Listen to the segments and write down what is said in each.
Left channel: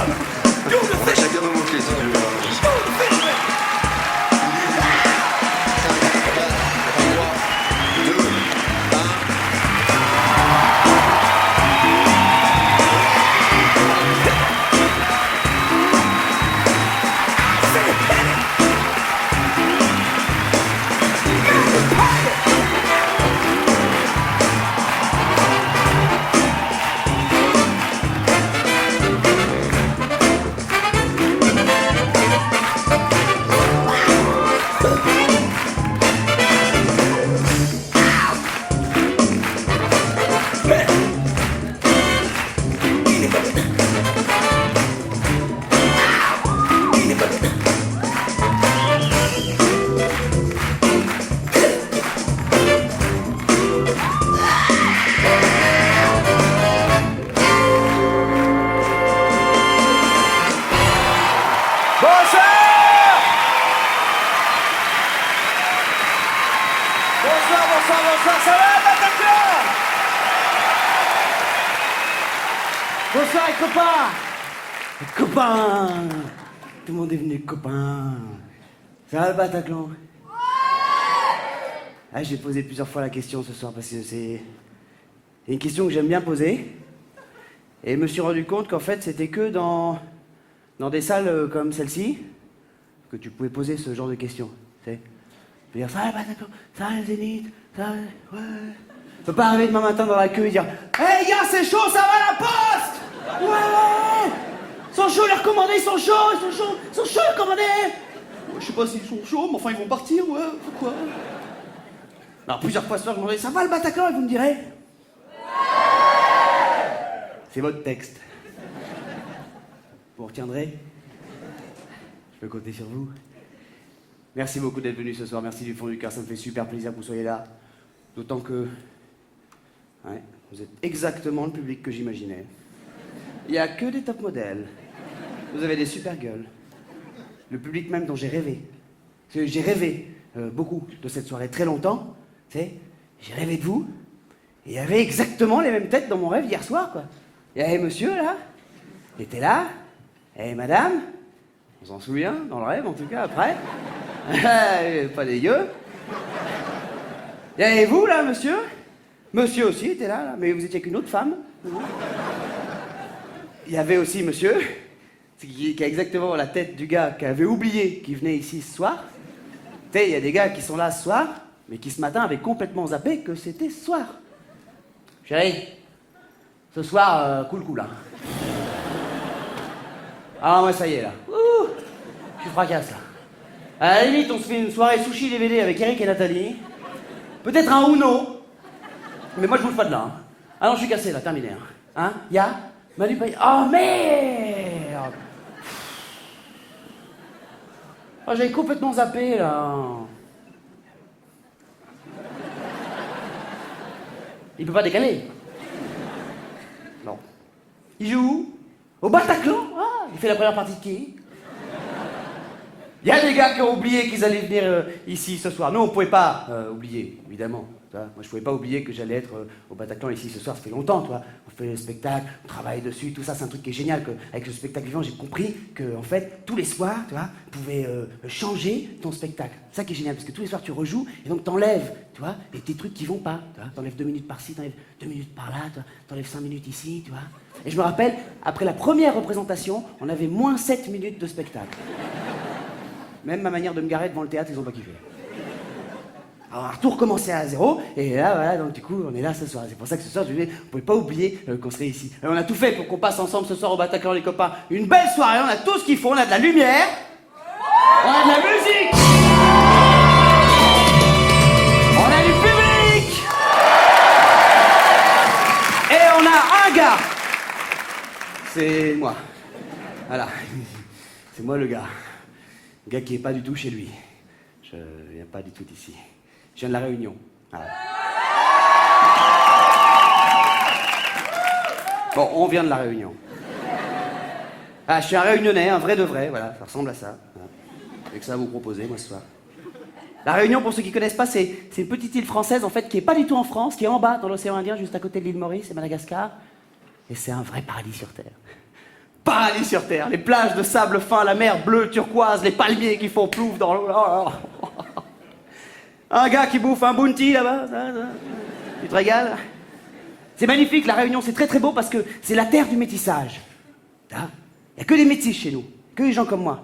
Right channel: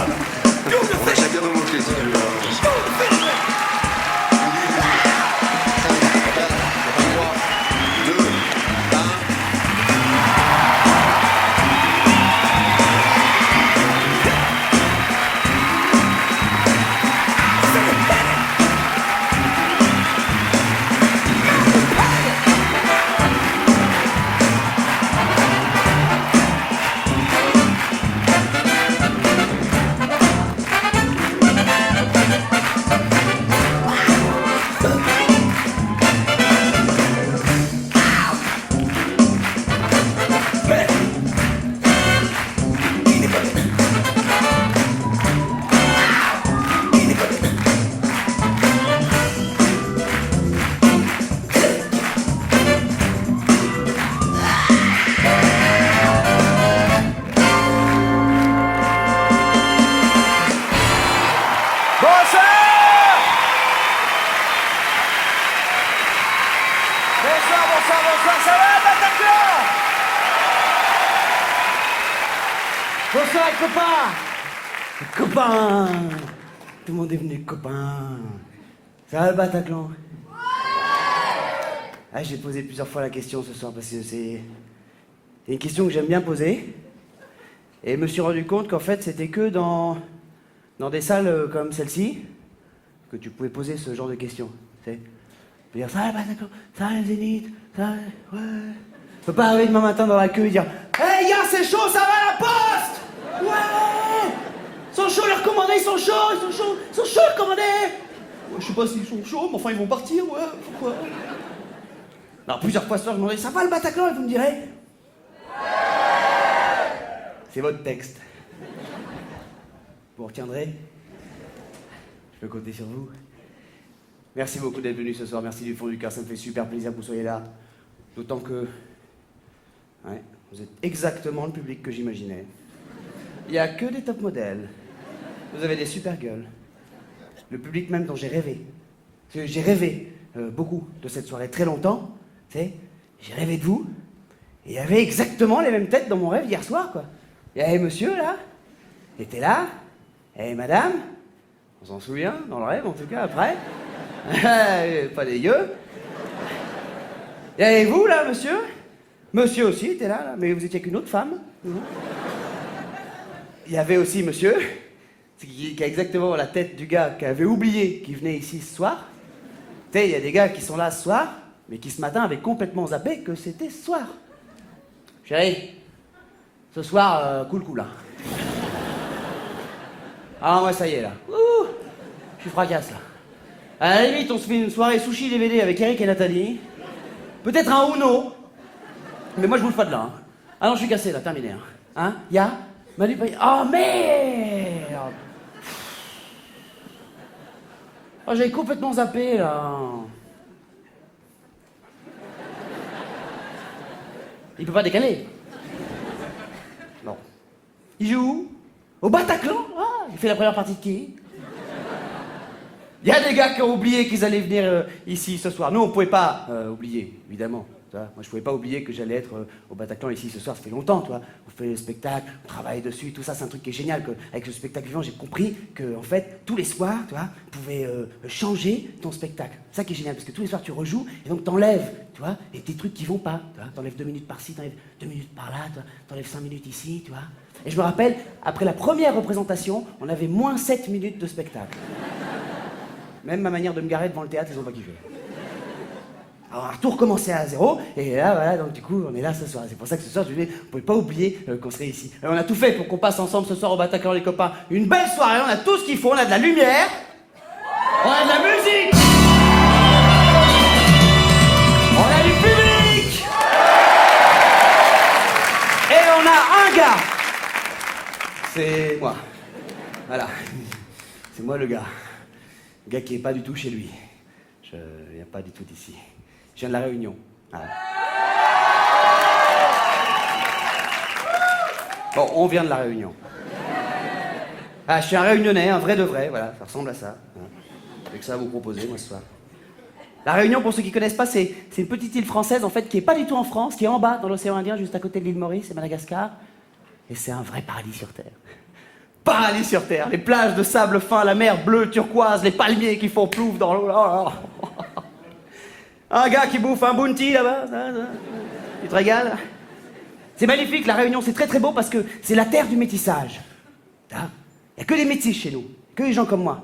On a chacun nos mots-clés si tu veux. Bonsoir, ça va, Bataclan? Bonsoir les copains. Les copains. Tout le monde est venu, copains. Ça va le Bataclan? Ah, j'ai posé plusieurs fois la question ce soir parce que c'est une question que j'aime bien poser. Et je me suis rendu compte qu'en fait, c'était que dans des salles comme celle-ci que tu pouvais poser ce genre de questions. Tu sais, tu peux dire ça va, Bataclan, ça va, le Zénith, ça va, ouais. Tu peux pas arriver demain matin dans la queue et dire hey gars, c'est chaud, ça va la poste? Ouais! Ils sont chauds, les recommandés, ils sont chauds, les recommandés! Ouais, je sais pas s'ils sont chauds, mais enfin ils vont partir, ouais, pourquoi? Alors plusieurs fois ce soir, je me demandais ça va le Bataclan? Et vous me direz c'est votre texte. Vous retiendrez? Je peux compter sur vous. Merci beaucoup d'être venu ce soir, merci du fond du cœur, ça me fait super plaisir que vous soyez là. D'autant que... ouais, vous êtes exactement le public que j'imaginais. Il n'y a que des top modèles. Vous avez des super gueules. Le public même dont j'ai rêvé. Parce que j'ai rêvé beaucoup de cette soirée, très longtemps. Tu sais, j'ai rêvé de vous. Et il y avait exactement les mêmes têtes dans mon rêve hier soir, quoi. Il y avait monsieur, là. Il était là. Et madame. On s'en souvient, dans le rêve, en tout cas, après. Pas dégueu. Il y avait vous, là, monsieur. Monsieur aussi était là, mais vous étiez qu'une autre femme. Il y avait aussi monsieur, qui a exactement la tête du gars qui avait oublié qu'il venait ici ce soir. Tu sais, il y a des gars qui sont là ce soir, mais qui ce matin avaient complètement zappé que c'était ce soir. Chérie, ce soir, cool, hein. Ah, moi, ça y est, là. Ouh, je suis fracasse, là. À la limite, on se fait une soirée sushi DVD avec Eric et Nathalie. Peut-être un Uno. Mais moi, je bouge pas de là. Hein. Ah non, je suis cassé, là, terminé. Hein, y'a Manu Payet. Oh, merde! Oh, j'avais complètement zappé, là. Il peut pas décaler. Non. Il joue où? Au Bataclan? Ah, il fait la première partie de qui? Il y a des gars qui ont oublié qu'ils allaient venir ici ce soir. Nous, on pouvait pas oublier, évidemment. Moi, je pouvais pas oublier que j'allais être au Bataclan ici ce soir. Ça fait longtemps, toi. On fait le spectacle, on travaille dessus, tout ça. C'est un truc qui est génial. Avec le spectacle vivant, j'ai compris que, en fait, tous les soirs, tu vois, tu pouvais changer ton spectacle. C'est ça qui est génial, parce que tous les soirs, tu rejoues et donc t'enlèves, tu vois, des trucs qui vont pas. Tu vois, t'enlèves 2 minutes par-ci, t'enlèves 2 minutes par-là, t'enlèves 5 minutes ici, tu vois. Et je me rappelle, après la première représentation, on avait moins 7 minutes de spectacle. Même ma manière de me garer devant le théâtre, ils ont pas kiffé. Alors, on a tout recommencé à zéro, et là, voilà, donc du coup, on est là ce soir. C'est pour ça que ce soir, je disais, on pouvait pas oublier qu'on serait ici. Alors, on a tout fait pour qu'on passe ensemble ce soir au Bataclan, les copains. Une belle soirée, on a tout ce qu'il faut, on a de la lumière, on a de la musique, on a du public, et on a un gars. C'est moi. Voilà. C'est moi le gars. Le gars qui est pas du tout chez lui. Je viens pas du tout d'ici. Je viens de la Réunion. Voilà. Bon, on vient de la Réunion. Ah, je suis un Réunionnais, un vrai de vrai, voilà, ça ressemble à ça. Voilà. J'ai que ça à vous proposer, moi, ce soir. La Réunion, pour ceux qui connaissent pas, c'est une petite île française, en fait, qui est pas du tout en France, qui est en bas, dans l'océan Indien, juste à côté de l'île Maurice et Madagascar. Et c'est un vrai paradis sur Terre. Paradis sur terre, les plages de sable fin, la mer bleue turquoise, les palmiers qui font plouf dans l'eau. Un gars qui bouffe un bounty là-bas, tu te régales? C'est magnifique, la Réunion, c'est très très beau parce que c'est la terre du métissage. Il n'y a que des métis chez nous, que des gens comme moi.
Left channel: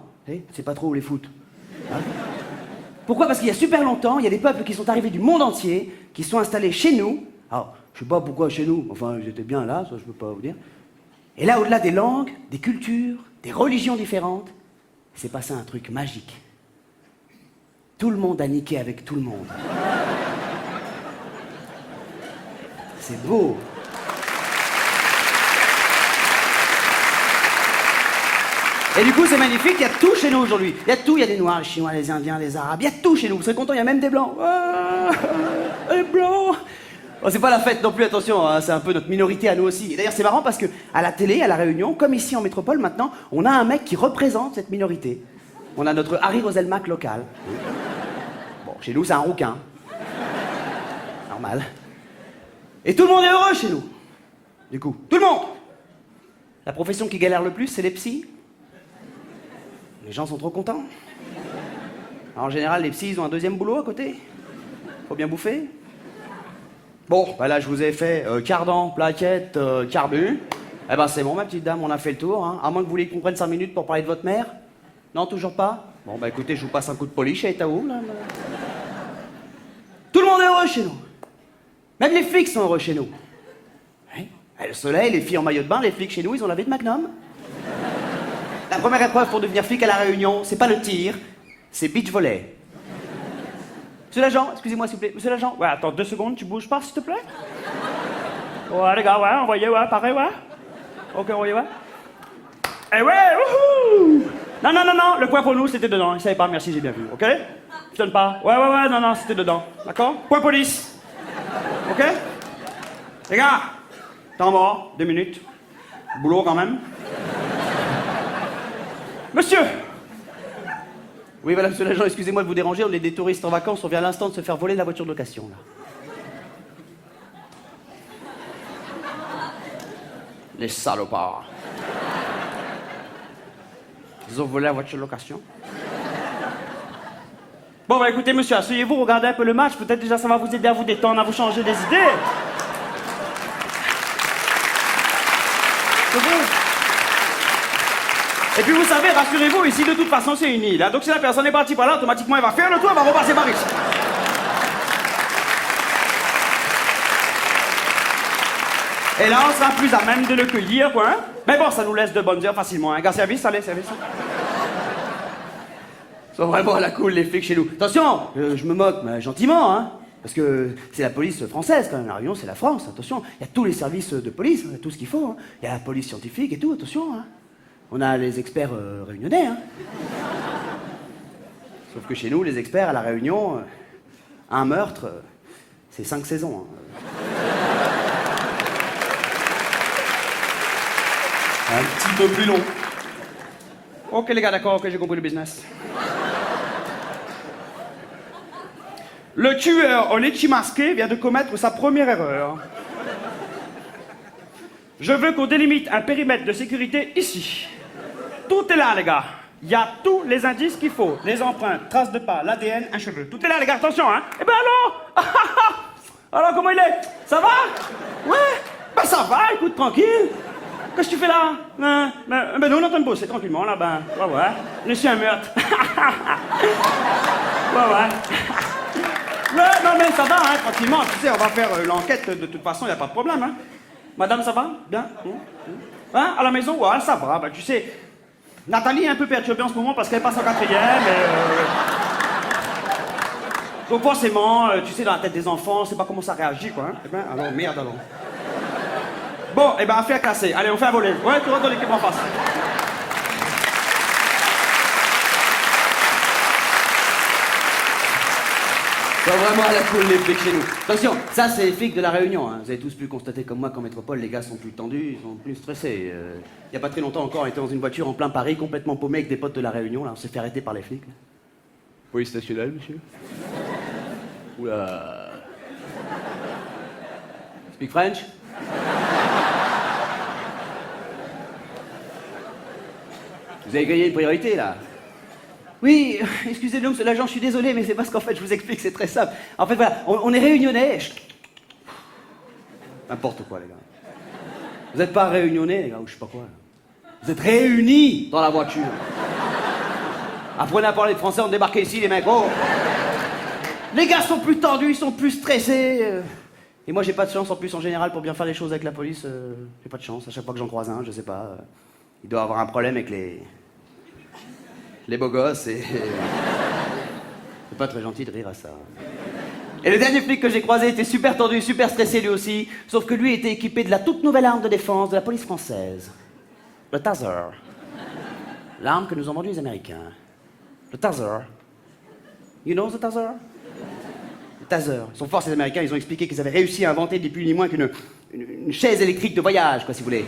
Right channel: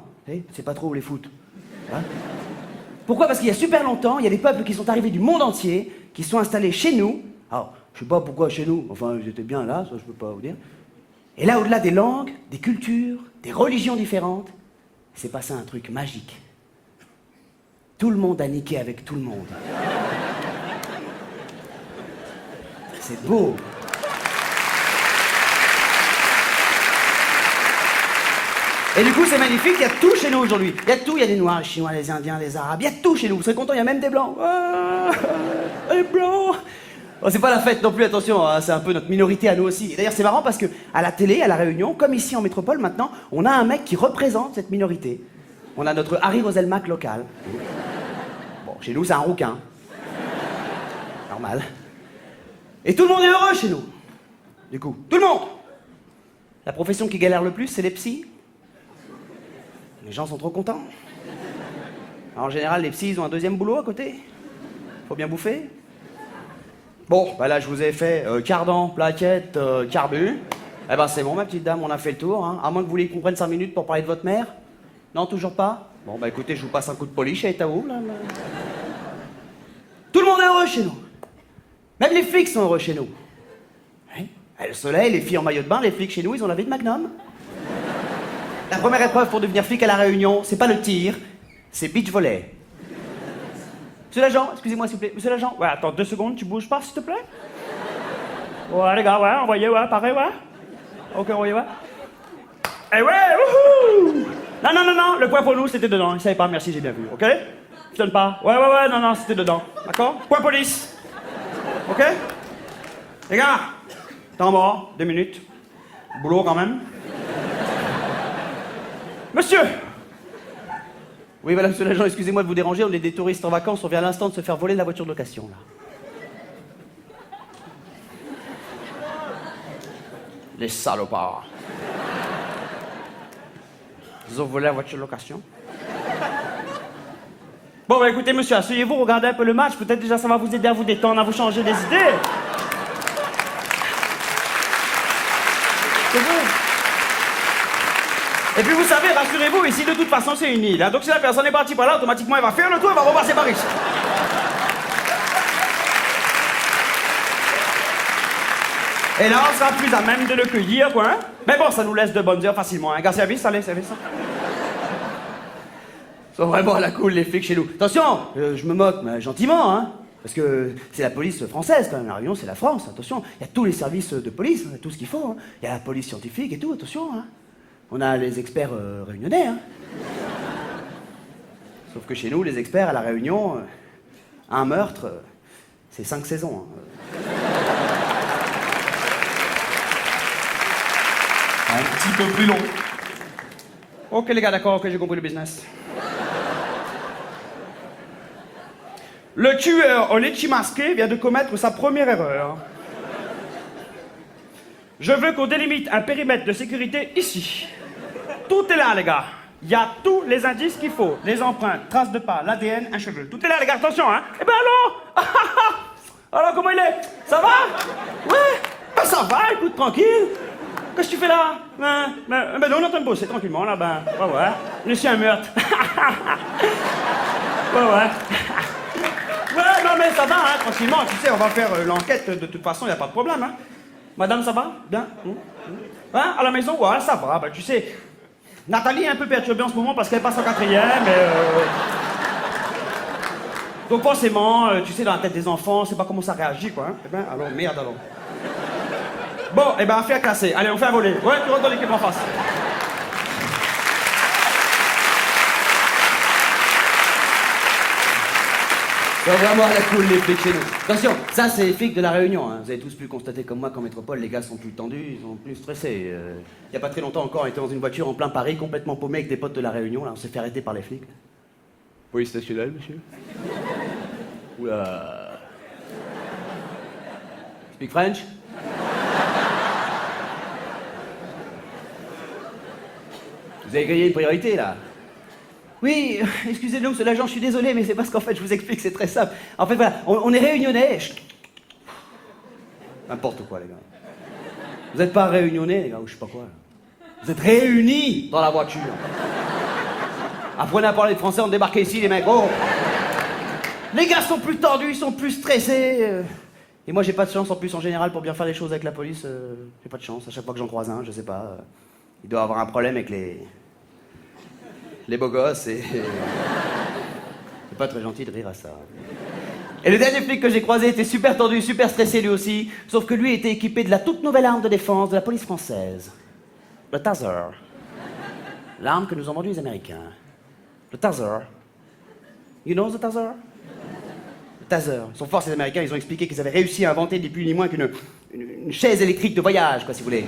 C'est pas trop où les foutent. Hein? Pourquoi? Parce qu'il y a super longtemps, il y a des peuples qui sont arrivés du monde entier, qui sont installés chez nous. Alors, je sais pas pourquoi chez nous, enfin j'étais bien là, ça je peux pas vous dire. Et là, au-delà des langues, des cultures, des religions différentes, s'est passé un truc magique. Tout le monde a niqué avec tout le monde. C'est beau. Et du coup, c'est magnifique, il y a tout chez nous aujourd'hui. Il y a tout, il y a des Noirs, les Chinois, les Indiens, les Arabes, il y a tout chez nous. Vous serez contents, il y a même des Blancs. Ah, les Blancs. Oh, c'est pas la fête non plus, attention, hein, c'est un peu notre minorité à nous aussi. Et d'ailleurs, c'est marrant parce que à la télé, à La Réunion, comme ici en métropole maintenant, on a un mec qui représente cette minorité. On a notre Harry Roselmack local. Bon, chez nous, c'est un rouquin. Normal. Et tout le monde est heureux chez nous. Du coup, tout le monde. La profession qui galère le plus, c'est les psys. Les gens sont trop contents. Alors, en général, les psys, ils ont un deuxième boulot à côté. Faut bien bouffer. Bon, bah là, je vous ai fait cardan, plaquette, carbu. Eh ben, c'est bon, ma petite dame, on a fait le tour. Hein. À moins que vous vouliez qu'on prenne 5 minutes pour parler de votre mère. Non, toujours pas? Bon, bah écoutez, je vous passe un coup de polish à Etaou, là. Tout le monde est heureux chez nous. Même les flics sont heureux chez nous. Oui. Le soleil, les filles en maillot de bain, les flics chez nous, ils ont la vie de Magnum. La première épreuve pour devenir flic à La Réunion, c'est pas le tir, c'est beach volley. Monsieur l'agent, excusez-moi s'il vous plaît. Monsieur l'agent, ouais, attends 2 secondes, tu bouges pas s'il te plaît? Ouais, les gars, ouais, envoyez, ouais, pareil, ouais. Ok, envoyez, ouais. Eh ouais, wouhou! Non, non, non, non, le point pour nous, c'était dedans. Il savait pas, merci, j'ai bien vu, ok? Je donne pas. Ouais, ouais, ouais, non, non, c'était dedans. D'accord? Point police. Ok? Les gars, temps mort, 2 minutes. Boulot quand même. Monsieur! Oui, voilà, monsieur l'agent, excusez-moi de vous déranger, on est des touristes en vacances, on vient à l'instant de se faire voler la voiture de location, là. Les salopards. Ils ont volé la voiture de location. Bon, bah écoutez, monsieur, asseyez-vous, regardez un peu le match, peut-être déjà ça va vous aider à vous détendre, à vous changer les idées. C'est bon. Et puis vous savez, rassurez-vous, ici de toute façon c'est une île. Hein, donc si la personne est partie par là, automatiquement elle va faire le tour, elle va repasser par ici. Et là on sera plus à même de le cueillir, quoi. Hein. Mais bon, ça nous laisse de bonnes heures facilement. Hein. Gars, service, allez, service. Ils sont vraiment à la cool les flics chez nous. Attention, je me moque, mais gentiment, hein. Parce que c'est la police française quand même, La Réunion c'est la France, attention. Il y a tous les services de police, hein, tout ce qu'il faut. Hein. Il y a la police scientifique et tout, attention. Hein. On a les experts réunionnais, hein. Sauf que chez nous, les experts à La Réunion, un meurtre, c'est 5 saisons. Hein. Un petit peu plus long. Ok les gars, d'accord, ok, j'ai compris le business. Le tueur au litchi masqué vient de commettre sa première erreur. Je veux qu'on délimite un périmètre de sécurité ici. Tout est là, les gars. Il y a tous les indices qu'il faut. Les empreintes, traces de pas, l'ADN, un cheveu. Tout est là, les gars, attention, hein. Eh ben alors alors, comment il est? Ça va? Ouais? Ben ça va, écoute, tranquille. Qu'est-ce que tu fais là? Ben non, on est en train de bosser tranquillement, là, ben, ouais. Laissez un meurtre. ouais. Ouais, non, mais ça va, hein, tranquillement. Tu sais, on va faire l'enquête, de toute façon, il n'y a pas de problème, hein. Madame, ça va? Bien? Hein? À la maison? Ouais, ça va. Ben, tu sais, Nathalie est un peu perturbée en ce moment parce qu'elle passe en 4e, donc forcément, tu sais, dans la tête des enfants, c'est pas comment ça réagit, quoi. Hein? Eh ben, alors, merde, alors. Bon, eh ben, affaire classée. Allez, on fait un volet. Ouais, tu rentres dans l'équipe en face. Ils sont vraiment à la cool, les flics chez nous. Attention, ça, c'est les flics de La Réunion. Hein. Vous avez tous pu constater comme moi qu'en métropole, les gars sont plus tendus, ils sont plus stressés. Il y a pas très longtemps encore, on était dans une voiture en plein Paris, complètement paumé avec des potes de La Réunion. Là, on s'est fait arrêter par les flics. Là. Police stationnelle, monsieur. Oula. Speak French? Vous avez grillé une priorité, là. Oui, excusez-nous, monsieur l'agent, je suis désolé, mais c'est parce qu'en fait, je vous explique, c'est très simple. En fait, voilà, on est réunionnais. N'importe quoi, les gars. Vous n'êtes pas réunionnais, les gars, ou je sais pas quoi. Là. Vous êtes réunis dans la voiture. Apprenez à parler de français, on débarque ici, les mecs. Oh. Les gars sont plus tendus, ils sont plus stressés. Et moi, j'ai pas de chance, en plus, en général, pour bien faire les choses avec la police. J'ai pas de chance. À chaque fois que j'en croise un, je sais pas. Il doit avoir un problème avec les beaux gosses et... C'est pas très gentil de rire à ça. Et le dernier flic que j'ai croisé était super tendu, super stressé lui aussi, sauf que lui était équipé de la toute nouvelle arme de défense de la police française. Le Taser. L'arme que nous ont vendue les Américains. Le Taser. You know the Taser? Le Taser. Ils sont forts ces Américains, ils ont expliqué qu'ils avaient réussi à inventer ni plus ni moins qu'une chaise électrique de voyage, quoi, si vous voulez.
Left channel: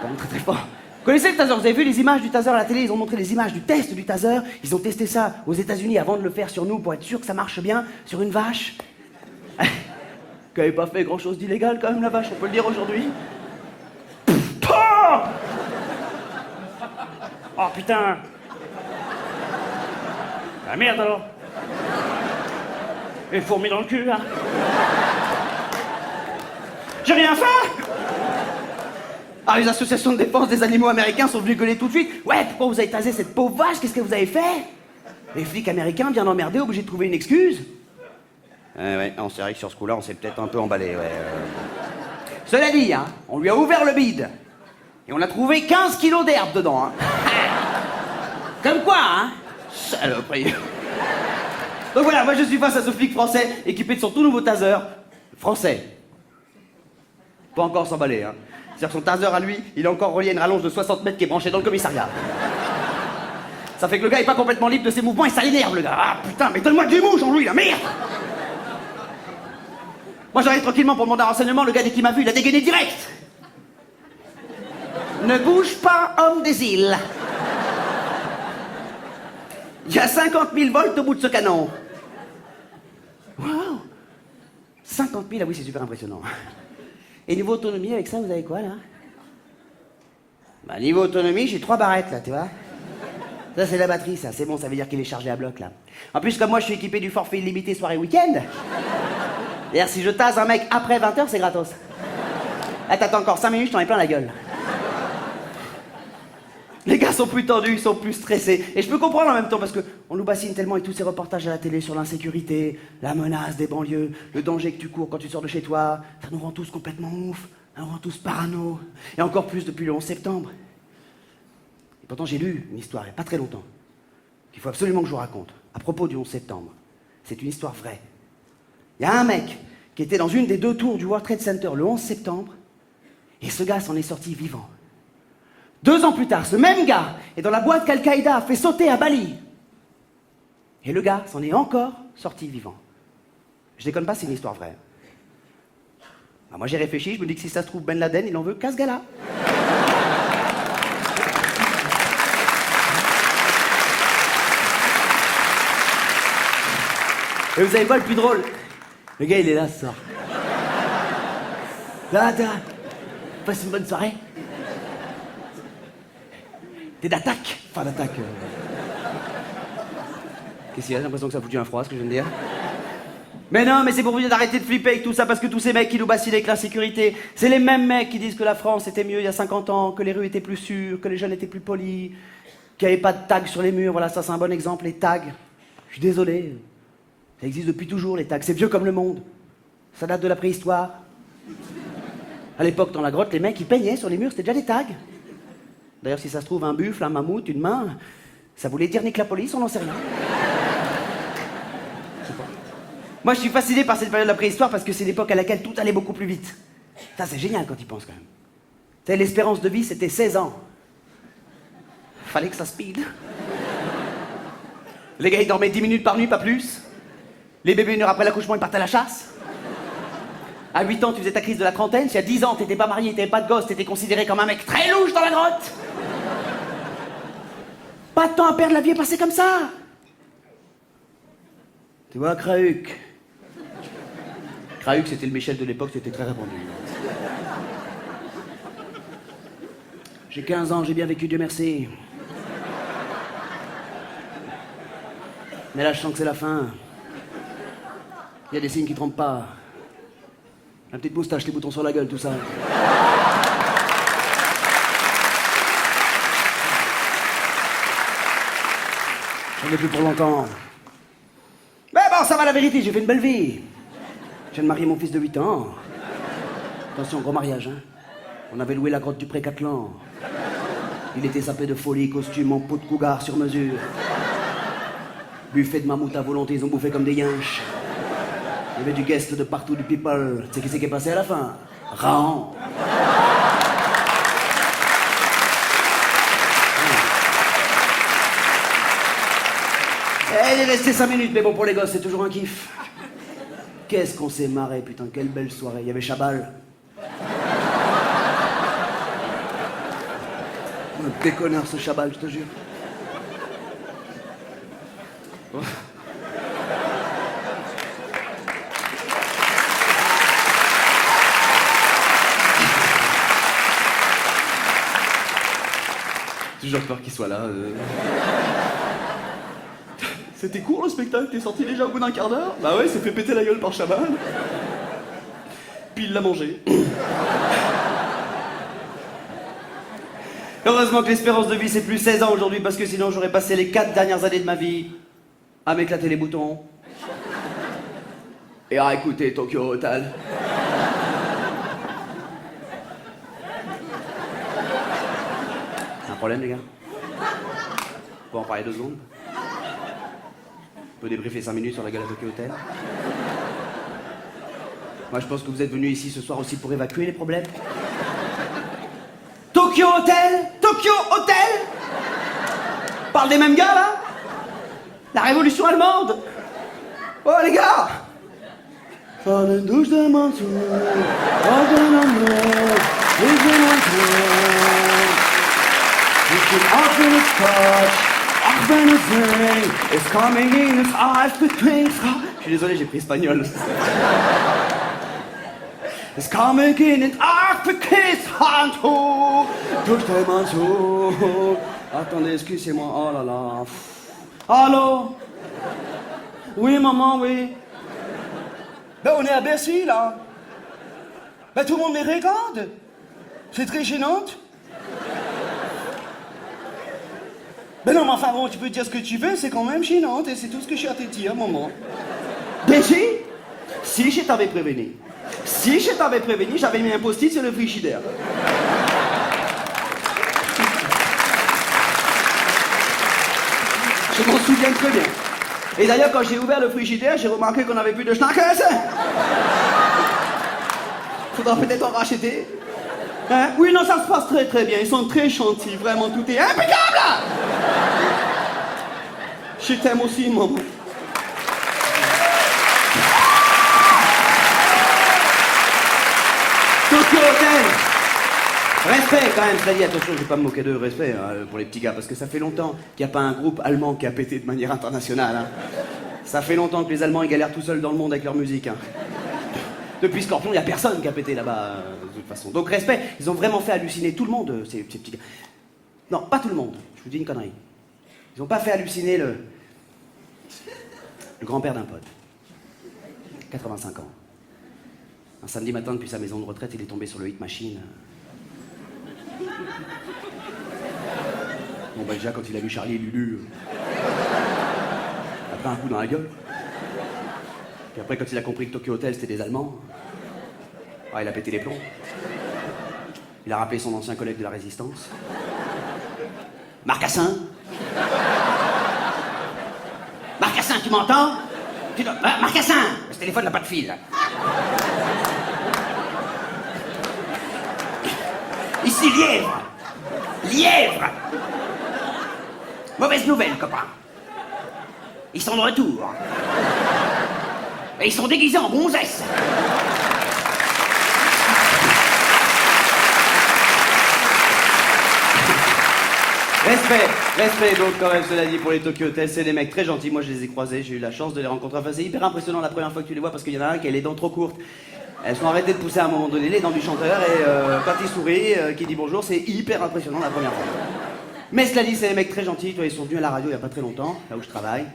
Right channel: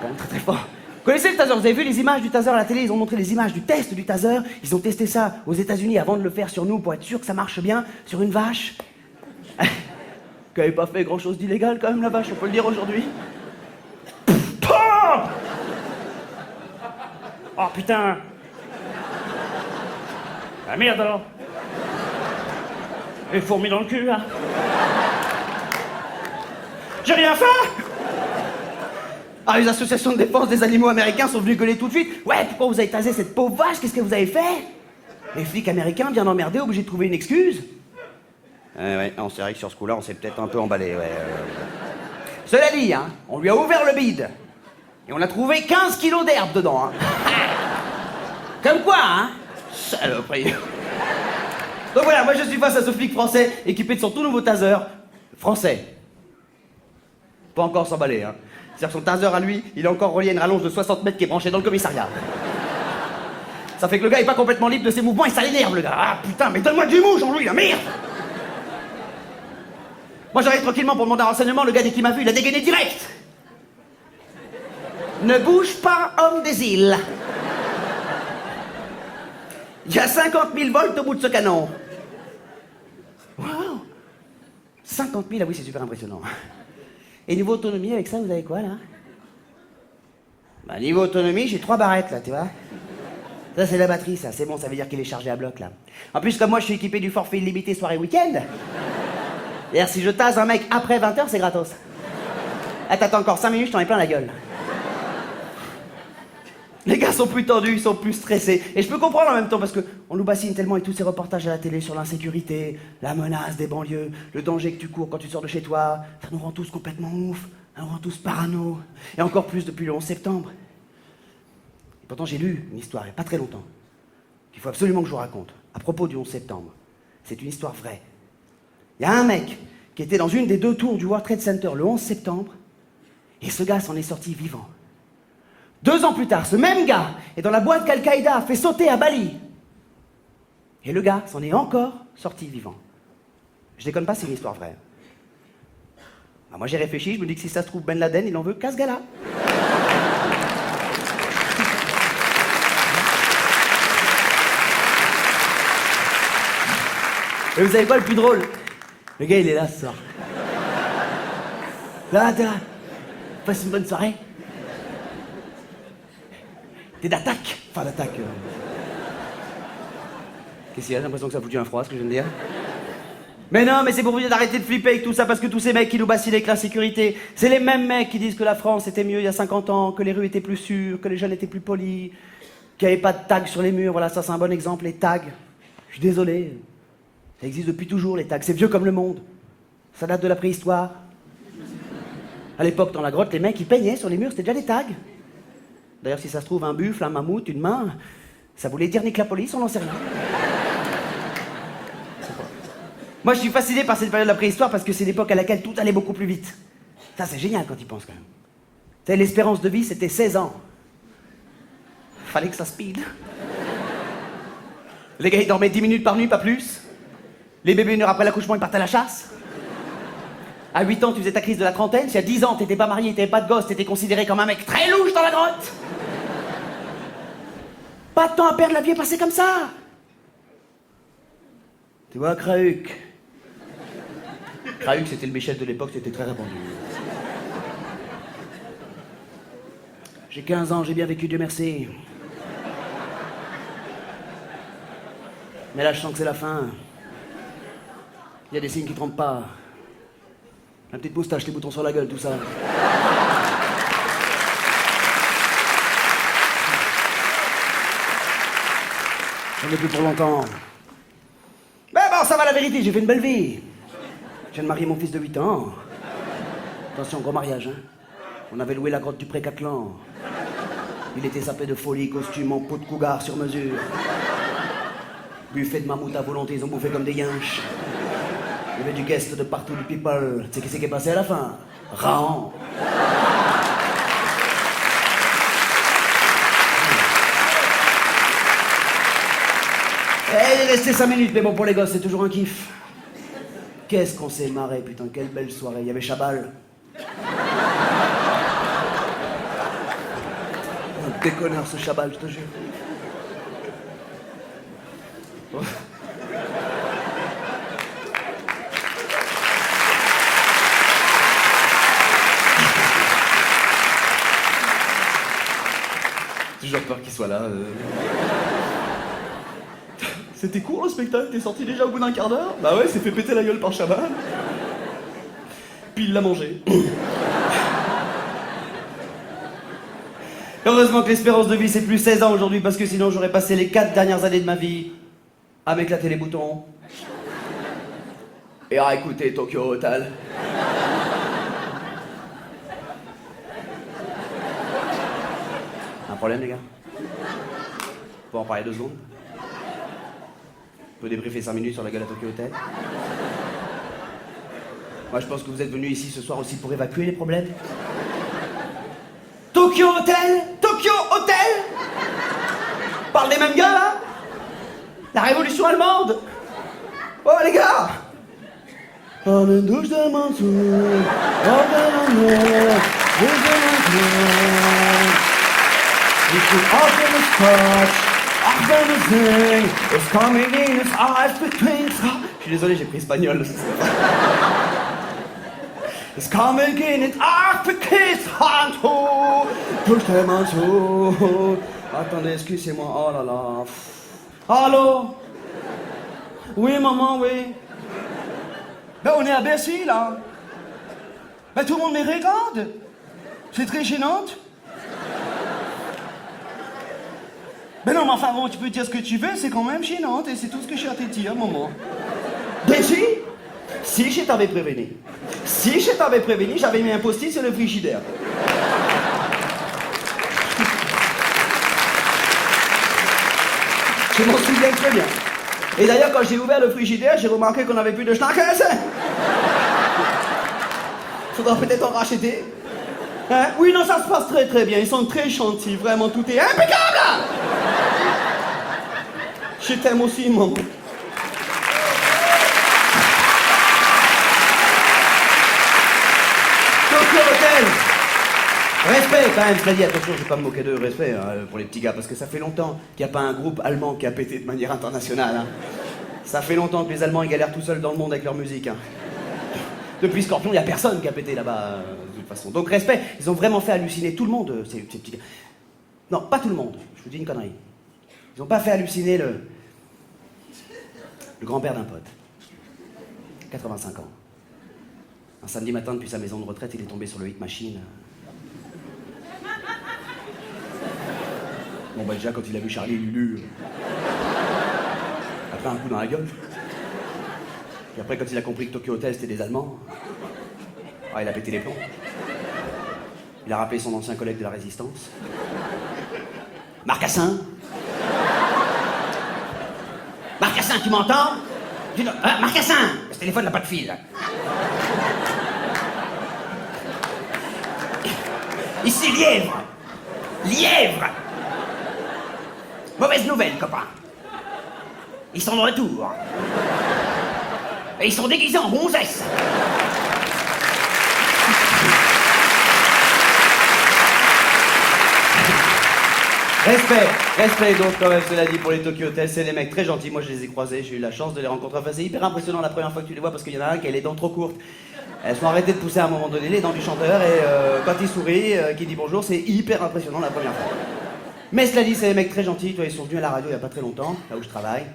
Quand même très très fort. Vous connaissez le taser? Vous avez vu les images du taser à la télé? Ils ont montré les images du test du taser. Ils ont testé ça aux États-Unis avant de le faire sur nous pour être sûr que ça marche bien sur une vache. Qui n'avait pas fait grand-chose d'illégal quand même, la vache, on peut le dire aujourd'hui. Oh putain! Ah merde alors! Et fourmis dans le cul, là! J'ai rien fait! Ah, les associations de défense des animaux américains sont venus gueuler tout de suite. Ouais, pourquoi vous avez tasé cette pauvre vache? Qu'est-ce que vous avez fait? Les flics américains, bien emmerdés, obligés de trouver une excuse. Ouais, c'est vrai que sur ce coup-là, on s'est peut-être un peu emballé, ouais. Cela dit, hein, on lui a ouvert le bide. Et on a trouvé 15 kilos d'herbe dedans, hein. Comme quoi, hein? Saloperie. Donc voilà, moi je suis face à ce flic français, équipé de son tout nouveau taser. Français. Pas encore s'emballer, hein. C'est-à-dire que son taser à lui, il est encore relié à une rallonge de 60 mètres qui est branchée dans le commissariat. Ça fait que le gars est pas complètement libre de ses mouvements et ça l'énerve, le gars. Ah putain, mais donne-moi du mou, Jean-Louis, la merde! Moi j'arrive tranquillement pour demander un renseignement, le gars dès qu'il m'a vu, il a dégainé direct. Ne bouge pas, homme des îles. Il y a 50 000 volts au bout de ce canon. Waouh! 50 000, ah oui, c'est super impressionnant. Et niveau autonomie, avec ça, vous avez quoi, là? Bah, niveau autonomie, j'ai 3 barrettes, là, tu vois. Ça, c'est la batterie, ça. C'est bon, ça veut dire qu'il est chargé à bloc, là. En plus, comme moi, je suis équipé du forfait illimité soirée week-end. D'ailleurs, si je tase un mec après 20h, c'est gratos. Là, t'attends encore 5 minutes, je t'en ai plein la gueule. Les gars sont plus tendus, ils sont plus stressés. Et je peux comprendre en même temps, parce qu'on nous bassine tellement avec tous ces reportages à la télé sur l'insécurité, la menace des banlieues, le danger que tu cours quand tu sors de chez toi. Ça nous rend tous complètement ouf, ça nous rend tous parano. Et encore plus depuis le 11 septembre. Et pourtant, j'ai lu une histoire, il n'y a pas très longtemps, qu'il faut absolument que je vous raconte, à propos du 11 septembre. C'est une histoire vraie. Il y a un mec qui était dans une des 2 tours du World Trade Center le 11 septembre, et ce gars s'en est sorti vivant. 2 ans plus tard, ce même gars est dans la boîte qu'Al-Qaïda a fait sauter à Bali. Et le gars s'en est encore sorti vivant. Je déconne pas, c'est une histoire vraie. Bah, moi j'ai réfléchi, je me dis que si ça se trouve Ben Laden, il en veut qu'à ce gars-là. Et vous savez quoi le plus drôle? Le gars il est là ce soir. Là, t'es là. Passe une bonne soirée. T'es d'attaque. Enfin d'attaque. Qu'est-ce qu'il y a? J'ai l'impression que ça a foutu un froid, ce que je viens de dire. Mais non, mais c'est pour vous dire d'arrêter de flipper avec tout ça, parce que tous ces mecs qui nous bassinent avec l'insécurité, c'est les mêmes mecs qui disent que la France était mieux il y a 50 ans, que les rues étaient plus sûres, que les jeunes étaient plus polis, qu'il n'y avait pas de tags sur les murs. Voilà, ça c'est un bon exemple, les tags. Je suis désolé. Ça existe depuis toujours, les tags. C'est vieux comme le monde. Ça date de la préhistoire. À l'époque, dans la grotte, les mecs, ils peignaient sur les murs, c'était déjà des tags. D'ailleurs, si ça se trouve, un buffle, un mammouth, une main, ça voulait dire nique la police, on n'en sait rien. Moi, je suis fasciné par cette période de la préhistoire parce que c'est l'époque à laquelle tout allait beaucoup plus vite. Ça, c'est génial quand ils pensent, quand même. Tu sais, l'espérance de vie, c'était 16 ans. Fallait que ça speed. Les gars, ils dormaient 10 minutes par nuit, pas plus. Les bébés, 1 heure après l'accouchement, ils partaient à la chasse. À 8 ans, tu faisais ta crise de la trentaine. Si à 10 ans, t'étais pas marié, t'avais pas de gosse, t'étais considéré comme un mec très louche dans la grotte. Pas de temps à perdre, la vie est passée comme ça. Tu vois, Krauk. Krauk, c'était le Michel de l'époque, c'était très répandu. J'ai 15 ans, j'ai bien vécu, Dieu merci. Mais là, je sens que c'est la fin. Il y a des signes qui trompent pas. La petite moustache, les boutons sur la gueule, tout ça. J'en ai plus pour longtemps. Mais bon, ça va la vérité, j'ai fait une belle vie. Je viens de marier mon fils de 8 ans. Attention, gros mariage, hein. On avait loué la grotte du Pré-Catlan. Il était sapé de folie, costume en peau de cougar sur mesure. Buffet de mammouth à volonté, ils ont bouffé comme des yinches. Il y avait du guest de partout, du people. Tu sais qui c'est qui est passé à la fin? Raon. Il est resté 5 minutes, mais bon, pour les gosses, c'est toujours un kiff. Qu'est-ce qu'on s'est marré, putain, quelle belle soirée. Il y avait Chabal. Un déconneur, ce Chabal, je te jure. Oh. J'ai toujours peur qu'il soit là. C'était court le spectacle, t'es sorti déjà au bout d'un quart d'heure? Bah ouais, il s'est fait péter la gueule par Chabal. Puis il l'a mangé. Heureusement que l'espérance de vie c'est plus 16 ans aujourd'hui, parce que sinon j'aurais passé les 4 dernières années de ma vie à m'éclater les boutons et à écouter Tokyo Hotel. Un problème les gars? On peut en parler 2 secondes? On peut débriefer 5 minutes sur la gueule à Tokyo Hotel? Moi je pense que vous êtes venus ici ce soir aussi pour évacuer les problèmes. Tokyo Hotel? Tokyo Hotel? Parle des mêmes gars là? La révolution allemande? Oh les gars! Oh une douche de Mansour, oh de l'amour, you should open a scotch. Ach, wenn es sing, it's coming in its eyes between. Je suis désolé, j'ai pris espagnol. It's coming in its eyes between. Touche tes mains sous. Attendez, excusez-moi, oh là là. Allô? Oui, maman, oui. Ben, on est à Bercy, là. Ben, tout le monde les regarde. C'est très gênant. Ben non, mais enfin bon, tu peux dire ce que tu veux, c'est quand même gênant, et c'est tout ce que j'ai à te dire, maman. Béji? Si je t'avais prévenu. Si je t'avais prévenu, j'avais mis un post-it sur le frigidaire. Je m'en souviens très bien. Et d'ailleurs, quand j'ai ouvert le frigidaire, j'ai remarqué qu'on n'avait plus de schnackers. Faudra peut-être en racheter. Hein? Oui, non, ça se passe très très bien. Ils sont très gentils, vraiment, tout est impeccable. Je t'aime aussi, maman. Tokyo Hotel. Respect quand même, cela dit, attention, je vais pas me moquer de respect hein, pour les petits gars, parce que ça fait longtemps qu'il n'y a pas un groupe allemand qui a pété de manière internationale. Hein. Ça fait longtemps que les Allemands ils galèrent tout seuls dans le monde avec leur musique. Hein. Depuis Scorpion, il n'y a personne qui a pété là-bas, de toute façon. Donc respect, ils ont vraiment fait halluciner tout le monde, ces petits gars. Non, pas tout le monde, je vous dis une connerie. Ils n'ont pas fait halluciner le grand-père d'un pote. 85 ans. Un samedi matin, depuis sa maison de retraite, il est tombé sur le Hit Machine. Bon, bah déjà, quand il a vu Charlie et Lulu, il a pris un coup dans la gueule. Puis après, quand il a compris que Tokyo Hotel, c'était des Allemands, il a pété les plombs. Il a rappelé son ancien collègue de la Résistance. Marcassin. Marcassin, tu m'entends? Marcassin! Ce téléphone n'a pas de fil. Ici, Lièvre. Lièvre. Mauvaise nouvelle, copain. Ils sont de retour. Et ils sont déguisés en gonzesses. Respect donc quand même, cela dit, pour les Tokyo Hotel, c'est des mecs très gentils, moi je les ai croisés, j'ai eu la chance de les rencontrer, enfin c'est hyper impressionnant la première fois que tu les vois parce qu'il y en a un qui a les dents trop courtes. Elles sont arrêtées de pousser à un moment donné, les dents du chanteur, et quand il sourit, qu'il dit bonjour, c'est hyper impressionnant la première fois. Mais cela dit, c'est des mecs très gentils. Toi, ils sont venus à la radio il n'y a pas très longtemps, là où je travaille.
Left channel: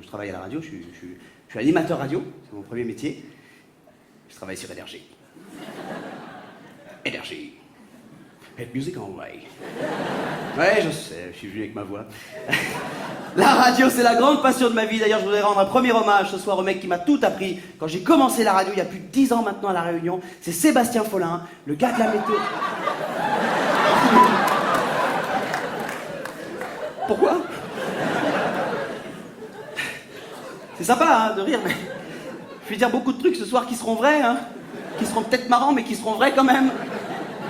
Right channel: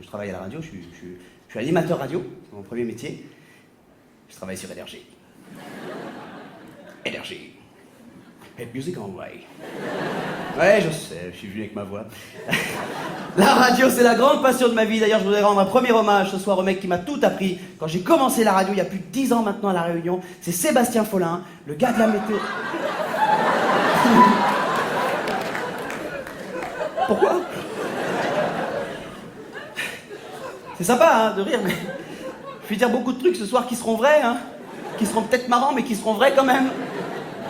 Je travaille à la radio, je suis animateur radio, c'est mon premier métier. Je travaille sur Énergie. Énergie. Hit music on way. Ouais, je sais, je suis venu avec ma voix. La radio, c'est la grande passion de ma vie. D'ailleurs, je voudrais rendre un premier hommage ce soir au mec qui m'a tout appris. Quand j'ai commencé la radio, il y a plus de 10 ans maintenant à La Réunion, c'est Sébastien Follin, le gars de la météo. Pourquoi? C'est sympa, hein, de rire, mais je vais dire beaucoup de trucs ce soir qui seront vrais, hein. Qui seront peut-être marrants, mais qui seront vrais quand même.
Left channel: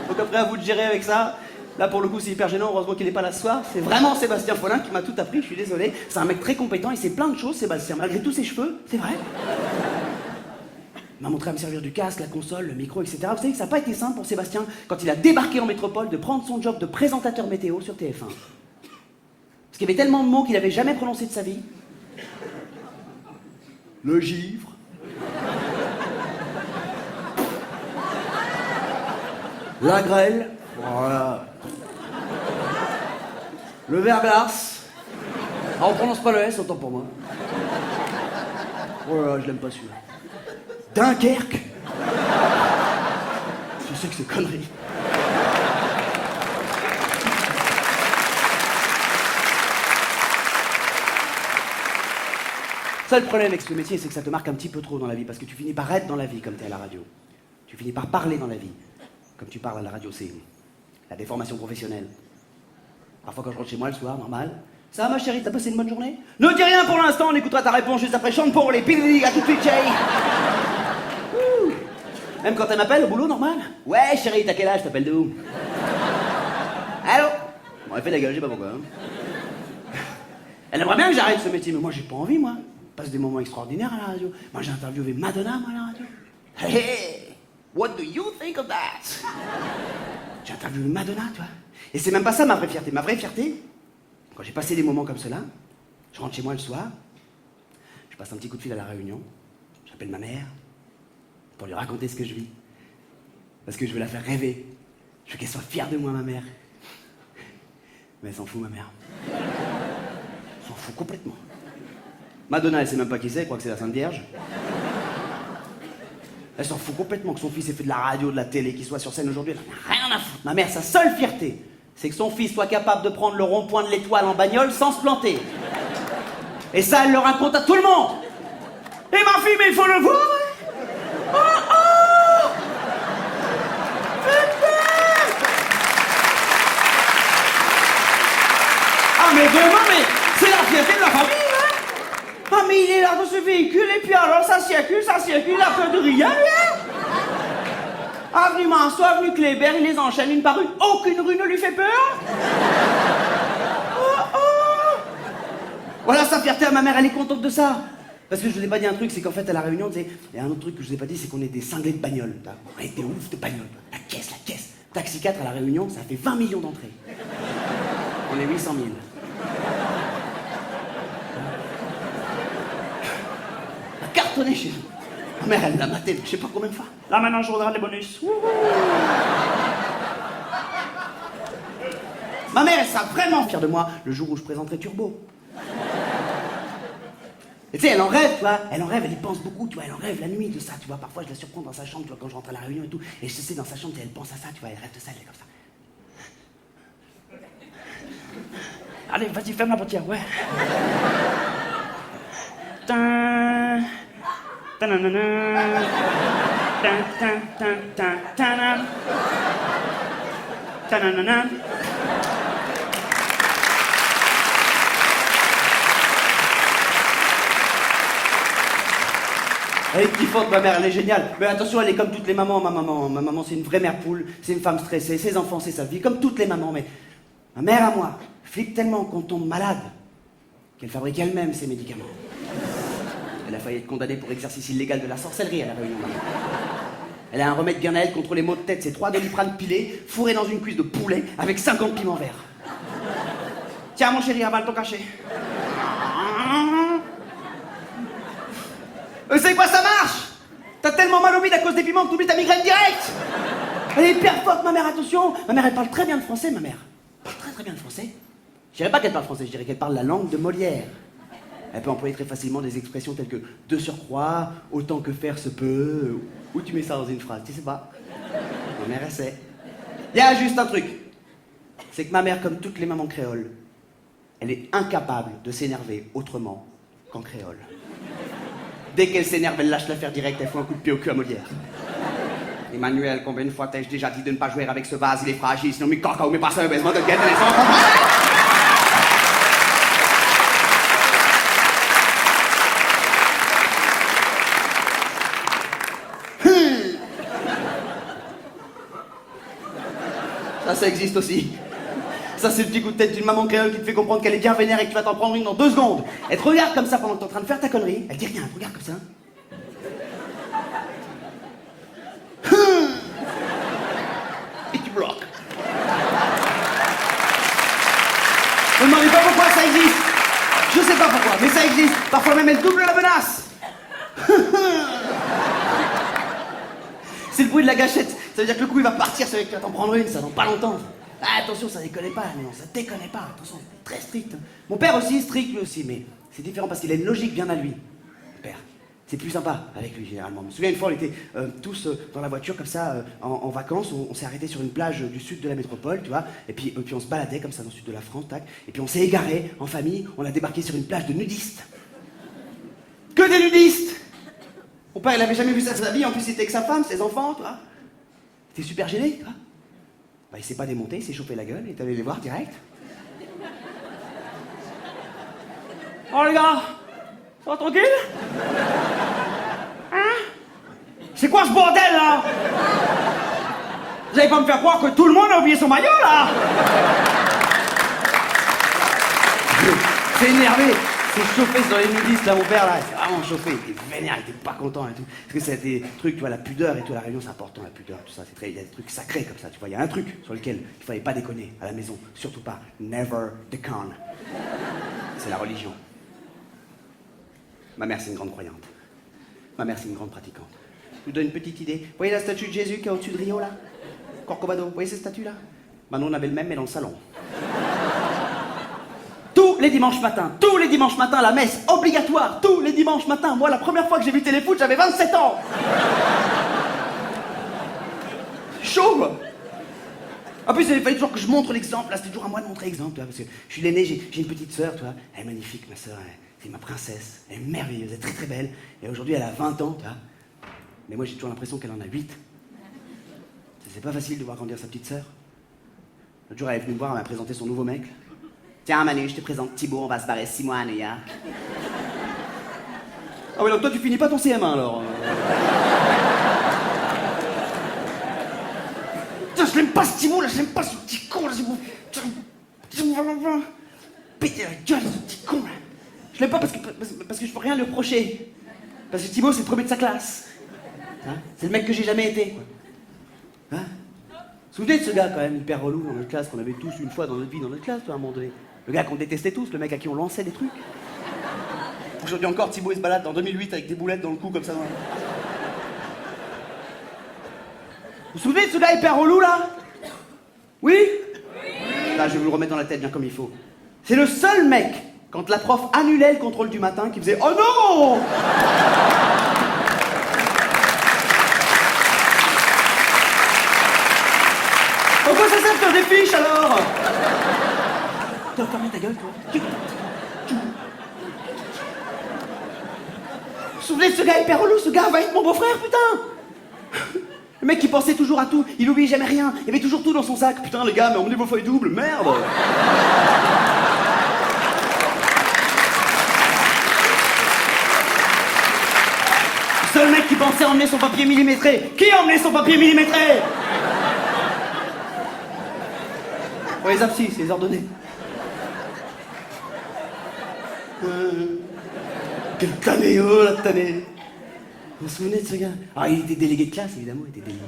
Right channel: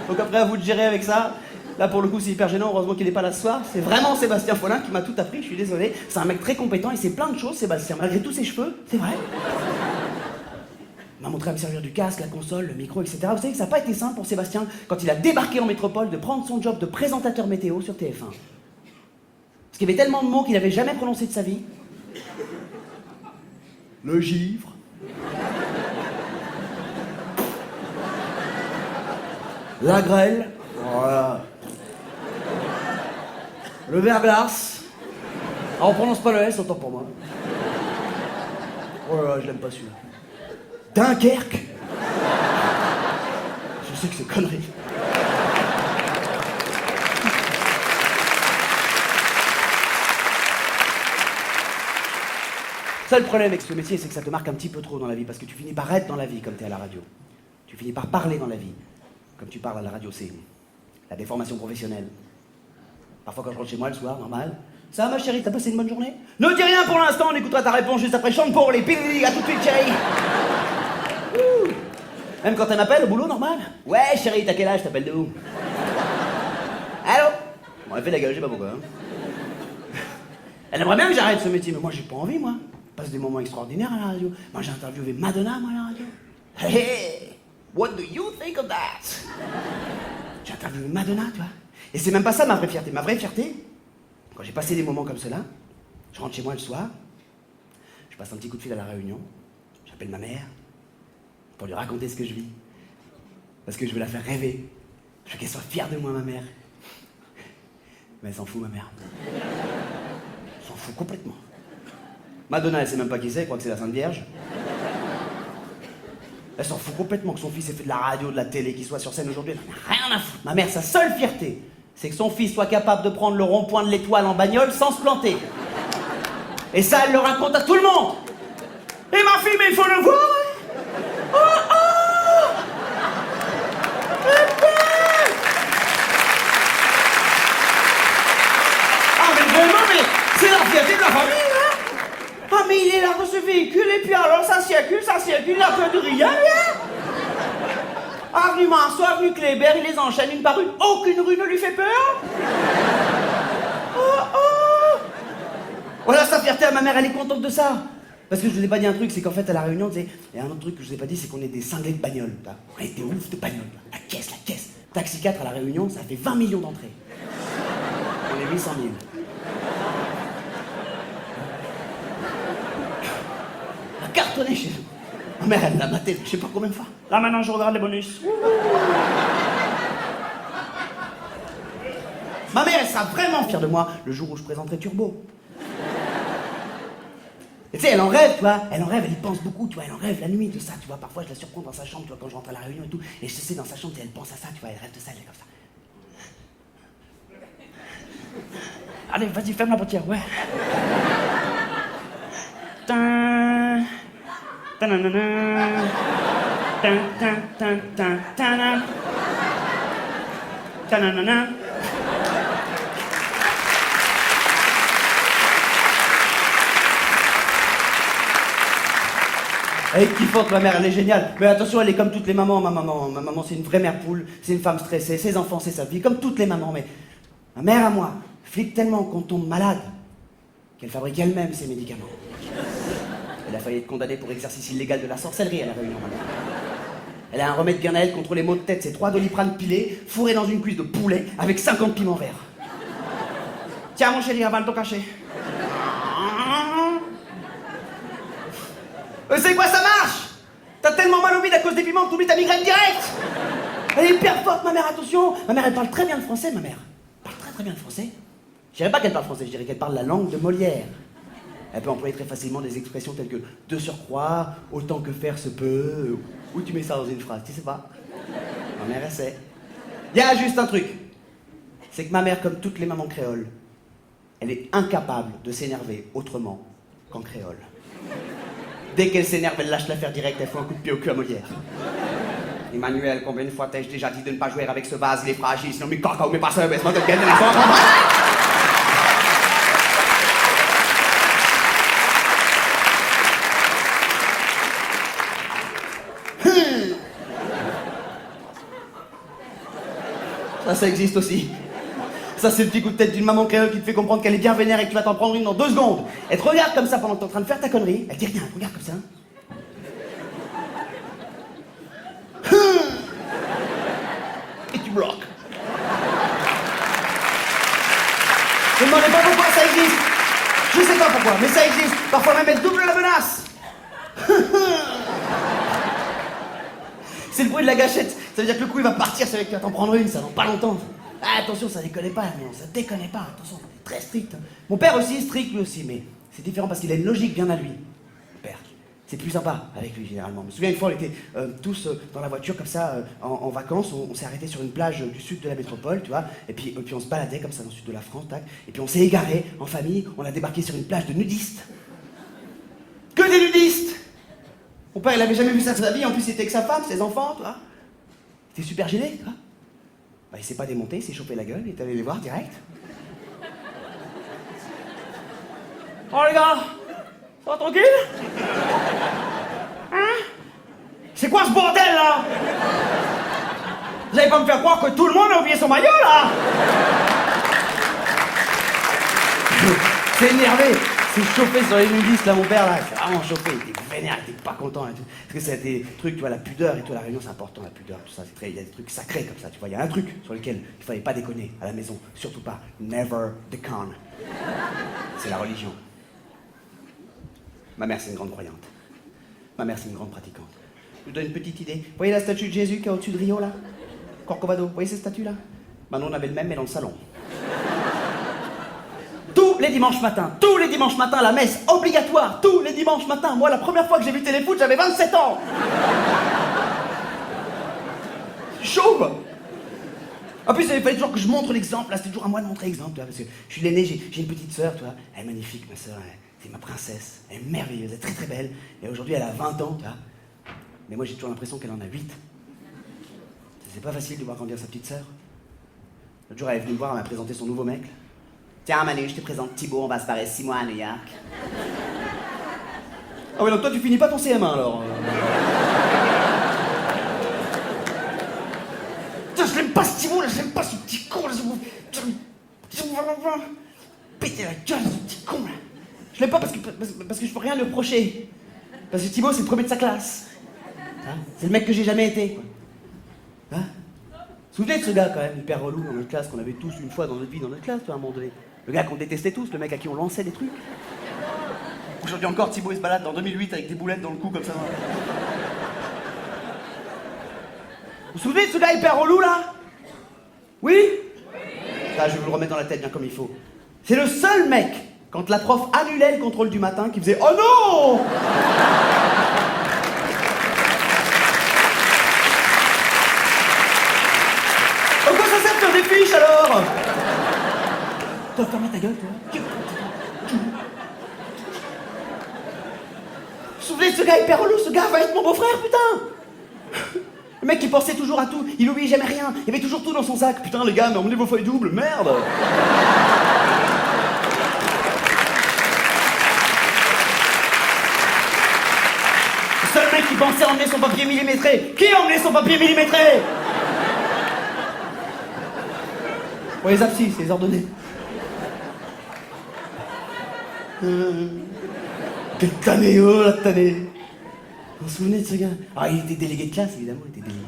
Donc après, à vous de gérer avec ça. Là, pour le coup, c'est hyper gênant. Heureusement qu'il n'est pas là ce soir. C'est vraiment Sébastien Follin qui m'a tout appris. Je suis désolé. C'est un mec très compétent. Il sait plein de choses, Sébastien. Malgré tous ses cheveux, c'est vrai. Il m'a montré à me servir du casque, la console, le micro, etc. Vous savez que ça n'a pas été simple pour Sébastien, quand il a débarqué en métropole, de prendre son job de présentateur météo sur TF1. Parce qu'il y avait tellement de mots qu'il n'avait jamais prononcés de sa vie. Le givre. La grêle. Voilà. Le verglas. Ah, on prononce pas le S, autant pour moi. Oh là là, je l'aime pas celui-là. Dunkerque. Je sais que c'est connerie. Ça, le problème avec ce métier, c'est que ça te marque un petit peu trop dans la vie, parce que tu finis par être dans la vie comme t'es à la radio. Tu finis par parler dans la vie. Comme tu parles à la radio, c'est la déformation professionnelle. Parfois, quand je rentre chez moi le soir, normal. Ça va, ma chérie, t'as passé une bonne journée? Ne dis rien pour l'instant, on écoutera ta réponse juste après. Chante pour les pili, à tout de suite, chérie. Ouh. Même quand elle m'appelle au boulot, normal. Ouais, chérie, t'as quel âge? T'appelles d'où? Allô? Bon, elle fait la gueule, je sais pas pourquoi. Hein. Elle aimerait bien que j'arrête ce métier, mais moi, j'ai pas envie, moi. Je passe des moments extraordinaires à la radio. Moi, j'ai interviewé Madonna, moi, à la radio. Hey! What do you think of that? J'ai interviewé Madonna, tu vois. Et c'est même pas ça ma vraie fierté. Ma vraie fierté, quand j'ai passé des moments comme cela, je rentre chez moi le soir, je passe un petit coup de fil à la Réunion, j'appelle ma mère pour lui raconter ce que je vis. Parce que je veux la faire rêver. Je veux qu'elle soit fière de moi, ma mère. Mais elle s'en fout, ma mère. Elle s'en fout complètement. Madonna, elle sait même pas qui c'est, elle croit que c'est la Sainte Vierge. Elle s'en fout complètement que son fils ait fait de la radio, de la télé, qu'il soit sur scène aujourd'hui. Elle en a rien à foutre. Ma mère, sa seule fierté, c'est que son fils soit capable de prendre le rond-point de l'Étoile en bagnole sans se planter. Et ça, elle le raconte à tout le monde. Et ma fille, mais il faut le voir, hein. Oh, oh. Ah, mais vraiment, mais c'est la fierté de la famille, hein. Ah, mais il est là dans ce véhicule, et puis alors ça circule, il a peur de rien, lui, hein. Avenue Marceau, avenue Kléber, il les enchaîne une par une, aucune rue ne lui fait peur. Oh, oh. Voilà sa fierté à ma mère, elle est contente de ça. Parce que je vous ai pas dit un truc, c'est qu'en fait, à la Réunion, il y a un autre truc que je vous ai pas dit, c'est qu'on est des cinglés de bagnole. On est des oufs de bagnole. La caisse. Taxi 4 à la Réunion, ça fait 20 millions d'entrées. On est 800 000. Cartonné chez nous. Ma mère, elle l'a maté, je sais pas combien de fois. Là, maintenant, je regarde les bonus. Wouhou. Ma mère, elle sera vraiment fière de moi le jour où je présenterai Turbo. Et tu sais, elle en rêve, tu vois. Elle en rêve, elle y pense beaucoup, tu vois. Elle en rêve la nuit de ça, tu vois. Parfois, je la surprends dans sa chambre, tu vois, quand je rentre à la Réunion et tout. Et je sais, dans sa chambre, elle pense à ça, tu vois. Elle rêve de ça, elle est comme ça. Allez, vas-y, ferme la portière, ouais. Tan, tananana, tan, tan, tan, tan, tanan, tananana. Elle est kiffante, ma mère, elle est géniale. Mais attention, elle est comme toutes les mamans, ma maman. Ma maman, c'est une vraie mère poule, c'est une femme stressée, ses enfants, c'est sa vie, comme toutes les mamans. Mais ma mère, à moi, flippe tellement qu'on tombe malade qu'elle fabrique elle-même ses médicaments. Elle a failli être condamnée pour exercice illégal de la sorcellerie à la Réunion, ma mère. Elle a un remède bien à elle contre les maux de tête, c'est 3 Doliprane pilés, fourrés dans une cuisse de poulet, avec 50 piments verts. Tiens, mon chéri, avale ton cachet. C'est quoi, ça marche? T'as tellement mal au bide à cause des piments que t'oublies ta migraine directe. Elle est hyper forte, ma mère, attention. Ma mère, elle parle très bien le français, ma mère. parle très très bien le français. Je dirais pas qu'elle parle français, je dirais qu'elle parle la langue de Molière. Elle peut employer très facilement des expressions telles que de surcroît, autant que faire se peut, ou tu mets ça dans une phrase, tu sais pas. Ma mère, elle sait. Il y a juste un truc. C'est que ma mère, comme toutes les mamans créoles, elle est incapable de s'énerver autrement qu'en créole. Dès qu'elle s'énerve, elle lâche l'affaire directe, elle fout un coup de pied au cul à Molière. Emmanuel, combien de fois t'ai-je déjà dit de ne pas jouer avec ce vase, il est fragile, sinon mes caca ou mes passeurs, baissement de gueule de l'instant. Ça existe aussi. Ça, c'est le petit coup de tête d'une maman créole qui te fait comprendre qu'elle est bien vénère et que tu vas t'en prendre une dans 2 secondes. Elle te regarde comme ça pendant que t'es en train de faire ta connerie. Elle dit rien, elle te regarde comme ça. Et tu bloques. Ne me demandez pas pourquoi ça existe. Je sais pas pourquoi, mais ça existe. Parfois même, elle double la menace. C'est le bruit de la gâchette. Ça veut dire que le coup, il va partir, ça veut dire que tu vas t'en prendre une, ça dans pas longtemps. Ah, attention, ça déconne pas, mais non, ça déconne pas. Attention, c'est très strict. Hein. Mon père aussi, strict lui aussi, mais c'est différent parce qu'il a une logique bien à lui. Mon père, c'est plus sympa avec lui, généralement. Je me souviens, une fois, on était tous dans la voiture, comme ça, en vacances. On s'est arrêté sur une plage du sud de la métropole, tu vois. Et puis on se baladait comme ça dans le sud de la France, tac. Et puis on s'est égaré en famille. On a débarqué sur une plage de nudistes. Que des nudistes! Mon père, il avait jamais vu ça de sa vie. En plus, il était avec sa femme, ses enfants, tu vois. Il était super gêné, tu vois. Bah, il s'est pas démonté, il s'est chauffé la gueule, il est allé les voir direct. Oh les gars, ça va tranquille? Hein? C'est quoi ce bordel là? Vous allez pas me faire croire que tout le monde a oublié son maillot là? C'est énervé, c'est chauffé sur les nudistes là, mon père là, il s'est vraiment chauffé, il était vénère, il était pas content et tout. Parce que c'est des trucs, tu vois, la pudeur et tout, à la Réunion c'est important, la pudeur, tout ça, c'est très, il y a des trucs sacrés comme ça, tu vois, il y a un truc sur lequel il fallait pas déconner à la maison, surtout pas, never déconne. C'est la religion. Ma mère c'est une grande croyante. Ma mère c'est une grande pratiquante. Je vous donne une petite idée. Vous voyez la statue de Jésus qui est au-dessus de Rio là? Corcovado, vous voyez cette statue là? Maintenant on avait le même mais dans le salon. Tous les dimanches matins, la messe obligatoire, tous les dimanches matins. Moi, la première fois que j'ai vu Téléfoot, j'avais 27 ans. Chaud, quoi. En plus, il fallait toujours que je montre l'exemple. Là, c'était toujours à moi de montrer l'exemple, tu vois, parce que je suis l'aîné, j'ai une petite sœur, tu vois. Elle est magnifique, ma sœur, c'est ma princesse. Elle est merveilleuse, elle est très très belle. Et aujourd'hui, elle a 20 ans, tu vois. Mais moi, j'ai toujours l'impression qu'elle en a 8. C'est pas facile de voir grandir sa petite sœur. L'autre jour, elle est venue me voir, elle m'a présenté son nouveau mec. Tiens, Manu, je te présente Thibaut, on va se barrer 6 mois à New York. Ah ouais, donc toi, tu finis pas ton CM1, alors Putain, je l'aime pas, ce Thibaut, là, je l'aime pas, ce petit con, là, péter la gueule, ce petit con, là. Je l'aime pas parce que je peux rien lui reprocher. Parce que Thibaut, c'est le premier de sa classe. Hein, c'est le mec que j'ai jamais été, quoi. Hein? Vous vous souvenez de ce gars, quand même, hyper relou dans notre classe, qu'on avait tous une fois dans notre vie, dans notre classe, toi, à un moment donné. Le gars qu'on détestait tous, le mec à qui on lançait des trucs. Aujourd'hui encore, Thibaut, il se balade dans 2008 avec des boulettes dans le cou, comme ça. Vous vous souvenez de ce gars hyper relou, là? Oui? Là, je vais vous le remettre dans la tête bien comme il faut. C'est le seul mec, quand la prof annulait le contrôle du matin, qui faisait « Oh non !» Pourquoi ça sert de faire des fiches, alors? Tu vas fermer ta gueule, toi. Vous vous souvenez de ce gars hyper relou? Ce gars va être mon beau-frère, putain! Le mec qui pensait toujours à tout, il oublie jamais rien, il y avait toujours tout dans son sac. Putain, les gars, mais emmenez vos feuilles doubles, merde! Le seul mec qui pensait emmener son papier millimétré. Qui a emmené son papier millimétré? Ouais, les abscisses, les ordonnées. Quel tanné, oh la tannée. Vous vous souvenez de ce gars? Ah, il était délégué de classe, évidemment, il était délégué.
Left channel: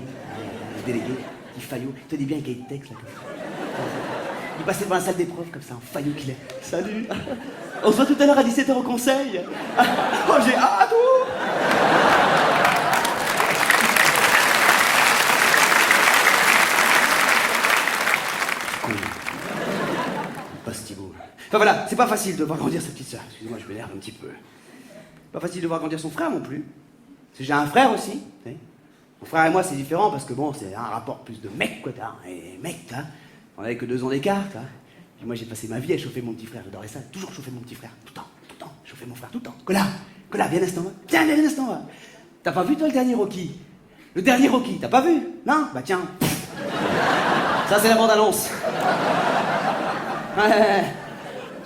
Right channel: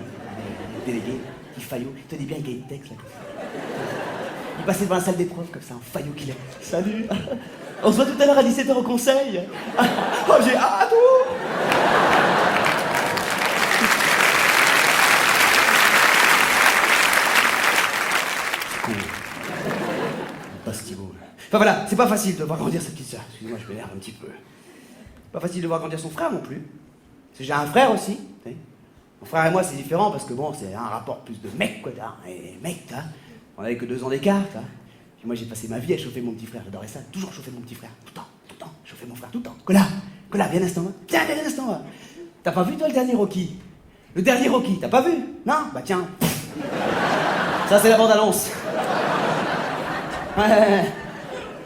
Il était délégué, petit faillot. Il te dit bien qu'il y a une texte, là, comme ça. Il passait devant la salle des profs, comme ça, en faillot qu'il est. Salut. On se voit tout à l'heure à 17h au conseil. Oh, j'ai hâte, oh. C'est con. Passe Thibaut. Enfin voilà, c'est pas facile de voir grandir sa petite sœur. Excusez-moi, je m'énerve un petit peu. Pas facile de voir grandir son frère non plus. Parce que j'ai un frère aussi. Tu sais. Mon frère et moi, c'est différent parce que bon, c'est un rapport plus de mec, quoi. Et mec, on avait que 2 ans d'écart, Puis moi, j'ai passé ma vie à chauffer mon petit frère. J'adorais ça. Toujours chauffer mon petit frère. Tout le temps. Chauffer mon frère tout le temps. Cola, viens un instant. Tiens, viens un instant. T'as pas vu, toi, le dernier Rocky? Le dernier Rocky, t'as pas vu? Non? Bah tiens. Ça, c'est la bande-annonce. Ouais.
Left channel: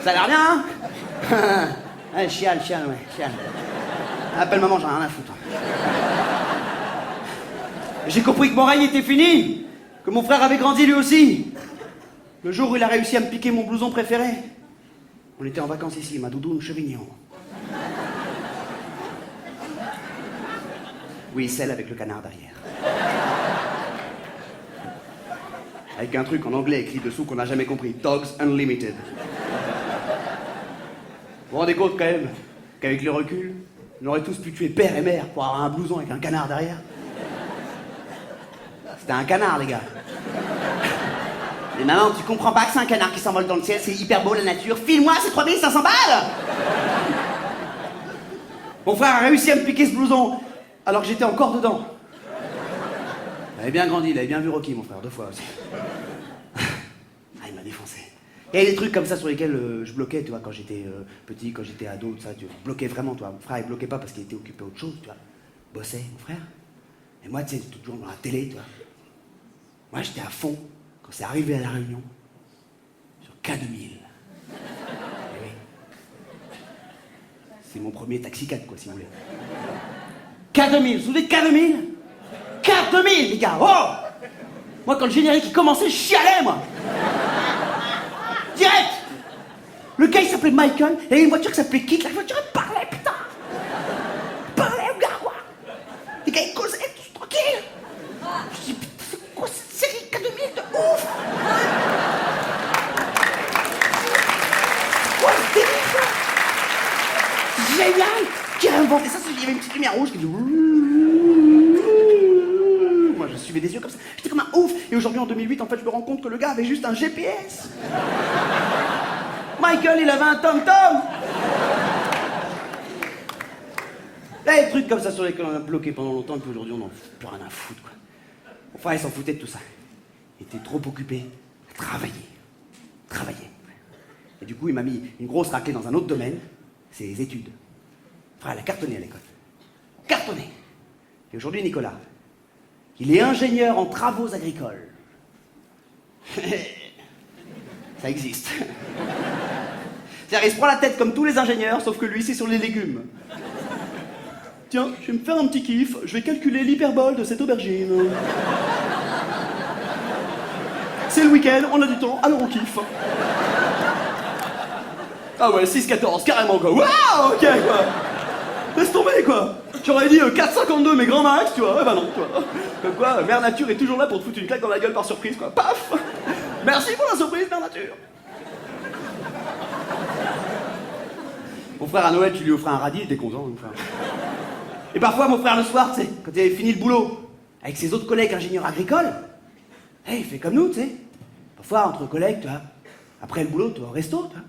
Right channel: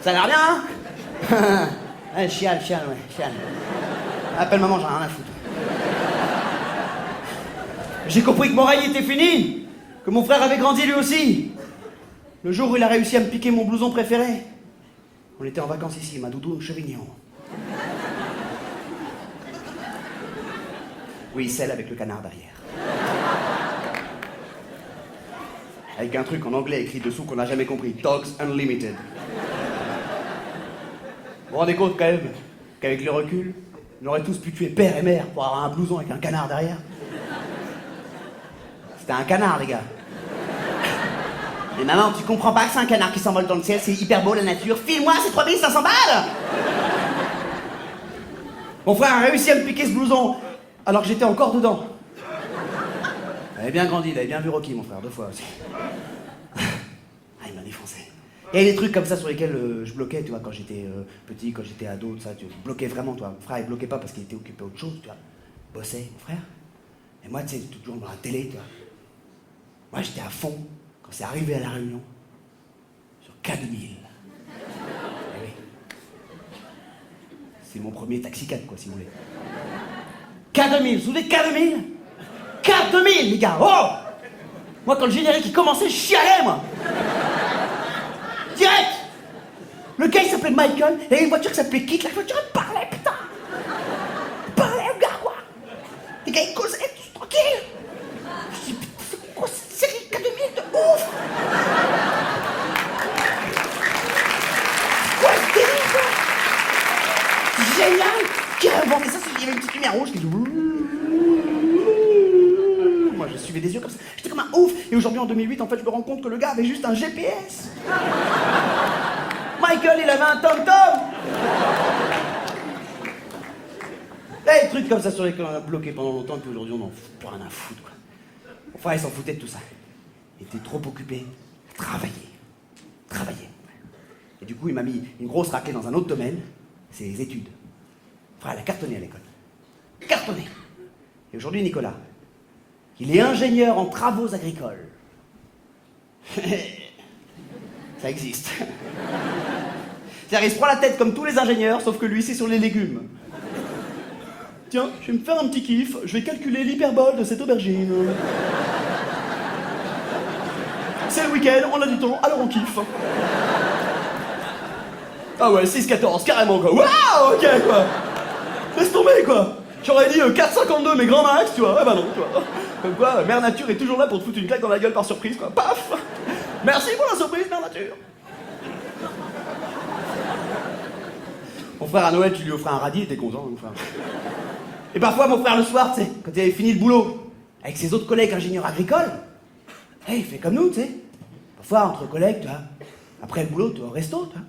Ça a l'air bien, hein? Ouais, chiale. Appelle maman, j'en ai rien à foutre. J'ai compris que mon règne était fini, que mon frère avait grandi lui aussi. Le jour où il a réussi à me piquer mon blouson préféré. On était en vacances ici, ma doudoune Chevignon. Oui, celle avec le canard derrière. Avec un truc en anglais écrit dessous qu'on n'a jamais compris. Dogs Unlimited. Vous vous rendez compte quand même qu'avec le recul, on aurait tous pu tuer père et mère pour avoir un blouson avec un canard derrière? C'était un canard, les gars. Mais maman, tu comprends pas que c'est un canard qui s'envole dans le ciel, c'est hyper beau la nature. File-moi, c'est 3500 balles! Mon frère a réussi à me piquer ce blouson alors que j'étais encore dedans. Il avait bien grandi, il avait bien vu Rocky, mon frère, 2 fois aussi. Ah, il m'a défoncé. Il y a des trucs comme ça sur lesquels je bloquais, tu vois, quand j'étais petit, quand j'étais ado, tout ça, tu bloquais vraiment, toi. Mon frère, il bloquait pas parce qu'il était occupé à autre chose, tu vois. Bossait, mon frère. Et moi, tu sais, toujours dans la télé, tu vois. Moi, j'étais à fond quand c'est arrivé à La Réunion sur K2000. Eh oui. C'est mon premier taxi 4, quoi, si vous voulez. K2000, vous vous souvenez de K2000? K2000, les gars, oh! Moi, quand le générique il commençait, je chialais, moi! Direct! Le gars, il s'appelait Michael, et il y avait une voiture qui s'appelait Kit. La voiture, elle parlait, putain! Elle parlait au gars, quoi! Les gars, ils causaient, tous tranquilles! Je dis, putain, c'est quoi cette série K2000 de ouf? C'est quoi ce délire, quoi? C'est génial! Qui a inventé ça? Il y avait une petite lumière rouge qui dit... Moi, je suivais des yeux comme ça. J'étais comme un ouf. Et aujourd'hui, en 2008, en fait, je me rends compte que le gars avait juste un GPS. Michael, il avait un tom-tom. Des trucs comme ça sur lesquels on a bloqué pendant longtemps, et puis aujourd'hui, on n'en fout plus rien à foutre, quoi. Mon frère, il s'en foutait de tout ça. Il était trop occupé à travailler. Et du coup, il m'a mis une grosse raclée dans un autre domaine, c'est les études. Mon frère, il a cartonné à l'école. Cartonné. Et aujourd'hui, Nicolas, il est ingénieur en travaux agricoles. Ça existe. C'est-à-dire, il se prend la tête comme tous les ingénieurs, sauf que lui, c'est sur les légumes. Tiens, je vais me faire un petit kiff, je vais calculer l'hyperbole de cette aubergine. C'est le week-end, on a du temps, alors on kiffe. Ah ouais, 6-14, carrément, quoi. Waouh, ok, quoi. Laisse tomber, quoi. J'aurais dit 4,52 mais grand max, tu vois. Eh ben non, tu vois. Comme quoi, Mère Nature est toujours là pour te foutre une claque dans la gueule par surprise, quoi. Paf. Merci pour la surprise, Mère Nature. Mon frère, à Noël, tu lui offrais un radis, il était content, mon frère. Et parfois, mon frère, le soir, tu sais, quand il avait fini le boulot, avec ses autres collègues ingénieurs agricoles, il fait comme nous, tu sais. Parfois, entre collègues, tu vois, après le boulot, tu vas au resto, tu vois.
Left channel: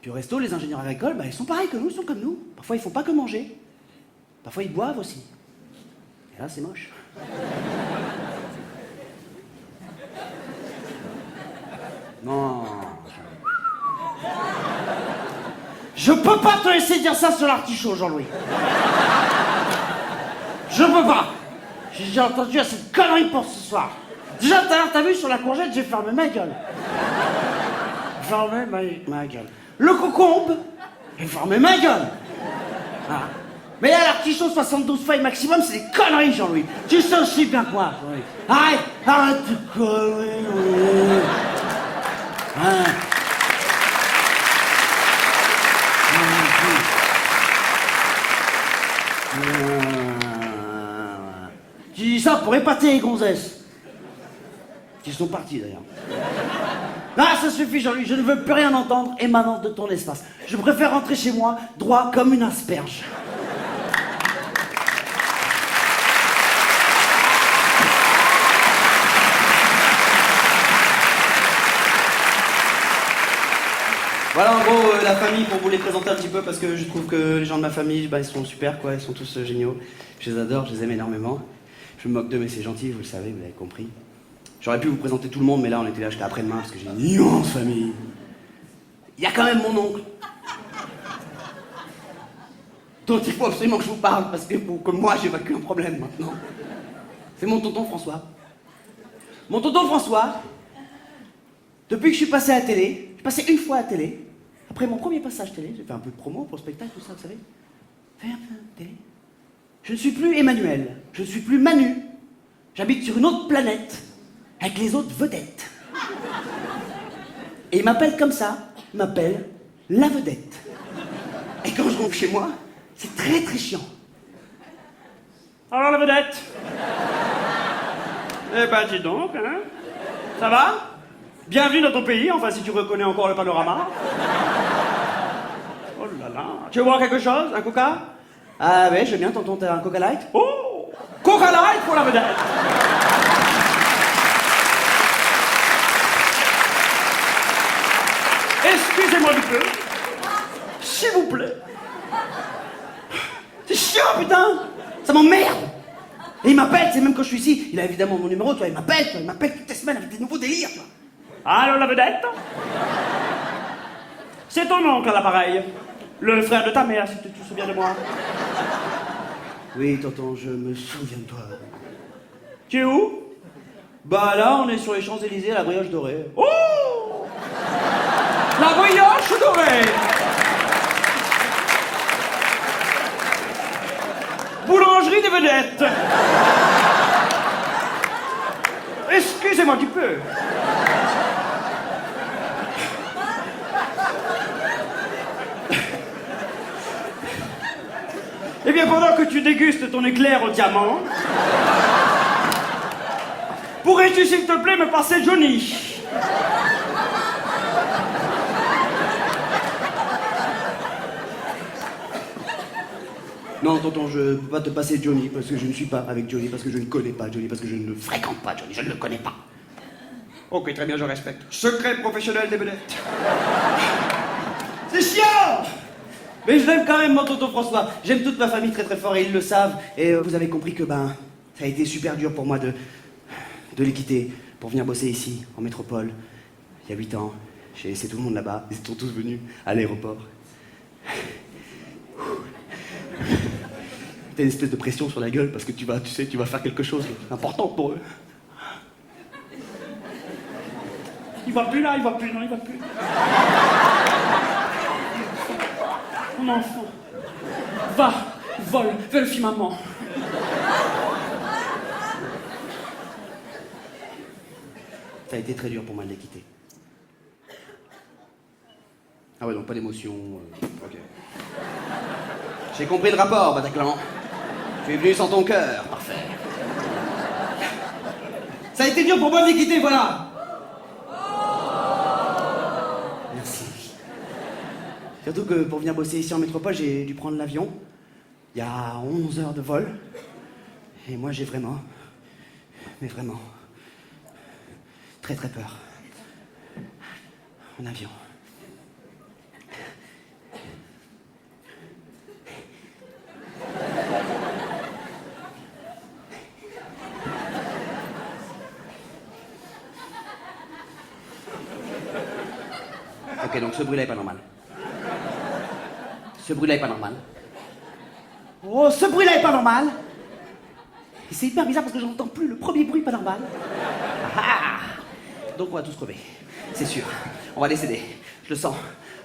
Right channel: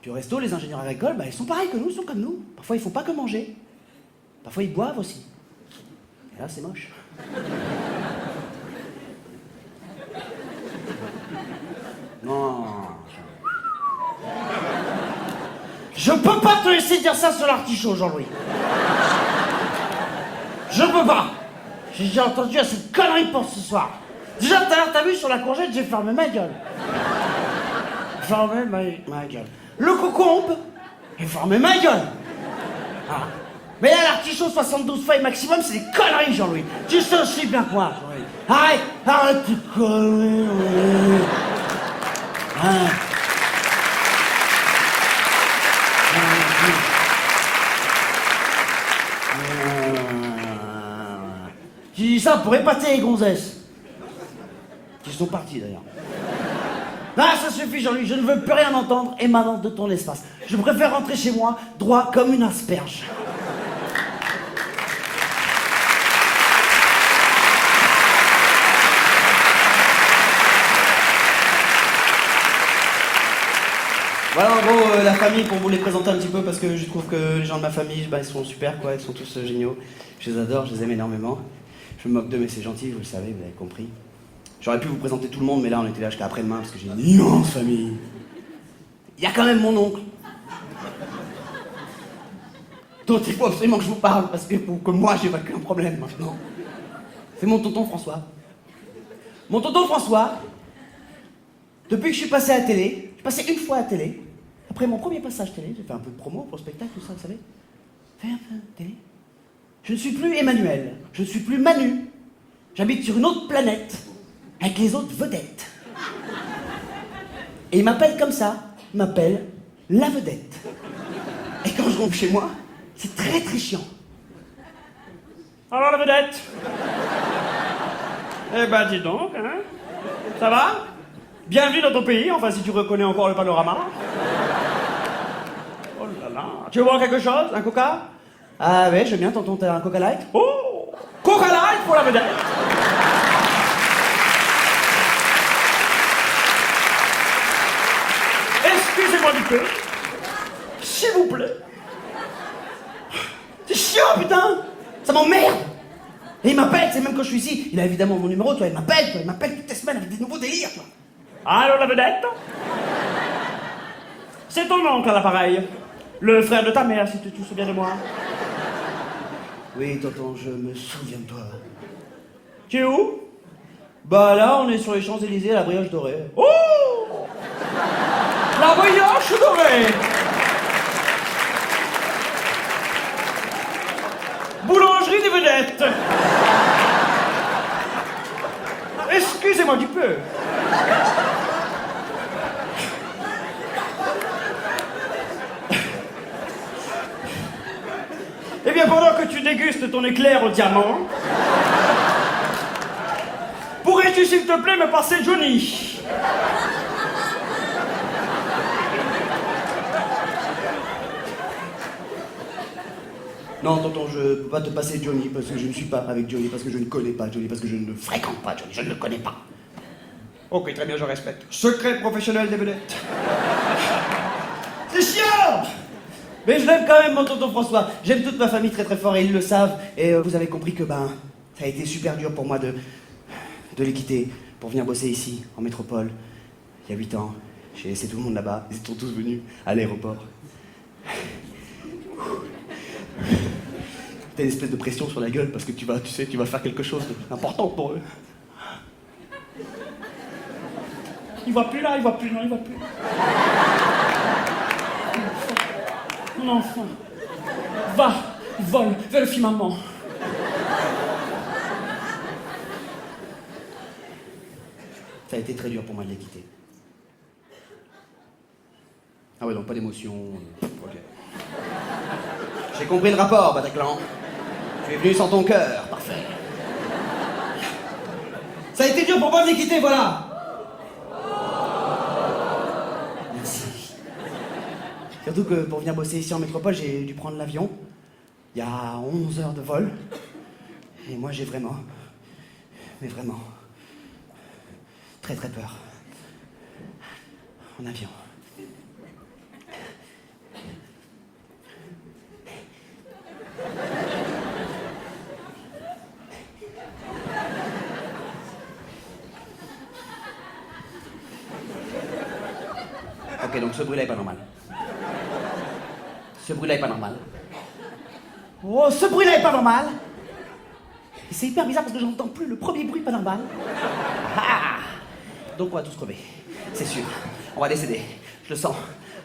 Puis au resto, les ingénieurs agricoles, ils sont pareils que nous, ils sont comme nous. Parfois, ils font pas que manger. Parfois, ils boivent aussi. Et là, c'est moche. Non. Je peux pas te laisser dire ça sur l'artichaut, Jean-Louis. Je peux pas. J'ai déjà entendu assez de conneries pour ce soir. Déjà, tout à l'heure, t'as vu, sur la courgette, j'ai fermé ma gueule. Fermé ma gueule. Le concombre, j'ai fermé ma gueule. Ah. Mais là, l'artichaut 72 feuilles maximum, c'est des conneries, Jean-Louis. Tu sais aussi bien que moi, Jean-Louis. Arrête de conneries. Hein. Tu dis ça pour épater les gonzesses. Qui sont partis, d'ailleurs. Ah, ça suffit, Jean-Louis, je ne veux plus rien entendre émanant de ton espace. Je préfère rentrer chez moi, droit comme une asperge. Voilà, en gros, la famille, pour vous les présenter un petit peu, parce que je trouve que les gens de ma famille, bah, ils sont super, quoi. Ils sont tous géniaux. Je les adore, je les aime énormément. Je me moque d'eux, mais c'est gentil, vous le savez, vous avez compris. J'aurais pu vous présenter tout le monde, mais là, on était là jusqu'à après-demain, parce que j'ai une immense famille. Il y a quand même mon oncle, dont il faut absolument que je vous parle, parce que pour que moi, j'évacue un problème, maintenant. C'est mon tonton François. Mon tonton François, depuis que je suis passé à la télé, je suis passé une fois à la télé, après mon premier passage télé, j'ai fait un peu de promo pour le spectacle, tout ça, vous savez. Fait un peu de télé. Je ne suis plus Emmanuel, je ne suis plus Manu. J'habite sur une autre planète, avec les autres vedettes. Et il m'appelle comme ça, il m'appelle la vedette. Et quand je rentre chez moi, c'est très très chiant. Alors la vedette? Eh ben dis donc, hein? Ça va? Bienvenue dans ton pays, enfin si tu reconnais encore le panorama. Oh là là. Tu veux boire quelque chose? Un coca? Ah ouais, je veux bien, tonton, t'as un Coca Light? Oh! Coca Light pour la vedette! Excusez-moi du peu. S'il vous plaît. C'est chiant, putain! Ça m'emmerde! Et il m'appelle, c'est même quand je suis ici, il a évidemment mon numéro, toi, il m'appelle toutes les semaines avec des nouveaux délires, toi. Allô la vedette? C'est ton oncle à l'appareil. Le frère de ta mère, si tu te souviens de moi. Oui, tonton, je me souviens de toi. Tu es où? Bah là, on est sur les Champs-Élysées, la brioche dorée. Oh! La brioche dorée! Boulangerie des vedettes! Excusez-moi du peu. Eh bien, pendant que tu dégustes ton éclair au diamant, pourrais-tu, s'il te plaît, me passer Johnny? Non, tonton, je peux pas te passer Johnny, parce que je ne suis pas avec Johnny, parce que je ne connais pas Johnny, parce que je ne fréquente pas Johnny, je ne le connais pas. Ok, très bien, je respecte. Secret professionnel des vedettes. C'est chiant! Mais je l'aime quand même, mon tonton François. J'aime toute ma famille très très fort et ils le savent. Et vous avez compris que, ben, ça a été super dur pour moi de les quitter pour venir bosser ici, en métropole. Il y a 8 ans, j'ai laissé tout le monde là-bas. Ils sont tous venus à l'aéroport. T'as une espèce de pression sur la gueule parce que tu vas faire quelque chose d'important pour eux. Il voit plus là, il voit plus, non, il voit plus. Mon enfant, va, vole, vérifie maman. Ça a été très dur pour moi de les quitter. Ah ouais, donc pas d'émotion. Ok. J'ai compris le rapport, Bataclan. Tu es venu sans ton cœur, parfait. Ça a été dur pour moi de les quitter, voilà. Merci. Surtout que pour venir bosser ici en métropole, j'ai dû prendre l'avion. Il y a 11 heures de vol. Et moi, j'ai vraiment, mais vraiment, très très peur. En avion. Ok, donc ce bruit-là est pas normal. Ce bruit-là est pas normal. Oh, ce bruit-là est pas normal. Et c'est hyper bizarre parce que j'entends plus le premier bruit pas normal. Ah, donc on va tous crever. C'est sûr. On va décéder. Je le sens.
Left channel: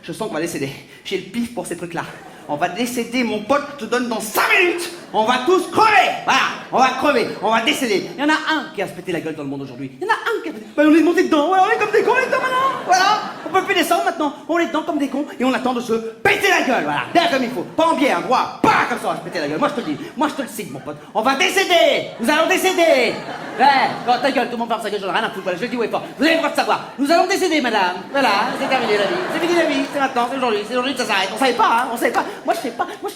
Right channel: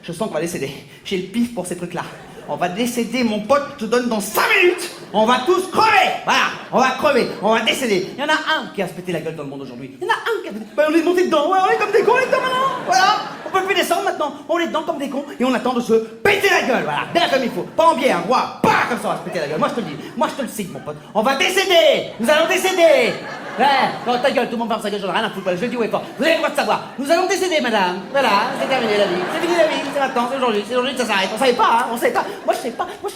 Je sens qu'on va décéder. J'ai le pif pour ces trucs-là. On va décéder, mon pote, je te donne dans 5 minutes. On va tous crever. Voilà, on va crever, on va décéder. Il y en a un qui a se pété la gueule dans le monde aujourd'hui. Il y en a un qui a... Ben, on est monté dedans, ouais, on est comme des cons, on est dedans maintenant. Voilà, on peut plus descendre maintenant. On est dedans comme des cons et on attend de se péter la gueule. Voilà, bien comme il faut. Pas en biais, hein, droit. Pas comme ça, on va se péter la gueule. Moi, je te le dis. Moi, je te le signe, mon pote. On va décéder. Nous allons décéder. Ouais, non, ta gueule, tout le monde ferme sa gueule, j'en ai rien à foutre, voilà, je le dis haut et fort. Vous avez le droit de savoir. Nous allons décéder, madame. Voilà, c'est terminé la vie. C'est fini la vie, c'est maintenant, c'est aujourd'hui que ça s'arrête. On savait pas, hein, on savait pas. Moi, je sais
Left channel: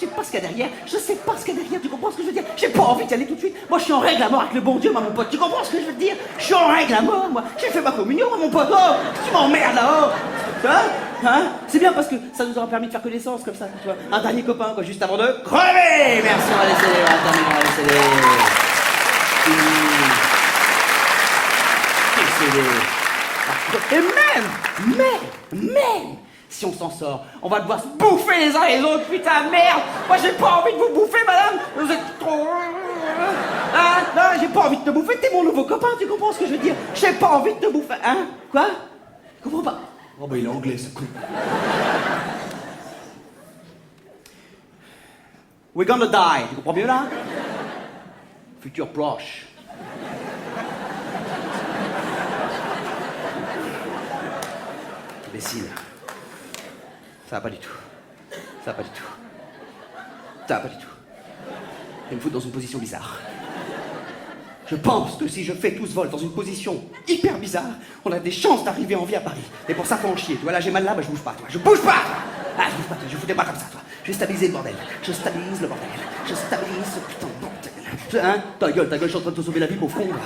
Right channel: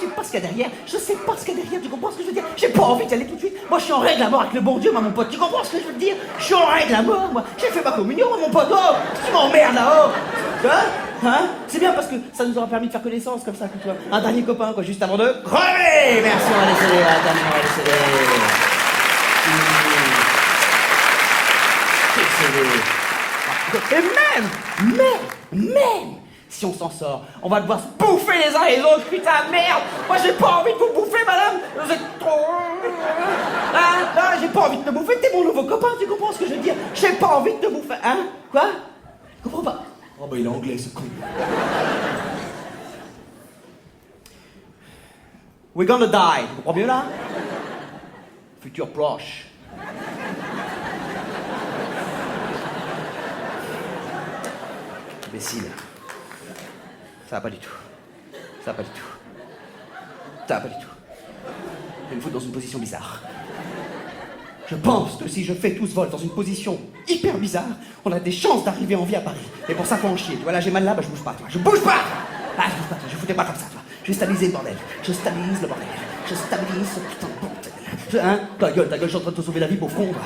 pas ce qu'il y a derrière. Je sais pas ce qu'il y a derrière, tu comprends ce que je veux dire? J'ai pas envie d'y aller tout de suite. Moi, je suis en règle à mort avec le bon Dieu, moi, mon pote. Tu comprends ce que je veux te dire? Je suis en règle à mort, moi. J'ai fait ma communion, moi, mon pote. Oh, tu m'emmerdes là-haut. Hein? Hein? C'est bien parce que ça nous aura permis de faire connaissance comme ça, tu vois. Un dernier copain, quoi, juste avant de crever. Merci, on va laisser les... terminer, on va laisser les... Et même, si on s'en sort, on va devoir se bouffer les uns les autres, putain, merde. Moi, j'ai pas envie de vous bouffer, madame. Vous êtes trop... Hein? Non, j'ai pas envie de te bouffer, t'es mon nouveau copain, tu comprends ce que je veux dire? J'ai pas envie de te bouffer, hein? Quoi? Je comprends pas. Oh bah il est anglais ce con. We're gonna die, tu comprends mieux là? Futur proche. Imbécile. Ça va pas du tout. Ça va pas du tout. Ça va pas du tout. Je vais me foutre dans une position bizarre. Je pense que si je fais tout ce vol dans une position hyper bizarre, on a des chances d'arriver en vie à Paris. Et pour ça, faut en chier. Tu vois, là, j'ai mal là, bah je bouge pas, toi. Je bouge pas, toi. Ah, je bouge pas, toi. Je foutais pas comme ça, toi. Je vais stabiliser le bordel. Je stabilise le bordel. Je stabilise ce putain de bordel. Hein? Ta gueule, je suis en train de te sauver la vie, pauvre con, là.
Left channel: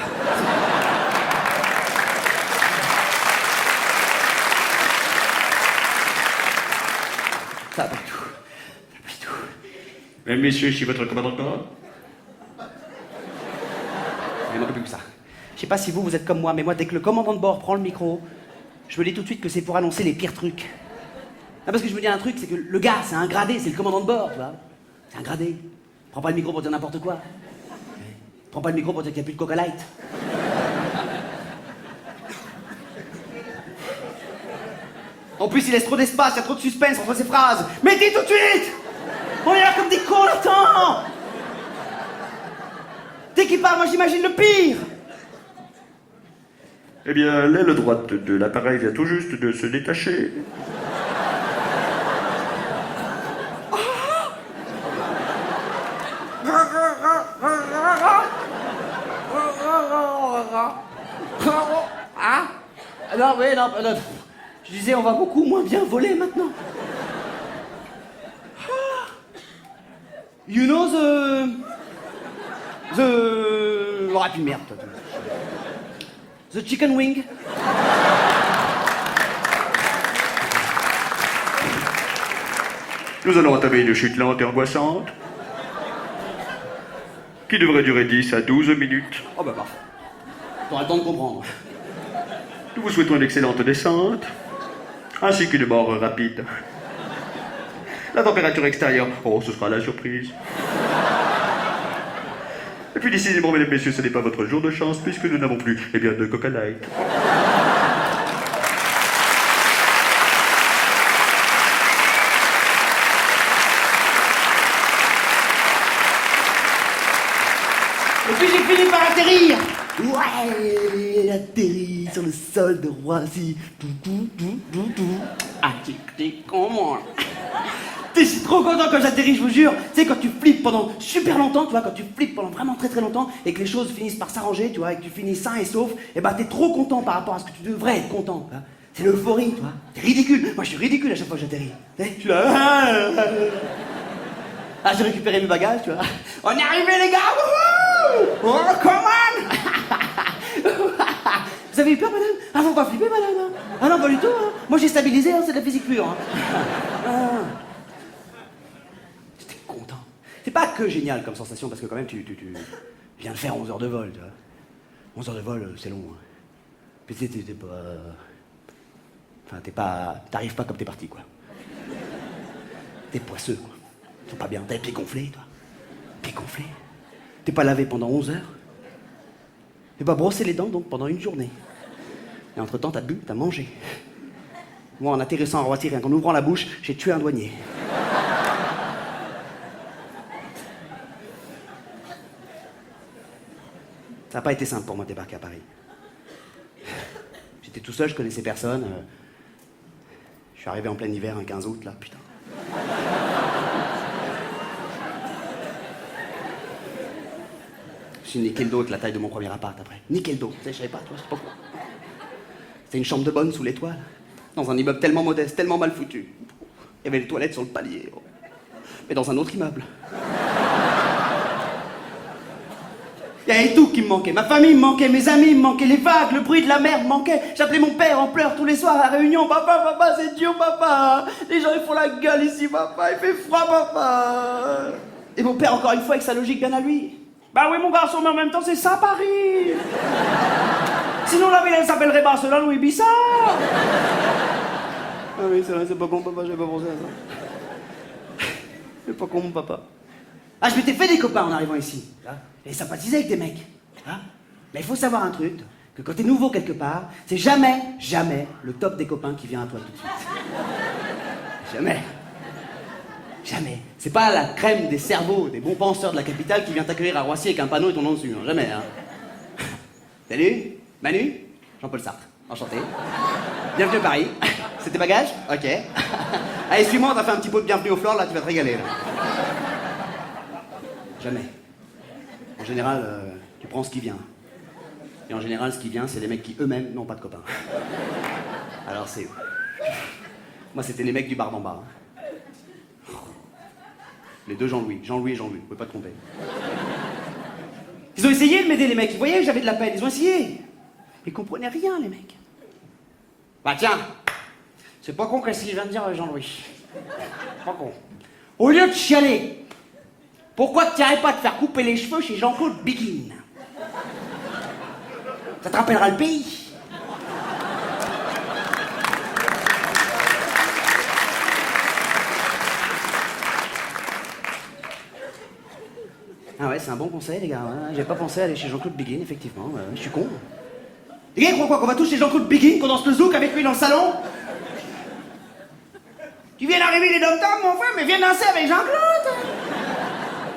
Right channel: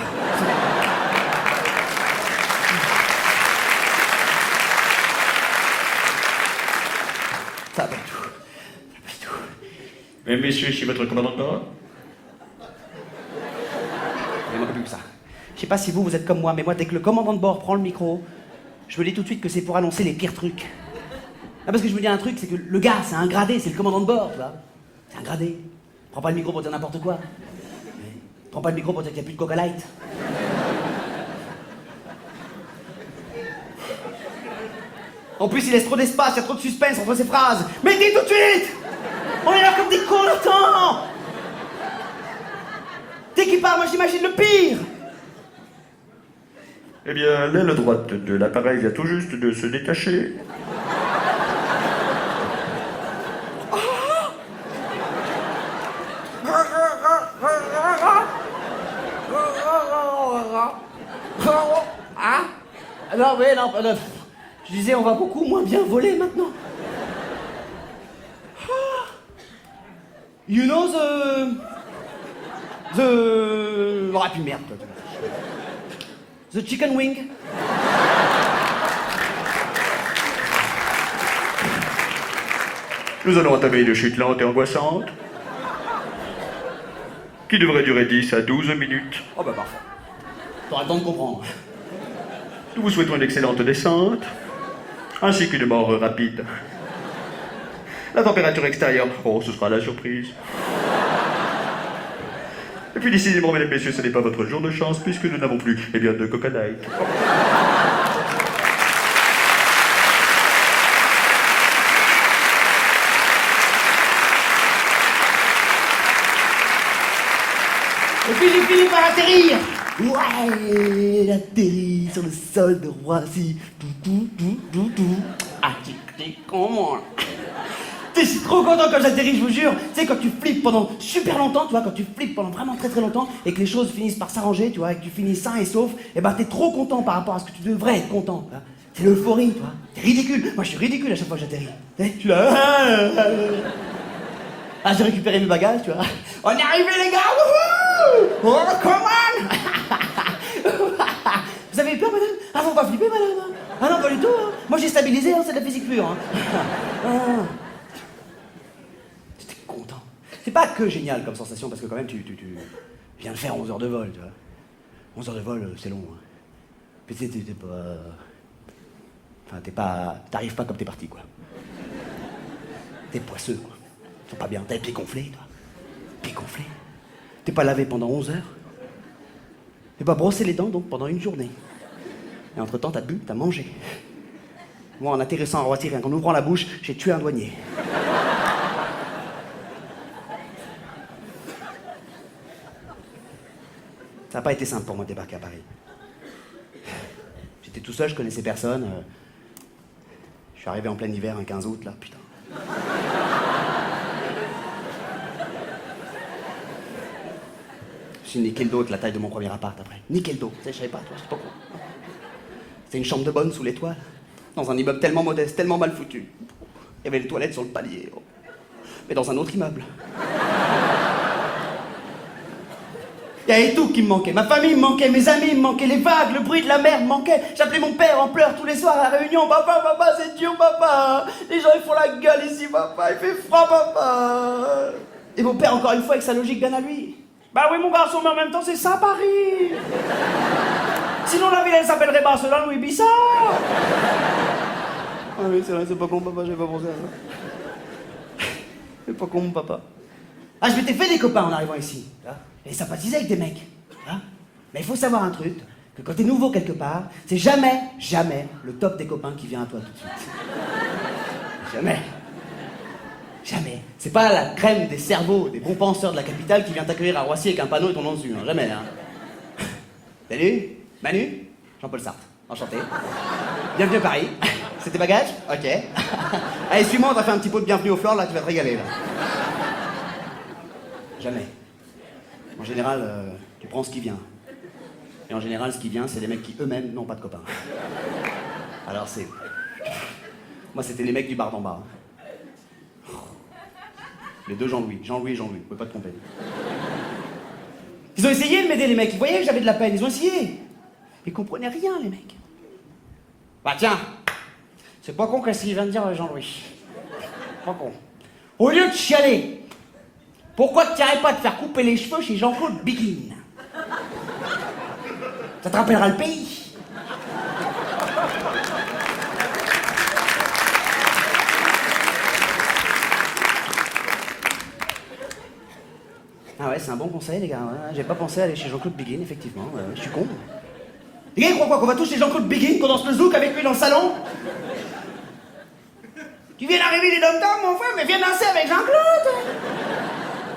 Ça va pas du tout. Ça va pas du tout. Mesdames, messieurs, je suis votre commandant de bord. Il manque plus que ça. Je sais pas si vous êtes comme moi, mais moi, dès que le commandant de bord prend le micro, je me dis tout de suite que c'est pour annoncer les pires trucs. Ah, parce que je me dis un truc, c'est que le gars, c'est un gradé, c'est le commandant de bord, tu vois. C'est un gradé. Prends pas le micro pour dire n'importe quoi. Prends pas le micro pour dire qu'il n'y a plus de Coca Light. En plus, il laisse trop d'espace, il y a trop de suspense entre ses phrases. Mais dis tout de suite! On est là comme des cons, attends! Dès qu'il parle, moi j'imagine le pire! Eh bien, l'aile droite de l'appareil vient tout juste de se détacher. Ah? Non, mais non, je disais, on va beaucoup moins bien voler maintenant. You know Oh, puis merde, toi. The chicken wing. Nous allons entamer une chute lente et angoissante, qui devrait durer 10 à 12 minutes. Oh bah parfait. T'auras le temps de comprendre. Nous vous souhaitons une excellente descente, ainsi qu'une mort rapide. La température extérieure, oh, ce sera la surprise. Et puis décidément, mesdames, messieurs, ce n'est pas votre jour de chance, puisque nous n'avons plus, eh bien, de Coca Light. Et puis j'ai fini par atterrir. Ouais, il atterrit sur le sol de Roissy. Ah, t'es comment? Je suis trop content quand j'atterris, je vous jure. Tu sais, quand tu flippes pendant super longtemps, tu vois, quand tu flippes pendant vraiment très très longtemps et que les choses finissent par s'arranger, tu vois, et que tu finis sain et sauf, et ben t'es trop content par rapport à ce que tu devrais être content. Tu vois. C'est l'euphorie, tu vois. C'est ridicule. Moi, je suis ridicule à chaque fois que j'atterris. Tu sais, je suis là. Ah, j'ai récupéré mes bagages, tu vois. On est arrivé, les gars. Wouhou! Oh, come on! Vous avez eu peur, madame? Ah, faut pas flipper, madame. Hein. Ah non, pas du tout. Hein. Moi, j'ai stabilisé, hein, c'est de la physique pure. Hein. Ah. J'étais content. C'est pas que génial comme sensation, parce que quand même, tu viens de faire 11 heures de vol, tu vois. 11 heures de vol, c'est long. Hein. Puis tu sais, t'es pas... Enfin, t'arrives pas comme t'es parti, quoi. T'es poisseux, quoi. Ils sont pas bien. T'as les pieds gonflés, toi. Pieds gonflés. T'es pas lavé pendant 11 heures. T'es pas brossé les dents, donc, pendant une journée. Et entre-temps, t'as bu, t'as mangé. Moi, en atterrissant à Roissy, rien qu'en ouvrant la bouche, j'ai tué un douanier. Ça n'a pas été simple pour moi de débarquer à Paris. J'étais tout seul, je connaissais personne. Je suis arrivé en plein hiver, un 15 août, là, putain. Je suis niqué le dos de la taille de mon premier appart après. Niqué le dos, tu sais, je savais pas, toi, je sais pas quoi. C'était une chambre de bonne sous l'étoile, dans un immeuble tellement modeste, tellement mal foutu. Il y avait les toilettes sur le palier, oh. Mais dans un autre immeuble. Il y avait tout qui me manquait. Ma famille me manquait, mes amis me manquaient, les vagues, le bruit de la mer me manquait. J'appelais mon père en pleurs tous les soirs à la réunion. Papa, papa, c'est dur, papa. Les gens, ils font la gueule ici, papa. Il fait froid, papa. Et mon père, encore une fois, avec sa logique bien à lui. Bah oui, mon garçon, mais en même temps, c'est ça, Paris. Sinon, la ville, elle s'appellerait Barcelone ou Ibiza. Ah oui, c'est vrai, c'est pas con, papa, j'avais pas pensé à ça. C'est pas con, mon papa. Ah, je m'étais fait des copains en arrivant ici. Hein, et sympathisé avec des mecs. Hein. Mais il faut savoir un truc, que quand t'es nouveau quelque part, c'est jamais, jamais le top des copains qui vient à toi tout de suite. Jamais. Jamais. C'est pas la crème des cerveaux, des bons penseurs de la capitale qui vient t'accueillir à Roissy avec un panneau et ton nom dessus. Hein. Jamais, hein. Salut, Manu, Jean-Paul Sartre. Enchanté. Bienvenue à Paris. C'est tes bagages? Ok. Allez, suis-moi, on va faire un petit pot de bienvenue au flore, là, tu vas te régaler, là. Jamais. En général, tu prends ce qui vient. Et en général, ce qui vient, c'est des mecs qui eux-mêmes n'ont pas de copains. Alors c'est... Moi, c'était les mecs du bar d'en bas. Les deux Jean-Louis. Jean-Louis et Jean-Louis, vous pouvez pas te tromper. Ils ont essayé de m'aider, les mecs. Ils voyaient que j'avais de la peine. Ils ont essayé. Ils comprenaient rien, les mecs. Bah tiens, c'est pas con qu'est-ce qu'il vient de dire Jean-Louis. Pas con. Au lieu de chialer, pourquoi tu n'irais pas te faire couper les cheveux chez Jean-Claude Biguin? Ça te rappellera le pays. Ah ouais, c'est un bon conseil, les gars. Ouais, j'ai pas pensé à aller chez Jean-Claude Biguin, effectivement. Je suis con. Les gars, ils croient quoi? Qu'on va tous chez Jean-Claude Biguin, qu'on danse le zouk avec lui dans le salon? Tu viens d'arriver les dom-toms, mon frère, mais viens danser avec Jean-Claude.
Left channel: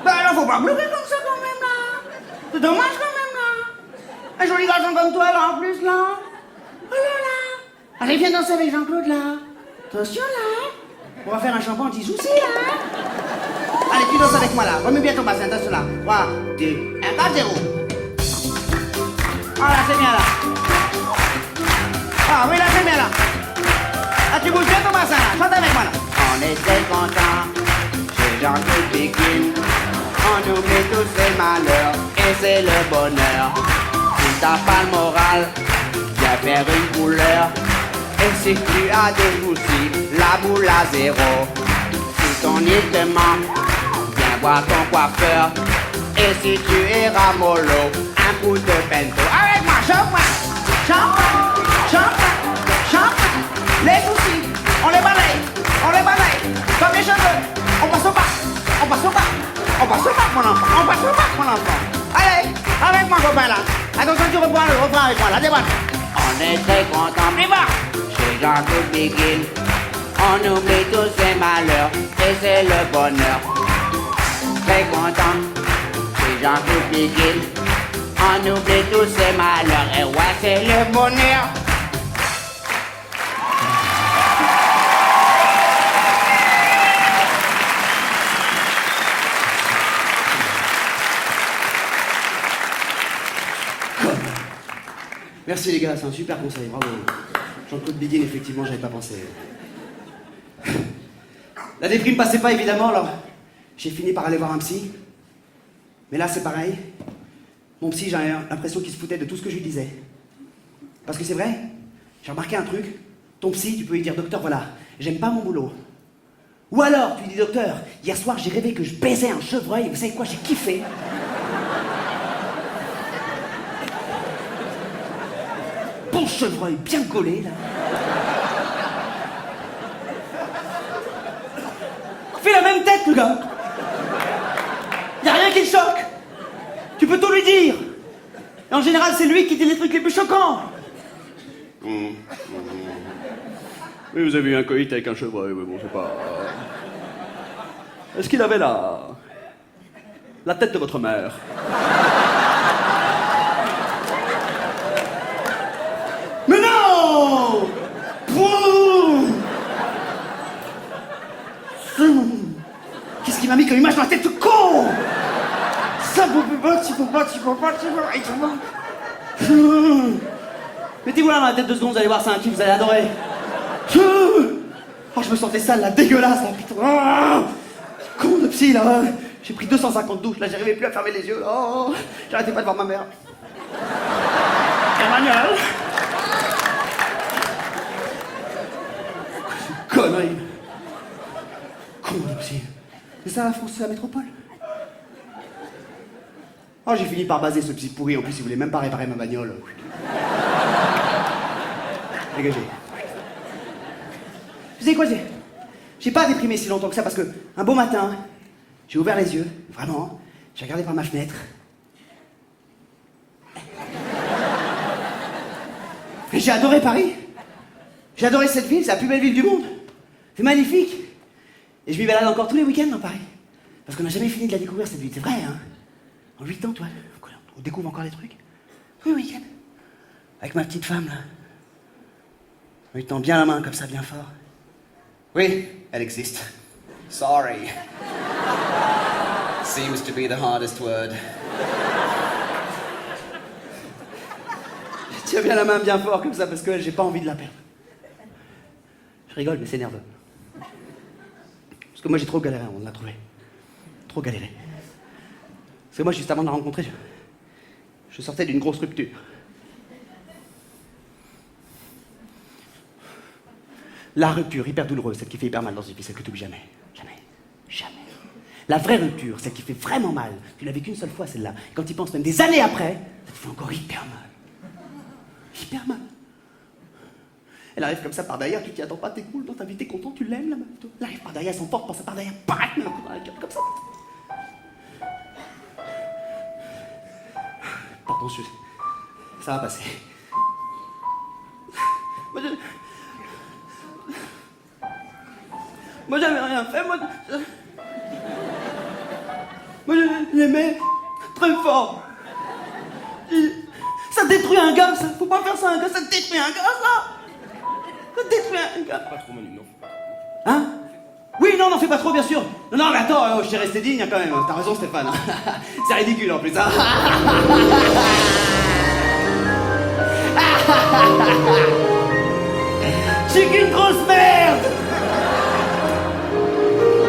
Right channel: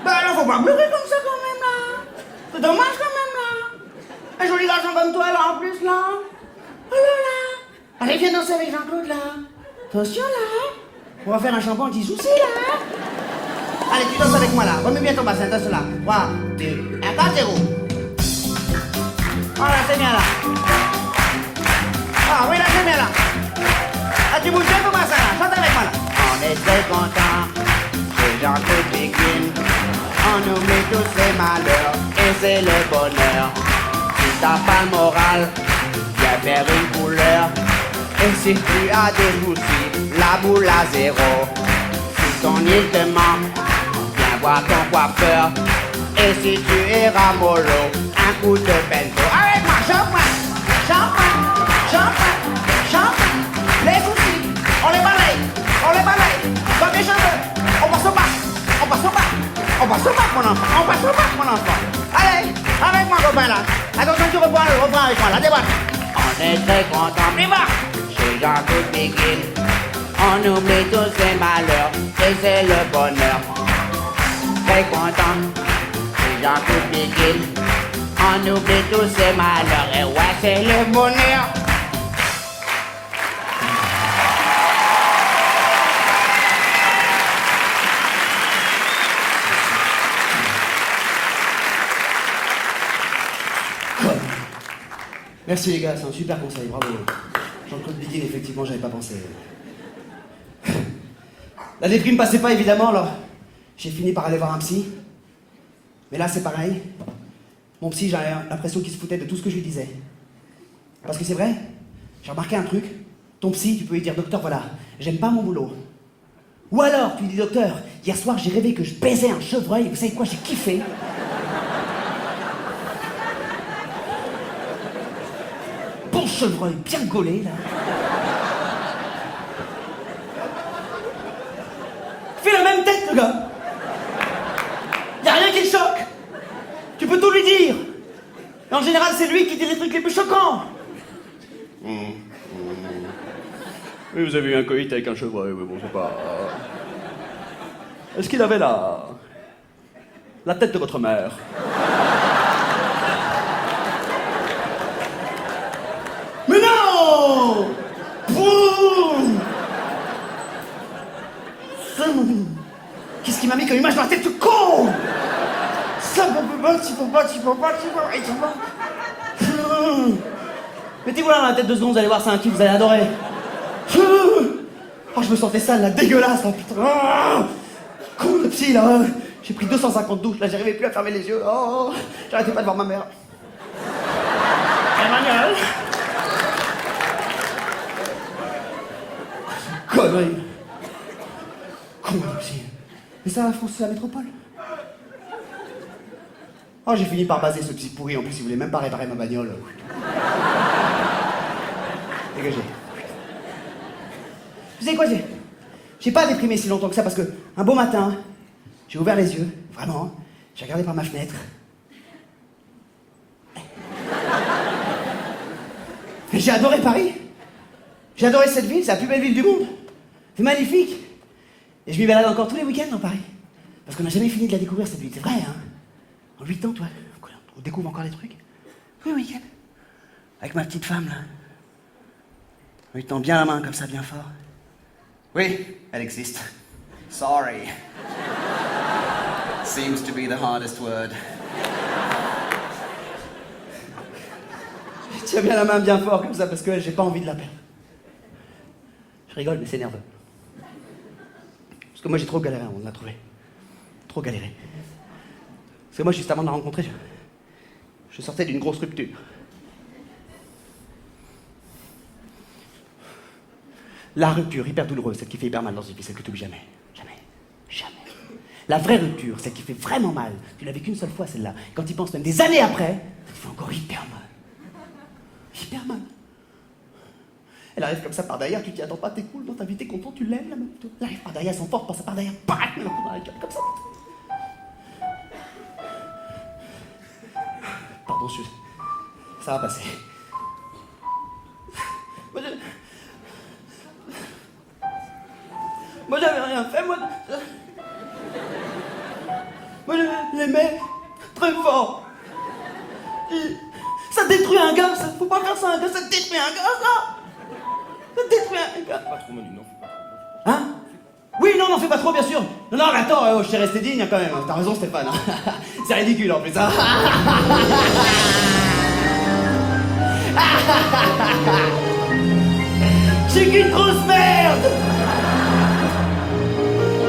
Bah alors, faut pas pleurer comme ça, quand même, là. C'est dommage, quand même, là. Un joli garçon comme toi, là, en plus, là. Oh là là. Allez, viens danser avec Jean-Claude, là. Attention, là. On va faire un chambon anti-souci, là. Allez, tu danses avec moi, là. Remets bien ton bassin, attention, là. 3, 2, 1, 4, 0. Ah, là, c'est bien, là. Ah, oui, là, c'est bien, là. Ah, tu bouges bien ton bassin, là. Chante avec moi, là. On est très contents chez Jean-Claude Biguin. On oublie tous ses malheurs et c'est le bonheur. Si t'as pas le moral, viens faire une couleur. Et si tu as des soucis, la boule à zéro. Si ton île te manque, viens voir ton coiffeur. Et si tu es ramolo, un coup de bento. Avec moi, chante-moi, chante-moi, chante-moi, chante-moi. Les soucis, on les balaye, comme les cheveux. On passe au bac, on passe au bac, on passe au bac, mon enfant, on passe au bac, mon enfant. Allez, avec moi, copain, là. Attention, tu reprends le refrain avec moi, là, débat. On est très contents, débat. Chez Jean-Claude Biguin, on oublie tous ses malheurs et c'est le bonheur. Très content, chez Jean-Claude Biguin, on oublie tous ses malheurs et ouais, c'est le bonheur. Merci les gars, c'est un super conseil, bravo. Jean-Claude Biguin, effectivement, j'avais pas pensé. La déprime passait pas, évidemment, alors j'ai fini par aller voir un psy. Mais là, c'est pareil. Mon psy, j'ai l'impression qu'il se foutait de tout ce que je lui disais. Parce que c'est vrai, j'ai remarqué un truc. Ton psy, tu peux lui dire, docteur, voilà, j'aime pas mon boulot. Ou alors, tu lui dis, docteur, hier soir, j'ai rêvé que je baisais un chevreuil, et vous savez quoi, j'ai kiffé. Bon chevreuil, bien gaulé, là. Il fait la même tête, le gars. Y a rien qui le choque. Tu peux tout lui dire. Et en général, c'est lui qui dit les trucs les plus choquants. Oui, vous avez eu un coït avec un chevreuil, mais bon, c'est pas... Est-ce qu'il avait la tête de votre mère? Mais non! Boum! Qu'est-ce qui m'a mis comme image dans la tête de con? Ça, tu peux pas. Mettez-vous là dans la tête 2 secondes, vous allez voir, c'est un kiff, vous allez adorer. Oh, je me sentais sale, là, dégueulasse, là, putain. Con de psy, là. J'ai pris 250 douches, là, j'arrivais plus à fermer les yeux. Oh, j'arrêtais pas de voir ma mère. Emmanuel. Connerie. Con de psy. Mais ça, la France, c'est la métropole. Oh, j'ai fini par baser ce psy pourri. En plus, il voulait même pas réparer ma bagnole. Dégagez. Vous savez quoi, j'ai pas déprimé si longtemps que ça parce que un beau matin, j'ai ouvert les yeux, vraiment, j'ai regardé par ma fenêtre. Et j'ai adoré Paris. J'ai adoré cette ville, c'est la plus belle ville du monde. C'est magnifique. Et je m'y balade encore tous les week-ends dans Paris. Parce qu'on n'a jamais fini de la découvrir cette ville, c'est vrai, hein. En 8 ans, toi, on découvre encore des trucs. Oui, week-end. Avec ma petite femme, là. En lui tend bien la main, comme ça, bien fort. Oui, elle existe. Sorry. Seems to be the hardest word. Je tiens bien la main bien fort comme ça parce que j'ai pas envie de la perdre. Je rigole, mais c'est nerveux. Parce que moi j'ai trop galéré, on l'a trouvé. Trop galéré. Parce que moi, juste avant de la rencontrer, je sortais d'une grosse rupture. La rupture hyper douloureuse, celle qui fait hyper mal dans une vie, celle que tu oublies jamais. Jamais. Jamais. La vraie rupture, celle qui fait vraiment mal. Tu l'as vécue une seule fois, celle-là. Et quand tu y penses même des années après, ça te fait encore hyper mal. Hyper mal. Elle arrive comme ça par derrière, tu t'y attends pas, t'es cool dans ta vie, t'es content, tu l'aimes la meuf. Elle arrive par derrière, elle s'emporte, pense par derrière, bam, elle la dans la gueule, comme ça. Pardon, ça va passer. Moi, j'avais rien fait, moi, je l'aimais très fort. Ça détruit un gars, ça. Faut pas faire ça à un gars, ça détruit un gars, ça. Ça détruit un gars. Pas trop, Manu, non, faut pas trop. Hein? Oui, non, n'en fais pas trop, bien sûr. Non, mais attends, je t'ai resté digne quand même. T'as raison, Stéphane. C'est ridicule en plus. Hein. Je suis qu'une grosse merde.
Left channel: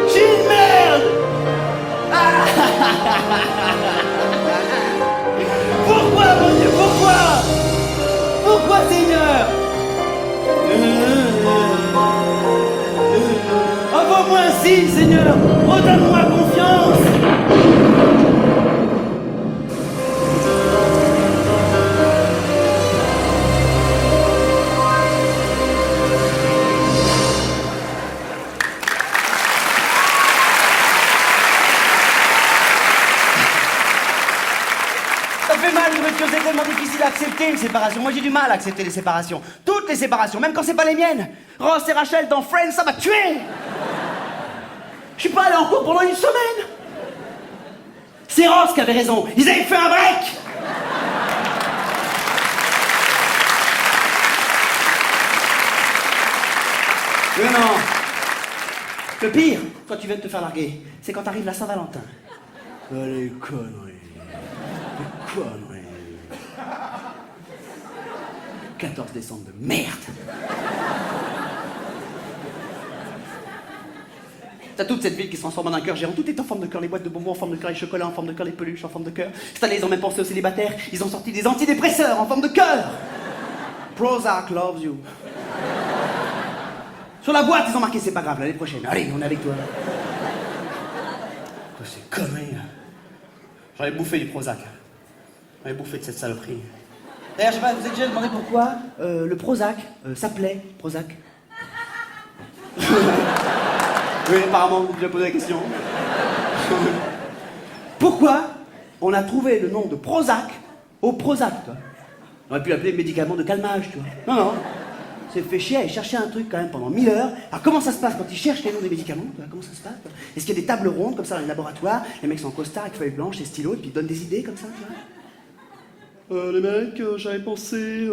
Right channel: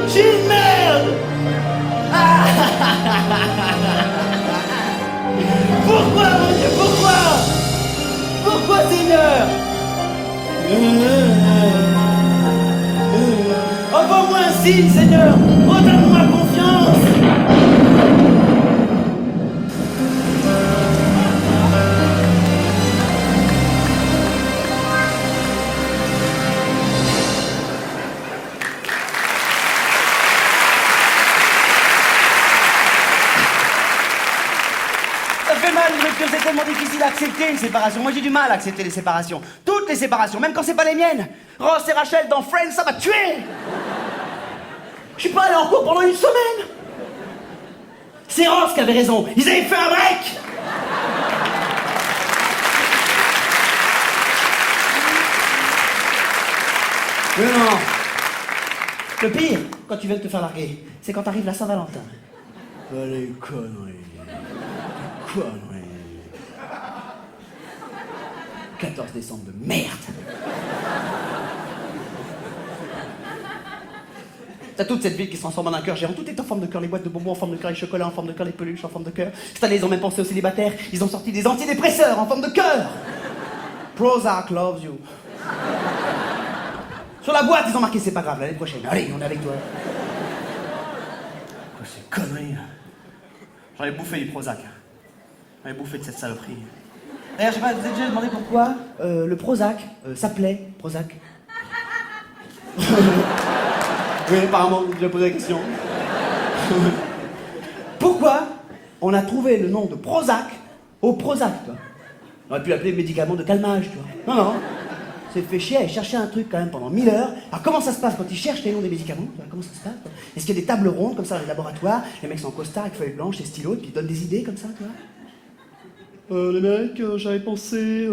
Je suis une merde. Pourquoi, mon Dieu, pourquoi? Pourquoi, Seigneur? Envoie-moi un signe, Seigneur. Redonne-moi confiance. Ça fait mal, une rupture, c'est tellement difficile à accepter une séparation. Moi, j'ai du mal à accepter les séparations. Toutes les séparations, même quand c'est pas les miennes. Ross et Rachel dans Friends, ça m'a tué. Je suis pas allé en cours pendant une semaine. C'est Ross qui avait raison. Ils avaient fait un break. Mais non. Le pire, quand tu viens de te faire larguer, c'est quand t'arrives la Saint-Valentin. Les conneries. Les conneries. 14 décembre de merde. T'as toute cette ville qui se transforme en un cœur géant. Tout est en forme de cœur. Les boîtes de bonbons en forme de cœur, les chocolats en forme de cœur, les peluches en forme de cœur. Cette année, ils ont même pensé aux célibataires. Ils ont sorti des antidépresseurs en forme de cœur. Prozac loves you. Sur la boîte, ils ont marqué c'est pas grave, l'année prochaine. Allez, on est avec toi. Quoi, c'est connerie, là. J'en ai bouffé du Prozac. J'en ai bouffé de cette saloperie. D'ailleurs, je sais pas, vous avez déjà demandé pourquoi le Prozac s'appelait Prozac? Oui, apparemment, vous avez déjà posé la question. Pourquoi on a trouvé le nom de Prozac au Prozac, toi? On aurait pu l'appeler médicament de calmage, tu vois. Non, non. C'est fait chier à chercher un truc quand même pendant 1000 heures. Alors comment ça se passe quand ils cherchent les noms des médicaments? Tu vois, comment ça se passe? Est-ce qu'il y a des tables rondes comme ça dans les laboratoires? Les mecs sont en costard avec feuilles blanches et stylos et puis ils donnent des idées comme ça, tu vois? Les mecs, j'avais pensé...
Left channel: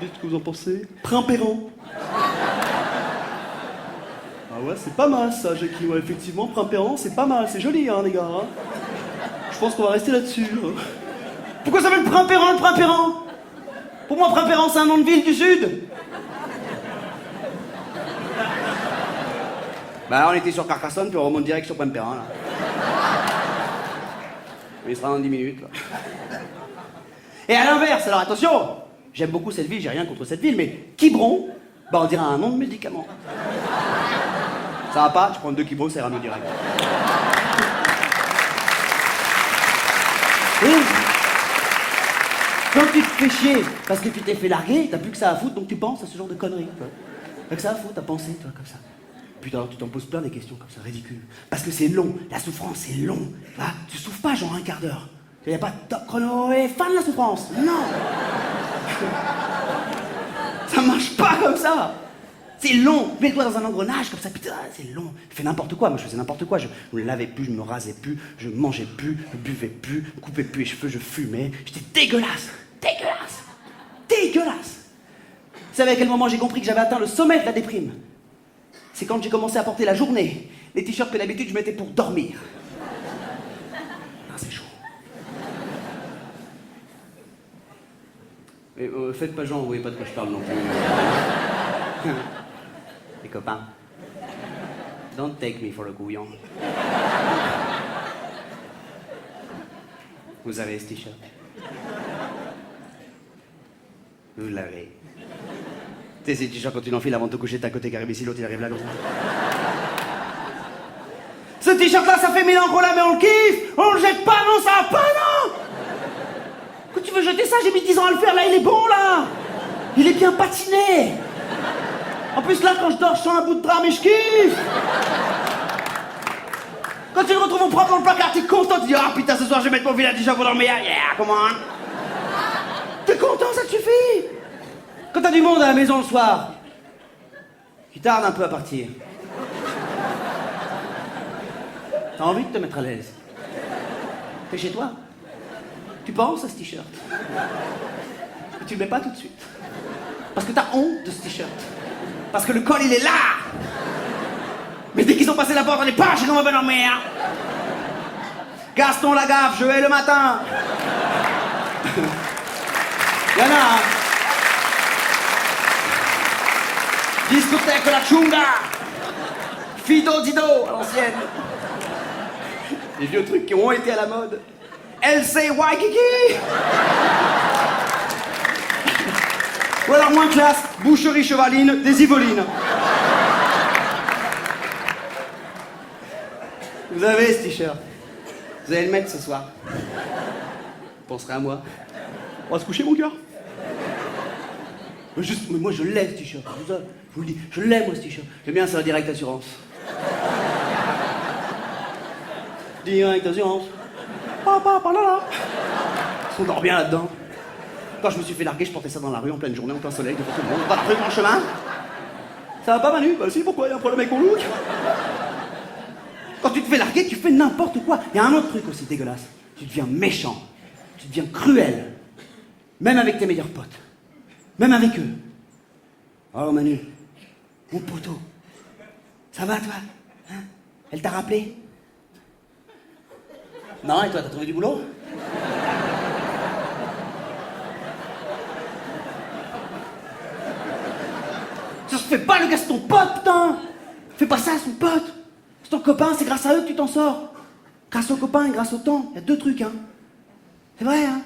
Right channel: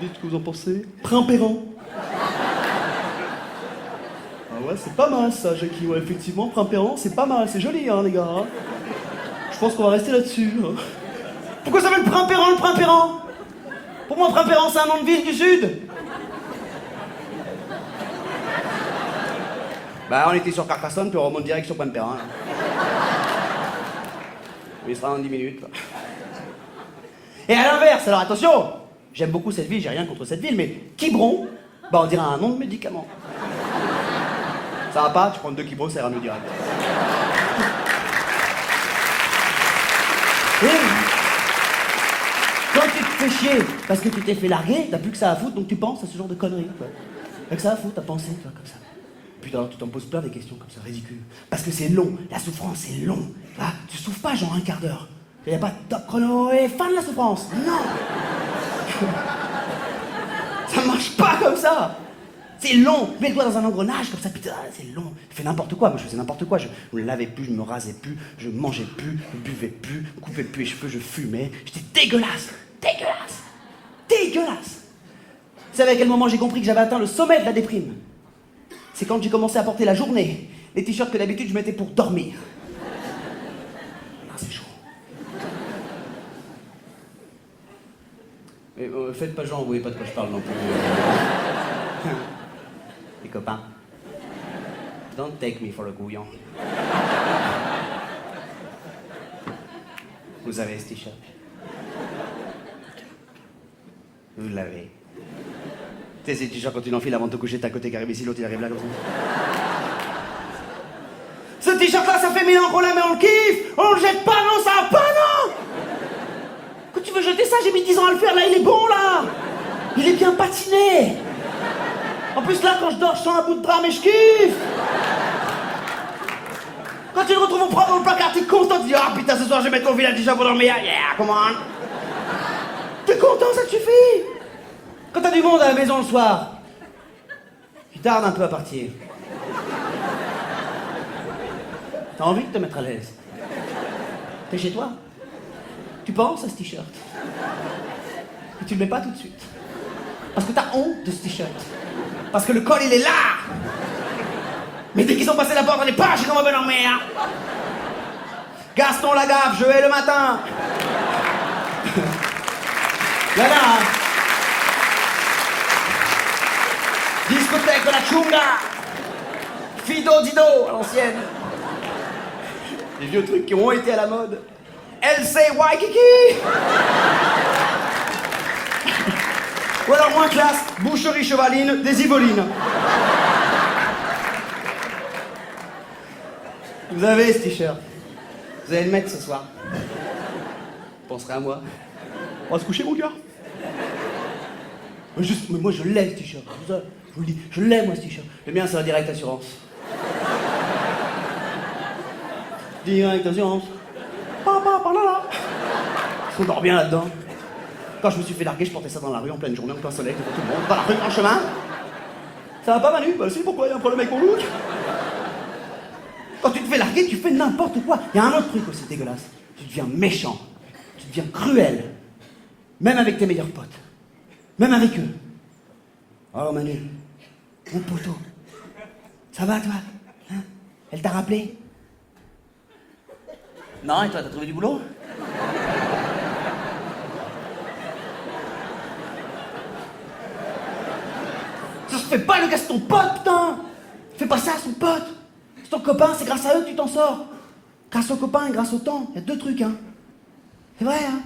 Dites ce que vous en pensez. Primpéran. Ah ouais, c'est pas mal ça, Jackie. Ouais, effectivement, Primpéran, c'est pas mal. C'est joli, hein, les gars. Hein. Je pense qu'on va rester là-dessus. Hein. Pourquoi ça s'appelle Primpéran, le Primpéran? Pour moi, Primpéran, c'est un nom de ville du Sud. Bah, on était sur Carcassonne, puis on remonte direct sur Pointe-Perrin, là. Il sera dans 10 minutes, là. Et à l'inverse, alors attention, j'aime beaucoup cette ville, j'ai rien contre cette ville, mais Quiberon, bah on dirait un nom de médicament. Ça va pas, tu prends 2 Quiberon, ça ira mieux direct. Et quand tu te fais chier parce que tu t'es fait larguer, t'as plus que ça à foutre, donc tu penses à ce genre de conneries. Tu vois. T'as que ça à foutre, t'as pensé, tu vois, comme ça. Putain, alors tu t'en poses plein des questions comme ça, ridicules. Parce que c'est long, la souffrance, c'est long. Tu vois, tu souffres pas genre un quart d'heure. Il n'y a pas de top chrono et fin de la souffrance. Non. Ça marche pas comme ça. C'est long. Mets le doigt dans un engrenage comme ça, putain, c'est long. Je fais n'importe quoi, moi je faisais n'importe quoi. Je me lavais plus, je me rasais plus, je mangeais plus, je buvais plus, je coupais plus les cheveux, je fumais. J'étais dégueulasse. Dégueulasse. Dégueulasse. Vous savez à quel moment j'ai compris que j'avais atteint le sommet de la déprime? C'est quand j'ai commencé à porter la journée les t-shirts que d'habitude je mettais pour dormir. Ah, c'est chaud. Mais faites pas genre, vous voyez pas de quoi je parle non plus. Les copains. Don't take me for a couillon. Vous avez ce t-shirt. Vous l'avez. Tu sais, ces t-shirts quand tu l'enfiles avant de te coucher, t'as un côté qui arrive ici, l'autre il arrive là comme ça. Ce t-shirt là, ça fait 1000 ans qu'on l'a, mais on le kiffe. On le jette pas, non, ça va pas, non. Quand tu veux jeter ça, j'ai mis 10 ans à le faire, là il est bon là. Il est bien patiné. En plus là, quand je dors, je sens un bout de drap, mais je kiffe. Quand tu le retrouves au propre dans le placard, t'es content, tu dis ah putain, ce soir je vais mettre mon vilain t-shirt pour dormir, yeah, come on. T'es content, ça te suffit. Quand t'as du monde à la maison le soir, tu tardes un peu à partir. T'as envie de te mettre à l'aise. T'es chez toi. Tu penses à ce t-shirt. Et tu le mets pas tout de suite. Parce que t'as honte de ce t-shirt. Parce que le col, il est là. Mais dès qu'ils ont passé la porte, on est pas chez comment on va dormir. Gaston Lagaffe, je hais le matin. Y'en a, hein. Discothèque de la Chunga. Fido Dido, à l'ancienne. Les vieux trucs qui ont été à la mode. LC Waikiki. Ou alors moins classe, boucherie chevaline, des Yvolines. Vous avez ce t-shirt. Vous allez le mettre ce soir. Vous penserez à moi. On va se coucher, mon gars. Mais moi, je l'ai, ce t-shirt. Je vous le dis, je l'ai, moi, ce t-shirt. Le mien, c'est la Direct Assurance. Direct Assurance. Papa, là. On dort bien là-dedans. Quand je me suis fait larguer, je portais ça dans la rue en pleine journée, en plein soleil, devant tout le monde, dans la rue, dans le chemin. Ça va pas, Manu? Bah si, pourquoi? Il y a un problème avec mon look? Quand tu te fais larguer, tu fais n'importe quoi. Il y a un autre truc aussi dégueulasse. Tu deviens méchant. Tu deviens cruel. Même avec tes meilleurs potes. Même avec eux. Oh Manu, mon poteau. Ça va toi? Hein? Elle t'a rappelé? Non, et toi, t'as trouvé du boulot? Ça se fait pas le gars, c'est ton pote, putain! Fais pas ça à son pote! C'est ton copain, c'est grâce à eux que tu t'en sors. Grâce au copain et grâce au temps. Il y a 2 trucs, hein. C'est vrai, hein.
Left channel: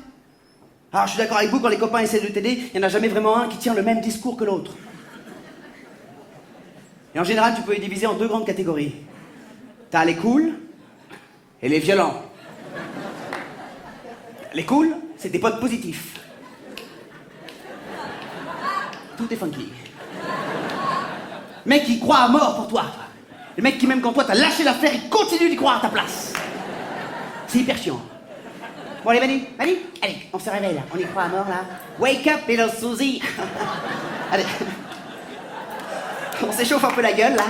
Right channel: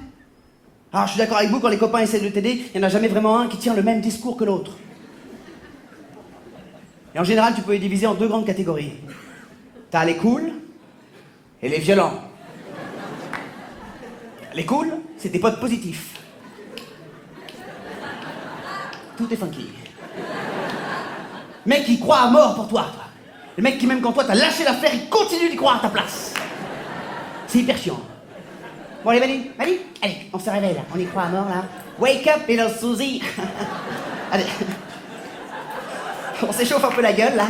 Alors, je suis d'accord avec vous, quand les copains essaient de t'aider, il n'y en a jamais vraiment un qui tient le même discours que l'autre. Et en général, tu peux les diviser en 2 grandes catégories. T'as les cools et les violents. Les cools, c'est tes potes positifs. Tout est funky. Mec qui croit à mort pour toi. Le mec qui, même quand toi t'as lâché l'affaire, il continue d'y croire à ta place. C'est hyper chiant. Bon allez Manu, allez, on se réveille là, on y croit à mort là. Wake up little Suzy. Allez. On s'échauffe un peu la gueule là.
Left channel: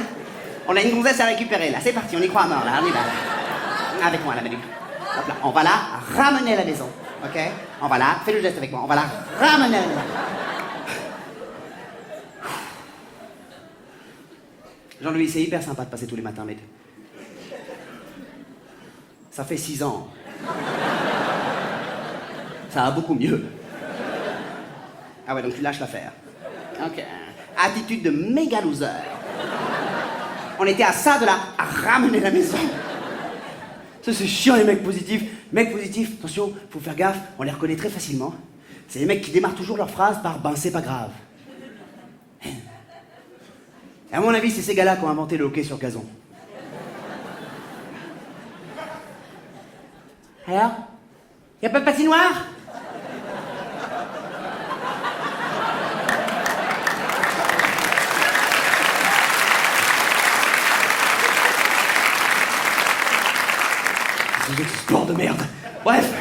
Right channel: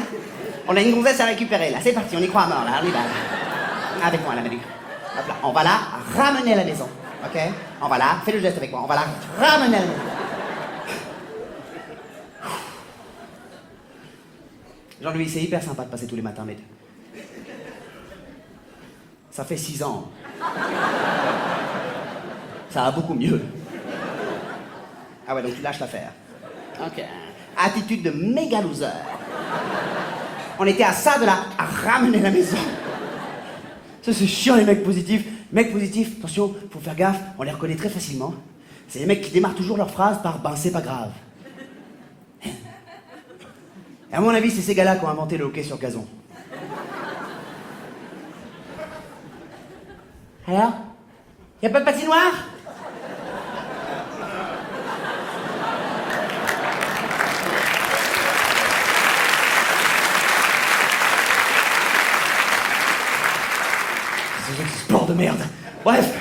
On a une gonzesse à récupérer là, c'est parti, on y croit à mort là, on y va là. Avec moi là Manu. Hop là, on va la ramener à la maison, ok? On va la, fais le geste avec moi, on va la ramener à la maison. Jean-Louis, c'est hyper sympa de passer tous les matins, mais... Ça fait 6 ans. Ça va beaucoup mieux. Ah ouais, donc tu lâches l'affaire. Ok. Attitude de méga loser. On était à ça de la ramener à la maison. Ça, c'est chiant, les mecs positifs. Mecs positifs, attention, faut faire gaffe, on les reconnaît très facilement. C'est les mecs qui démarrent toujours leur phrase par « ben, c'est pas grave ». Et à mon avis, c'est ces gars-là qui ont inventé le hockey sur gazon. Alors? Y a pas de patinoire? C'est sport de merde. Bref.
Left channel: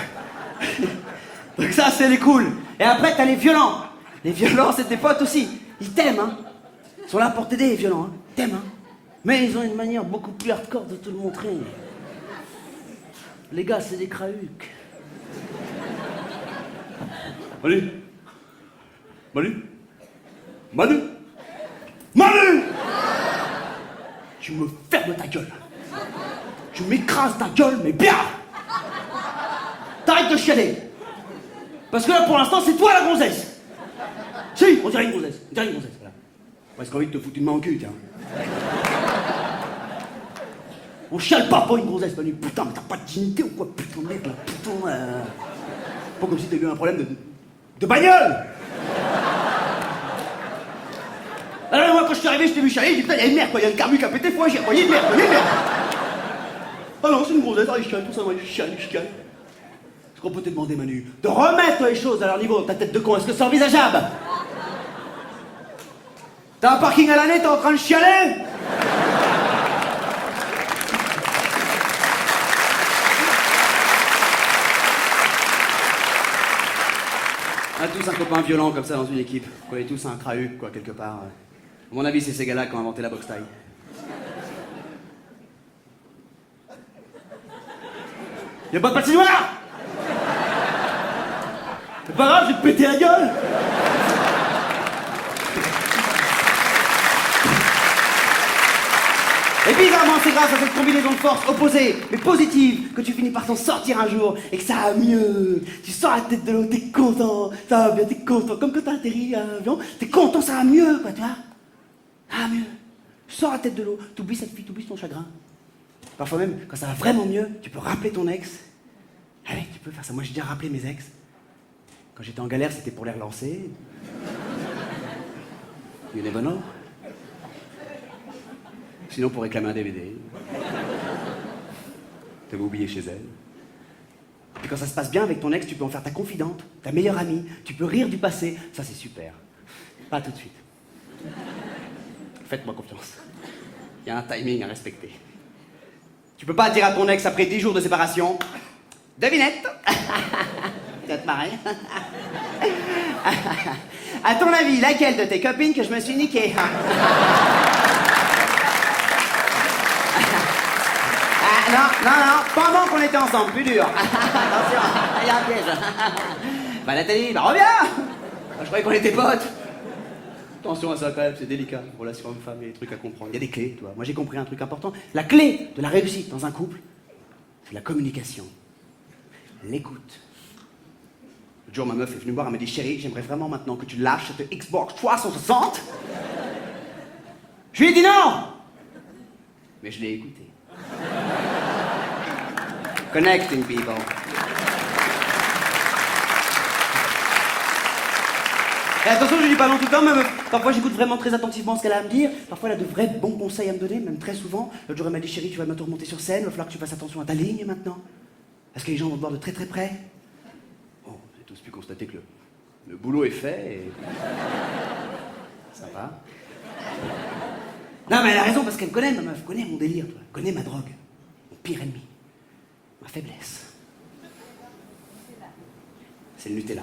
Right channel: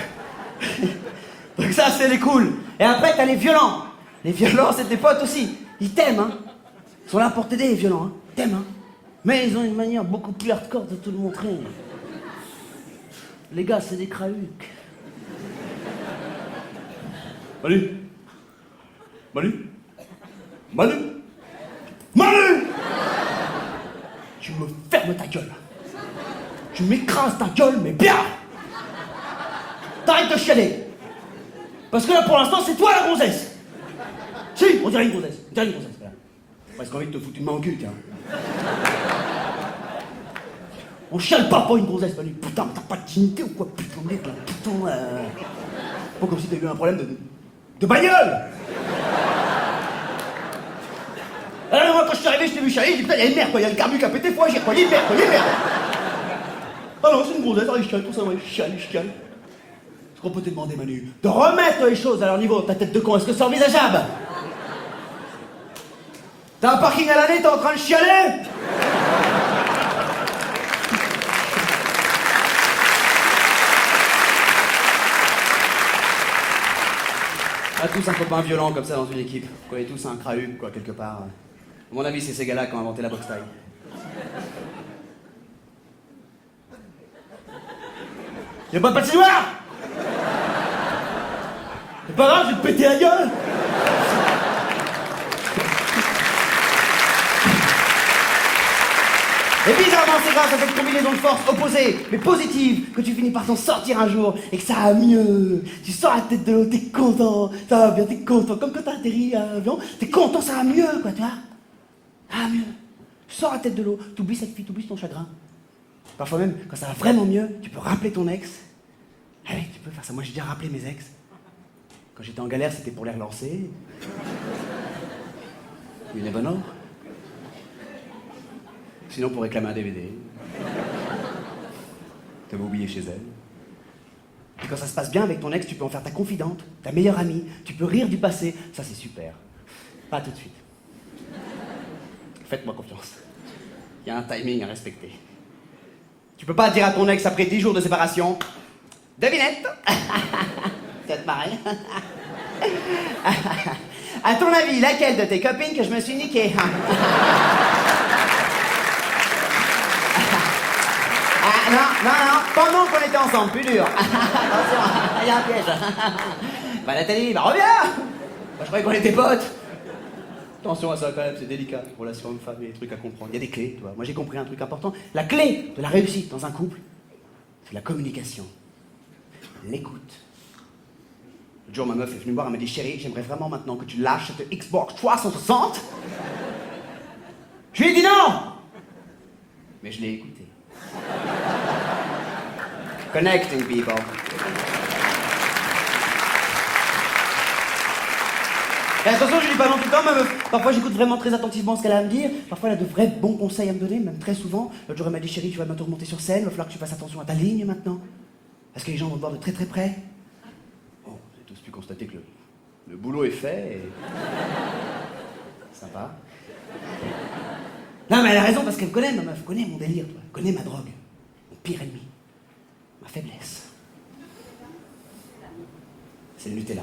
Donc ça, c'est les cools. Et après, t'as les violents. Les violents, c'est tes potes aussi. Ils t'aiment, hein. Ils sont là pour t'aider, les violents, hein. Ils t'aiment, hein. Mais ils ont une manière beaucoup plus hardcore de te le montrer. Les gars, c'est des crahucs. Manu. Manu. Manu. Manu. Tu me fermes ta gueule. Tu m'écrases ta gueule, mais bien. T'arrêtes de chialer. Parce que là, pour l'instant, c'est toi la gonzesse. Si, on dirait une gonzesse. On dirait une gonzesse, voilà. Presque envie de te foutre une main au cul, tiens. On chiale pas pour une gonzesse, Manu. Putain, mais t'as pas de dignité ou quoi? Putain, merde, là, putain. Pas comme si t'avais eu un problème de bagnole. Alors, moi, quand je suis arrivé, je t'ai vu chialer, j'ai dit, putain, il y a une merde, quoi. Il y a le carbu qui a pété, faut agir, quoi. Il y a une merde, quoi. Il y a une merde. Ah non, c'est une gonzesse, il chiale, tout ça, moi, il chiale. Est-ce qu'on peut te demander, Manu, de remettre les choses à leur niveau, ta tête de con? Est-ce que c'est envisageable? T'as un parking à l'année, t'es en train de chialer? On a tous un copain violent comme ça dans une équipe. On connaît tous un crahuc, quoi, quelque part. À mon avis, c'est ces gars-là qui ont inventé la boxe taille. Y'a pas de patinoire? C'est pas grave, je vais te péter la gueule. Et bizarrement, c'est grâce à cette combinaison de forces opposées, mais positives, que tu finis par t'en sortir un jour et que ça va mieux. Tu sors la tête de l'eau, t'es content, ça va bien, t'es content. Comme quand t'as atterri à l'avion, t'es content, ça va mieux, quoi, tu vois. Ça va mieux. Tu sors la tête de l'eau, t'oublies cette fille, t'oublies ton chagrin. Parfois même, quand ça va vraiment mieux, tu peux rappeler ton ex. Ah oui, tu peux faire ça. Moi, j'ai déjà rappelé mes ex. Quand j'étais en galère, c'était pour les relancer. You never know. Sinon, pour réclamer un DVD. T'avais oublié chez elle. Et quand ça se passe bien avec ton ex, tu peux en faire ta confidente, ta meilleure amie. Tu peux rire du passé. Ça, c'est super. Pas tout de suite. Faites-moi confiance. Il y a un timing à respecter. Tu peux pas dire à ton ex après 10 jours de séparation... Devinette. Tu vas te marrer. À ton avis, laquelle de tes copines que je me suis niquée? Ah, non, pendant qu'on était ensemble, plus dur. Attention, il y a un piège. Bah Nathalie, bah reviens. Bah, je croyais qu'on était potes. Attention à ça quand même, c'est délicat. Relation homme-femme, il y a des trucs à comprendre. Il y a des clés, tu vois. Moi j'ai compris un truc important. La clé de la réussite dans un couple, c'est la communication. L'écoute. Le jour, ma meuf est venue me voir, elle m'a dit, chérie, j'aimerais vraiment maintenant que tu lâches cette Xbox 360. Je lui ai dit non. Mais je l'ai écouté. Connecting people. Et attention, je lui dis pas non tout le temps, ma meuf. Parfois, j'écoute vraiment très attentivement ce qu'elle a à me dire. Parfois, elle a de vrais bons conseils à me donner, même très souvent. L'autre jour, elle m'a dit, chérie, tu vas bientôt remonter sur scène, il va falloir que tu fasses attention à ta ligne maintenant. Parce que les gens vont te voir de très très près. Bon, j'ai tous pu constater que le boulot est fait et... Sympa. Non, mais elle a raison parce qu'elle me connaît, ma meuf. Elle connaît mon délire, toi. Elle connaît ma drogue. Mon pire ennemi. Ma faiblesse. C'est le Nutella.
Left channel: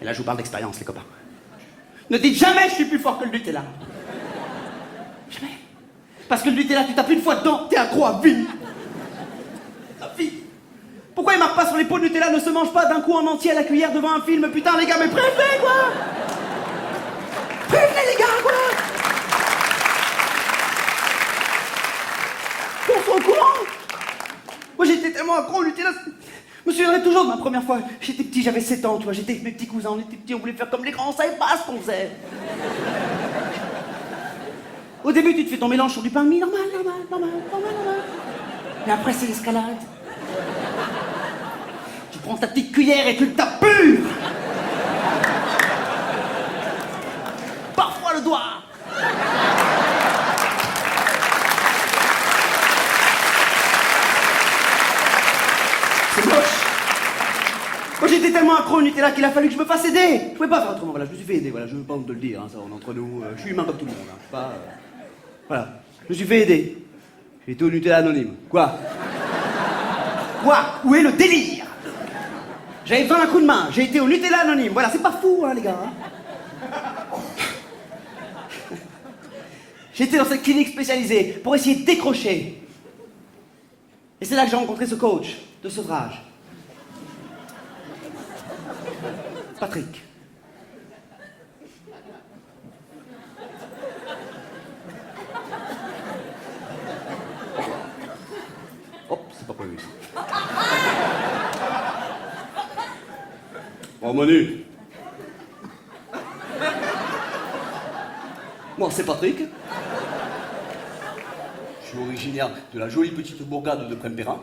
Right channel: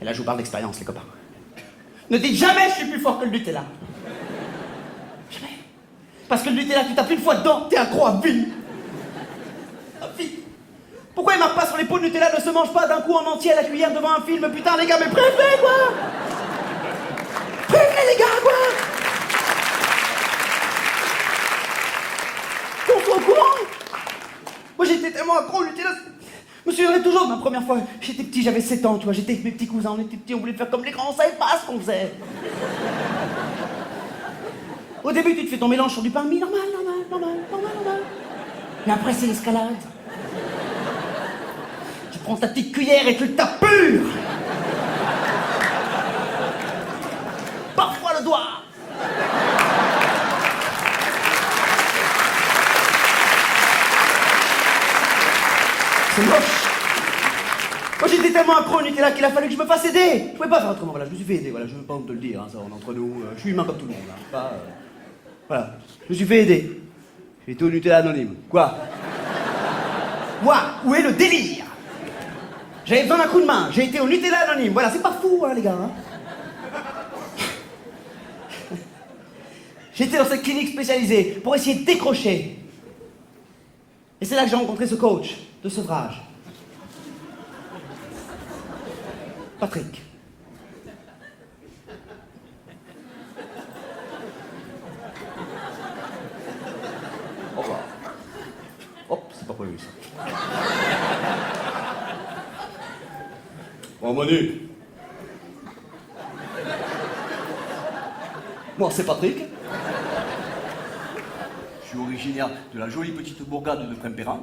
Et là, je vous parle d'expérience, les copains. Ne dites jamais je suis plus fort que le Nutella. Jamais. Parce que le Nutella, tu tapes une fois dedans, t'es accro à vie. À vie. Pourquoi il marque pas sur les pots de Nutella ne se mange pas d'un coup en entier à la cuillère devant un film? Putain, les gars, mais prévenez, quoi. Prévenez, les gars, quoi. Qu'on soit au courant. Moi, j'étais tellement accro au Nutella. Je me souviendrai toujours de ma première fois. J'étais petit, j'avais 7 ans, tu vois. J'étais avec mes petits cousins, on était petits, on voulait faire comme les grands, on savait pas ce qu'on faisait. Au début, tu te fais ton mélange sur du pain de mie, normal. Mais après, c'est l'escalade. Tu prends ta petite cuillère et tu le tapes pur. Parfois le doigt. C'est moche. Moi j'étais tellement accro au Nutella qu'il a fallu que je me fasse aider. Je pouvais pas faire autrement, voilà, je me suis fait aider, voilà, je veux pas honte de le dire, hein, ça on est entre nous, je suis humain comme tout le monde, hein, pas, voilà, je me suis fait aider. J'ai été au Nutella anonyme. Quoi? Où est le délire? J'avais besoin d'un coup de main, j'ai été au Nutella anonyme, voilà, c'est pas fou, hein, les gars. Hein. J'étais dans cette clinique spécialisée pour essayer de décrocher. Et c'est là que j'ai rencontré ce coach de sevrage. Patrick. Au revoir. Hop, c'est pas prévu ça. Bon, Manu. Moi, c'est Patrick. Je suis originaire de la jolie petite bourgade de Prempérin.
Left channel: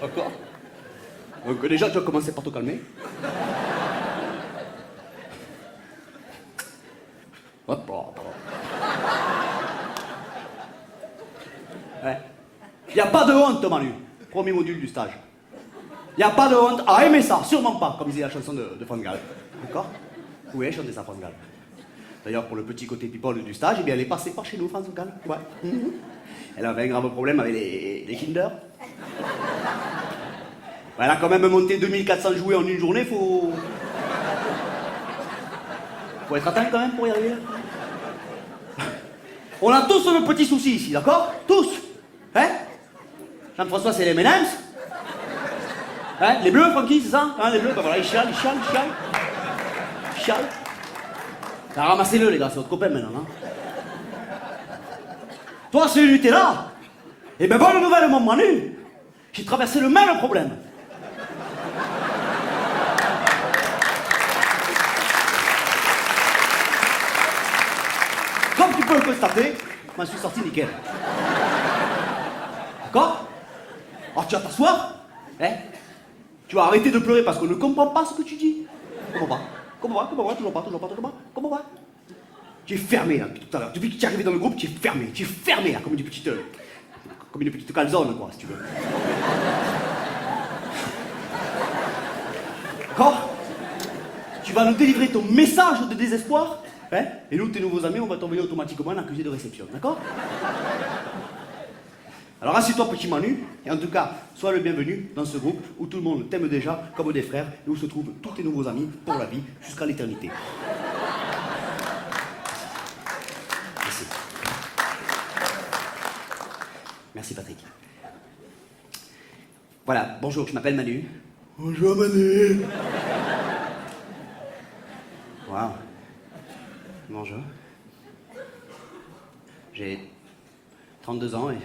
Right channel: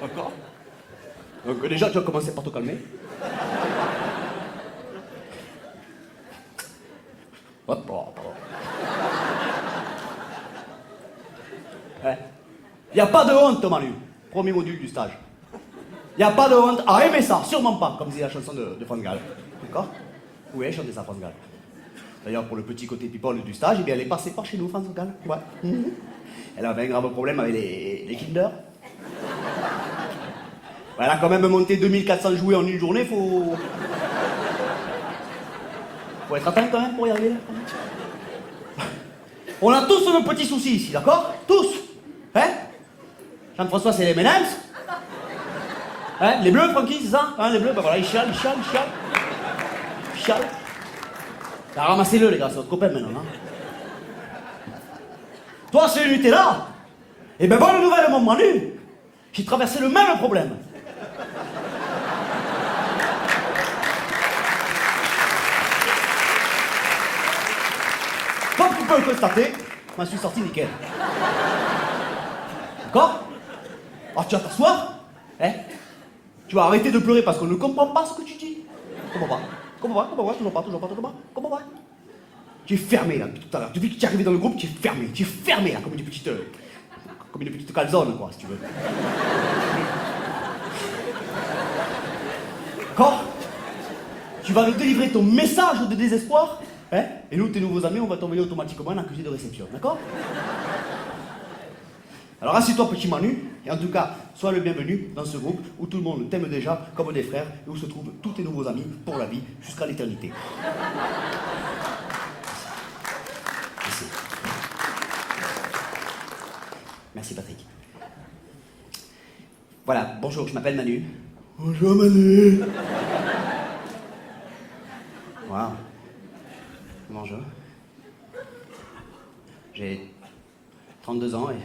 D'accord? Donc déjà, tu vas commencer par te calmer. Hop, pardon. Ouais. Y a pas de honte, Manu. Premier module du stage. Y a pas de honte à aimer ça, sûrement pas, comme disait la chanson de France Gall. D'accord? Oui, chanter ça, France Gall. D'ailleurs, pour le petit côté people du stage, eh bien, elle est passée par chez nous, France Gall. Ouais. Elle avait un grave problème avec les Kinder. Elle a quand même monté 2400 jouets en une journée, faut être atteint quand même pour y arriver là. On a tous nos petits soucis ici, d'accord? Tous. Hein? Jean-François, c'est les M&M's. Hein? Les bleus, Francky, c'est ça? Hein, les bleus, ben voilà, ils chialent. Ça, ramassez-le, les gars, c'est votre copain maintenant. Hein? Toi, c'est le Nutella. Eh ben, bonne nouvelle, mon Manu. J'ai traversé le même problème. Comme tu peux le constater, je m'en suis sorti nickel. D'accord? Alors tu vas t'asseoir, hein? Tu vas arrêter de pleurer parce qu'on ne comprend pas ce que tu dis. Comprends pas, toujours pas. Tu es fermé là depuis tout à l'heure. Depuis que tu es arrivé dans le groupe, tu es fermé là, comme une petite calzone quoi, si tu veux. D'accord? Tu vas nous délivrer ton message de désespoir, hein? Et nous, tes nouveaux amis, on va t'envoyer automatiquement un accusé de réception, d'accord? Alors assieds-toi, petit Manu, et en tout cas, sois le bienvenu dans ce groupe où tout le monde t'aime déjà comme des frères et où se trouvent tous tes nouveaux amis pour la vie jusqu'à l'éternité. Merci. Merci, Patrick. Voilà, bonjour, je m'appelle Manu. Bonjour, Manu. Waouh. Bonjour. J'ai 32 ans et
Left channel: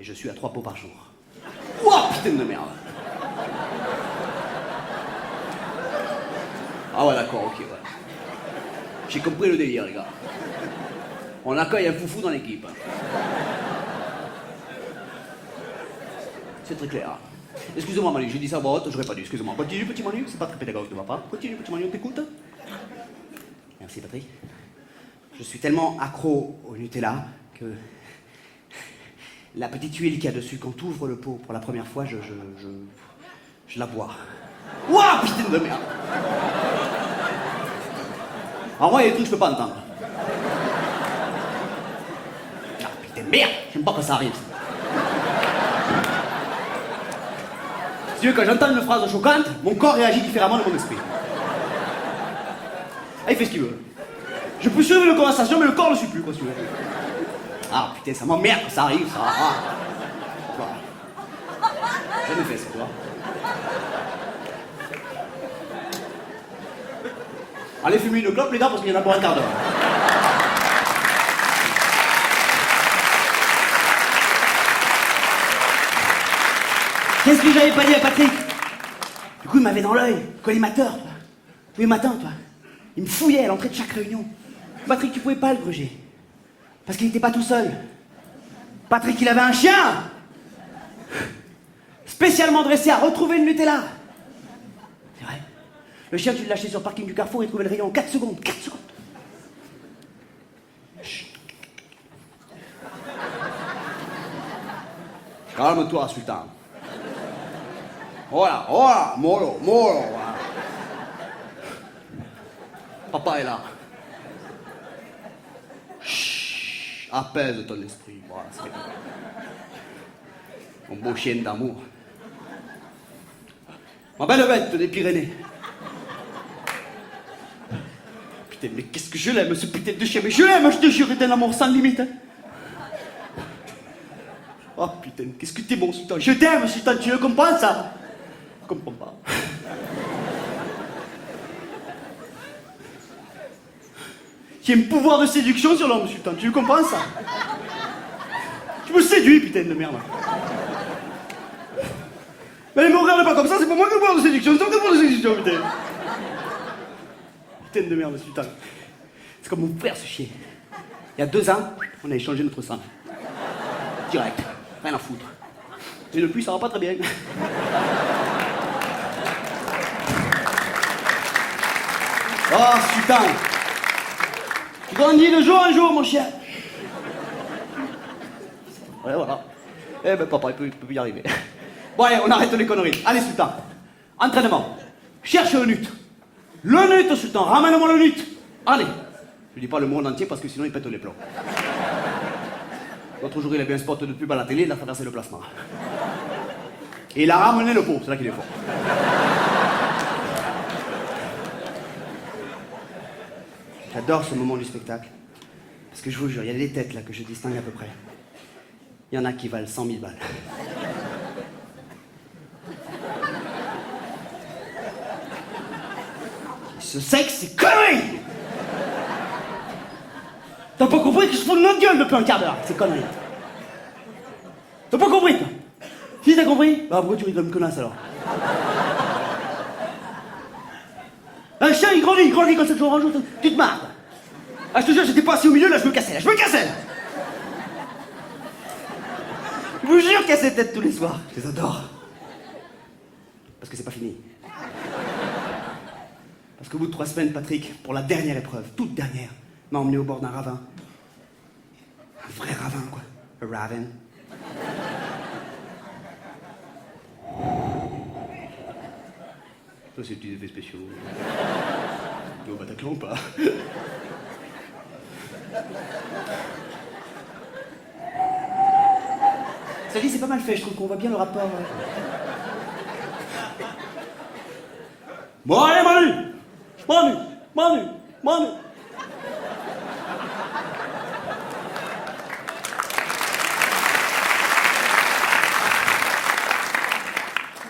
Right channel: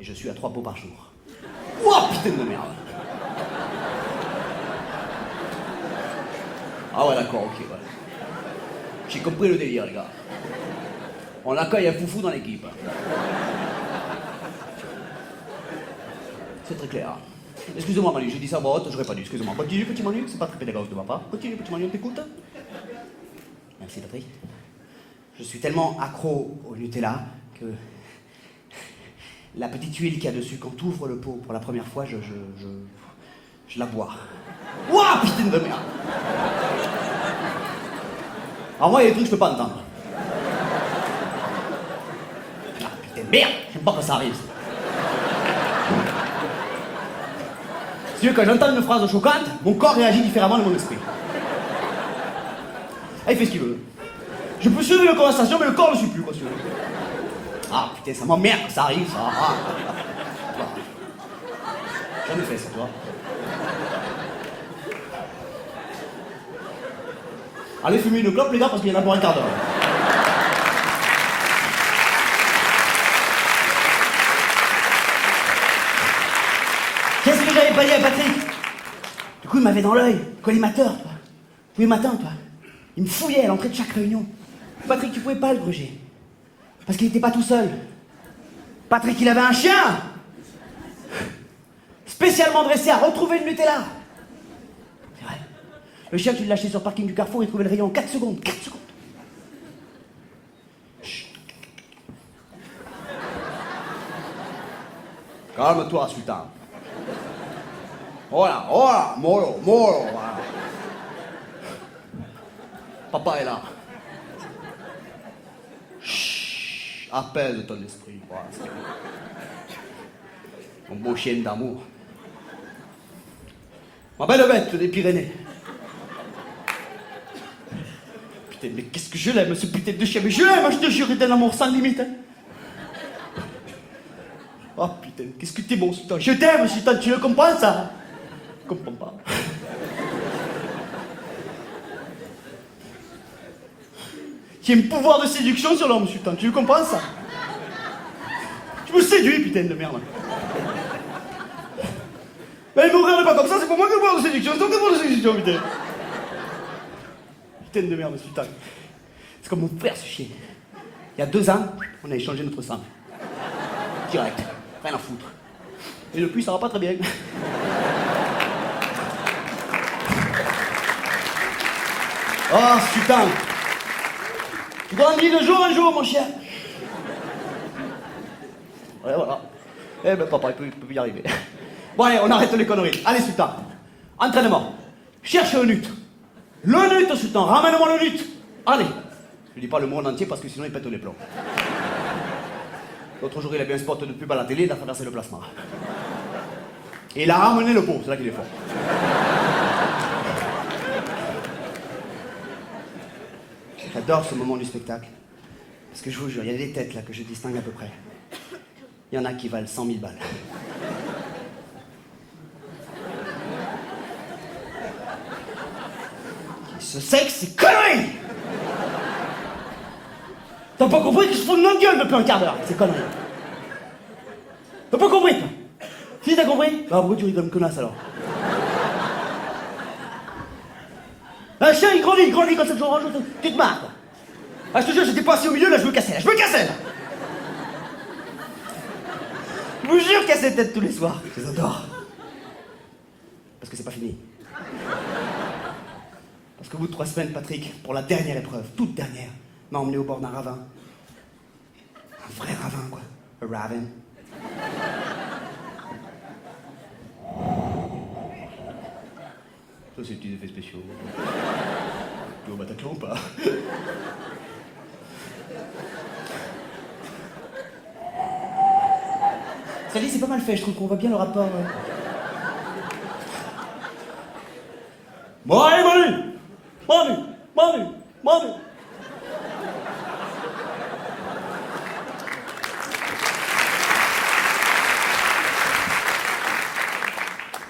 je suis à 3 pots par jour. Ouah, putain de merde. Ah ouais, d'accord, ok, ouais. J'ai compris le délire, les gars. On accueille un foufou dans l'équipe. C'est très clair. Excusez-moi, Manu, j'ai dit ça à voix haute, j'aurais pas dû. Excusez-moi. Continue, petit Manu, c'est pas très pédagogique de ma part. Continue, petit Manu, on t'écoute. Merci, Patrick. Je suis tellement accro au Nutella que la petite huile qu'il y a dessus, quand tu ouvres le pot pour la première fois, je la bois. Ouah, putain de merde. Alors moi, il y a des trucs que je peux pas entendre. Ah, putain de merde, j'aime pas quand ça arrive. Si tu veux, quand j'entends une phrase choquante, mon corps réagit différemment de mon esprit. Ah, il fait ce qu'il veut. Je peux suivre une conversation, mais le corps ne suit plus, quoi, si tu veux. Ah, putain, ça m'emmerde que ça arrive, ça. Ah. Jamais fait ça, toi. Allez fumer une clope, les gars, parce qu'il y en a pour un quart d'heure. Qu'est-ce que j'avais pas dit à Patrick? Du coup, il m'avait dans l'œil, collimateur, toi. Tous les matins, toi. Il me fouillait à l'entrée de chaque réunion. Patrick, tu pouvais pas le gruger. Parce qu'il n'était pas tout seul. Patrick, il avait un chien spécialement dressé à retrouver le Nutella. C'est vrai. Le chien, tu l'as acheté sur le parking du Carrefour, il trouvait le rayon en 4 secondes. 4 secondes. Chut. Calme-toi, Sultan. Voilà, voilà, mollo, voilà. Papa est là. Chut, apaise ton esprit, voilà, c'est bien. Mon beau chien d'amour. Ma belle bête des Pyrénées. Putain, mais qu'est-ce que je l'aime, ce putain de chien. Mais je l'aime, je te jure, d'un amour sans limite. Hein. Oh putain, qu'est-ce que t'es bon, Sultan. Je t'aime, Sultan, tu le comprends, ça? Je comprends pas. J'ai un pouvoir de séduction sur l'homme, Sultan, tu le comprends, ça? Tu me séduis, putain de merde. Mais me regarde pas comme ça, c'est pour moi que le pouvoir de séduction, c'est ton pouvoir de séduction, putain. Putain de merde, Sultan. C'est comme mon frère, ce chien. Il y a 2 ans, on a échangé notre sang. Direct, rien à foutre. Et depuis, ça va pas très bien. Oh, Sultan. Tu grandis de jour en jour, mon chien. Ouais, voilà. Eh ben, papa, il peut y arriver. Bon, allez, on arrête les conneries. Allez, Sultan. Entraînement. Cherche le nut. Le nut, Sultan. Ramène-moi le nut. Allez. Je dis pas le monde entier parce que sinon il pète les plombs. L'autre jour, il a vu un spot de pub à la télé, il a traversé le plasma. Et il a ramené le pot, c'est là qu'il est fort. J'adore ce moment du spectacle. Parce que je vous jure, il y a des têtes là que je distingue à peu près. Il y en a qui valent 100 000 balles. Ce sexe, c'est connerie! T'as pas compris que je fous de notre gueule depuis un quart d'heure, c'est connerie. T'as pas compris, toi? Si t'as compris? Bah pourquoi tu rigoles comme connasse alors? Un chien il grandit comme ça de jour en jour, tu te marres quoi. Ah je te jure, j'étais pas assis au milieu, là je me cassais, là. Je vous jure qu'il y a ces têtes tous les soirs, je les adore. Parce que c'est pas fini. Parce qu'au bout de 3 semaines, Patrick, pour la dernière épreuve, toute dernière, m'a emmené au bord d'un ravin. Un vrai ravin, quoi. A ravin. Ça, c'est des petits effets spéciaux. Tu es au Bataclan ou pas? Ça dit, c'est pas mal fait, je trouve qu'on voit bien le rapport. Bon, allez, Manu.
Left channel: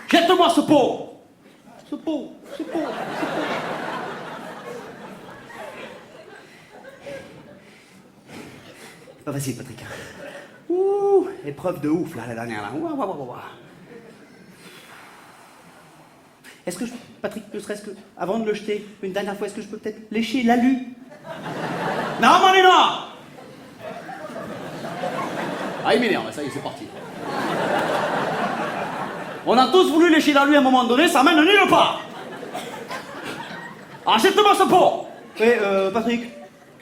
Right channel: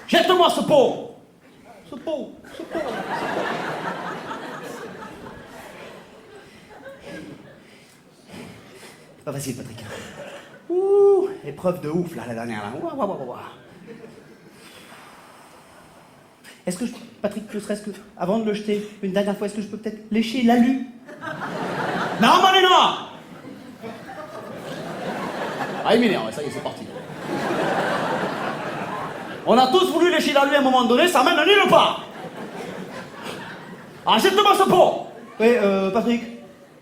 Jette-moi ce pot. Ce pot. C'est pas facile, Patrick. Ouh, épreuve de ouf, là, la dernière, là. Ouah. Est-ce que Patrick, ne serait-ce que, avant de le jeter, une dernière fois, est-ce que je peux peut-être lécher l'alu? Non, Manina! Ah, il m'énerve, ça y est, c'est parti. On a tous voulu lécher l'alu à un moment donné, ça mène nulle part. Achète-moi ce pot! Oui, Patrick,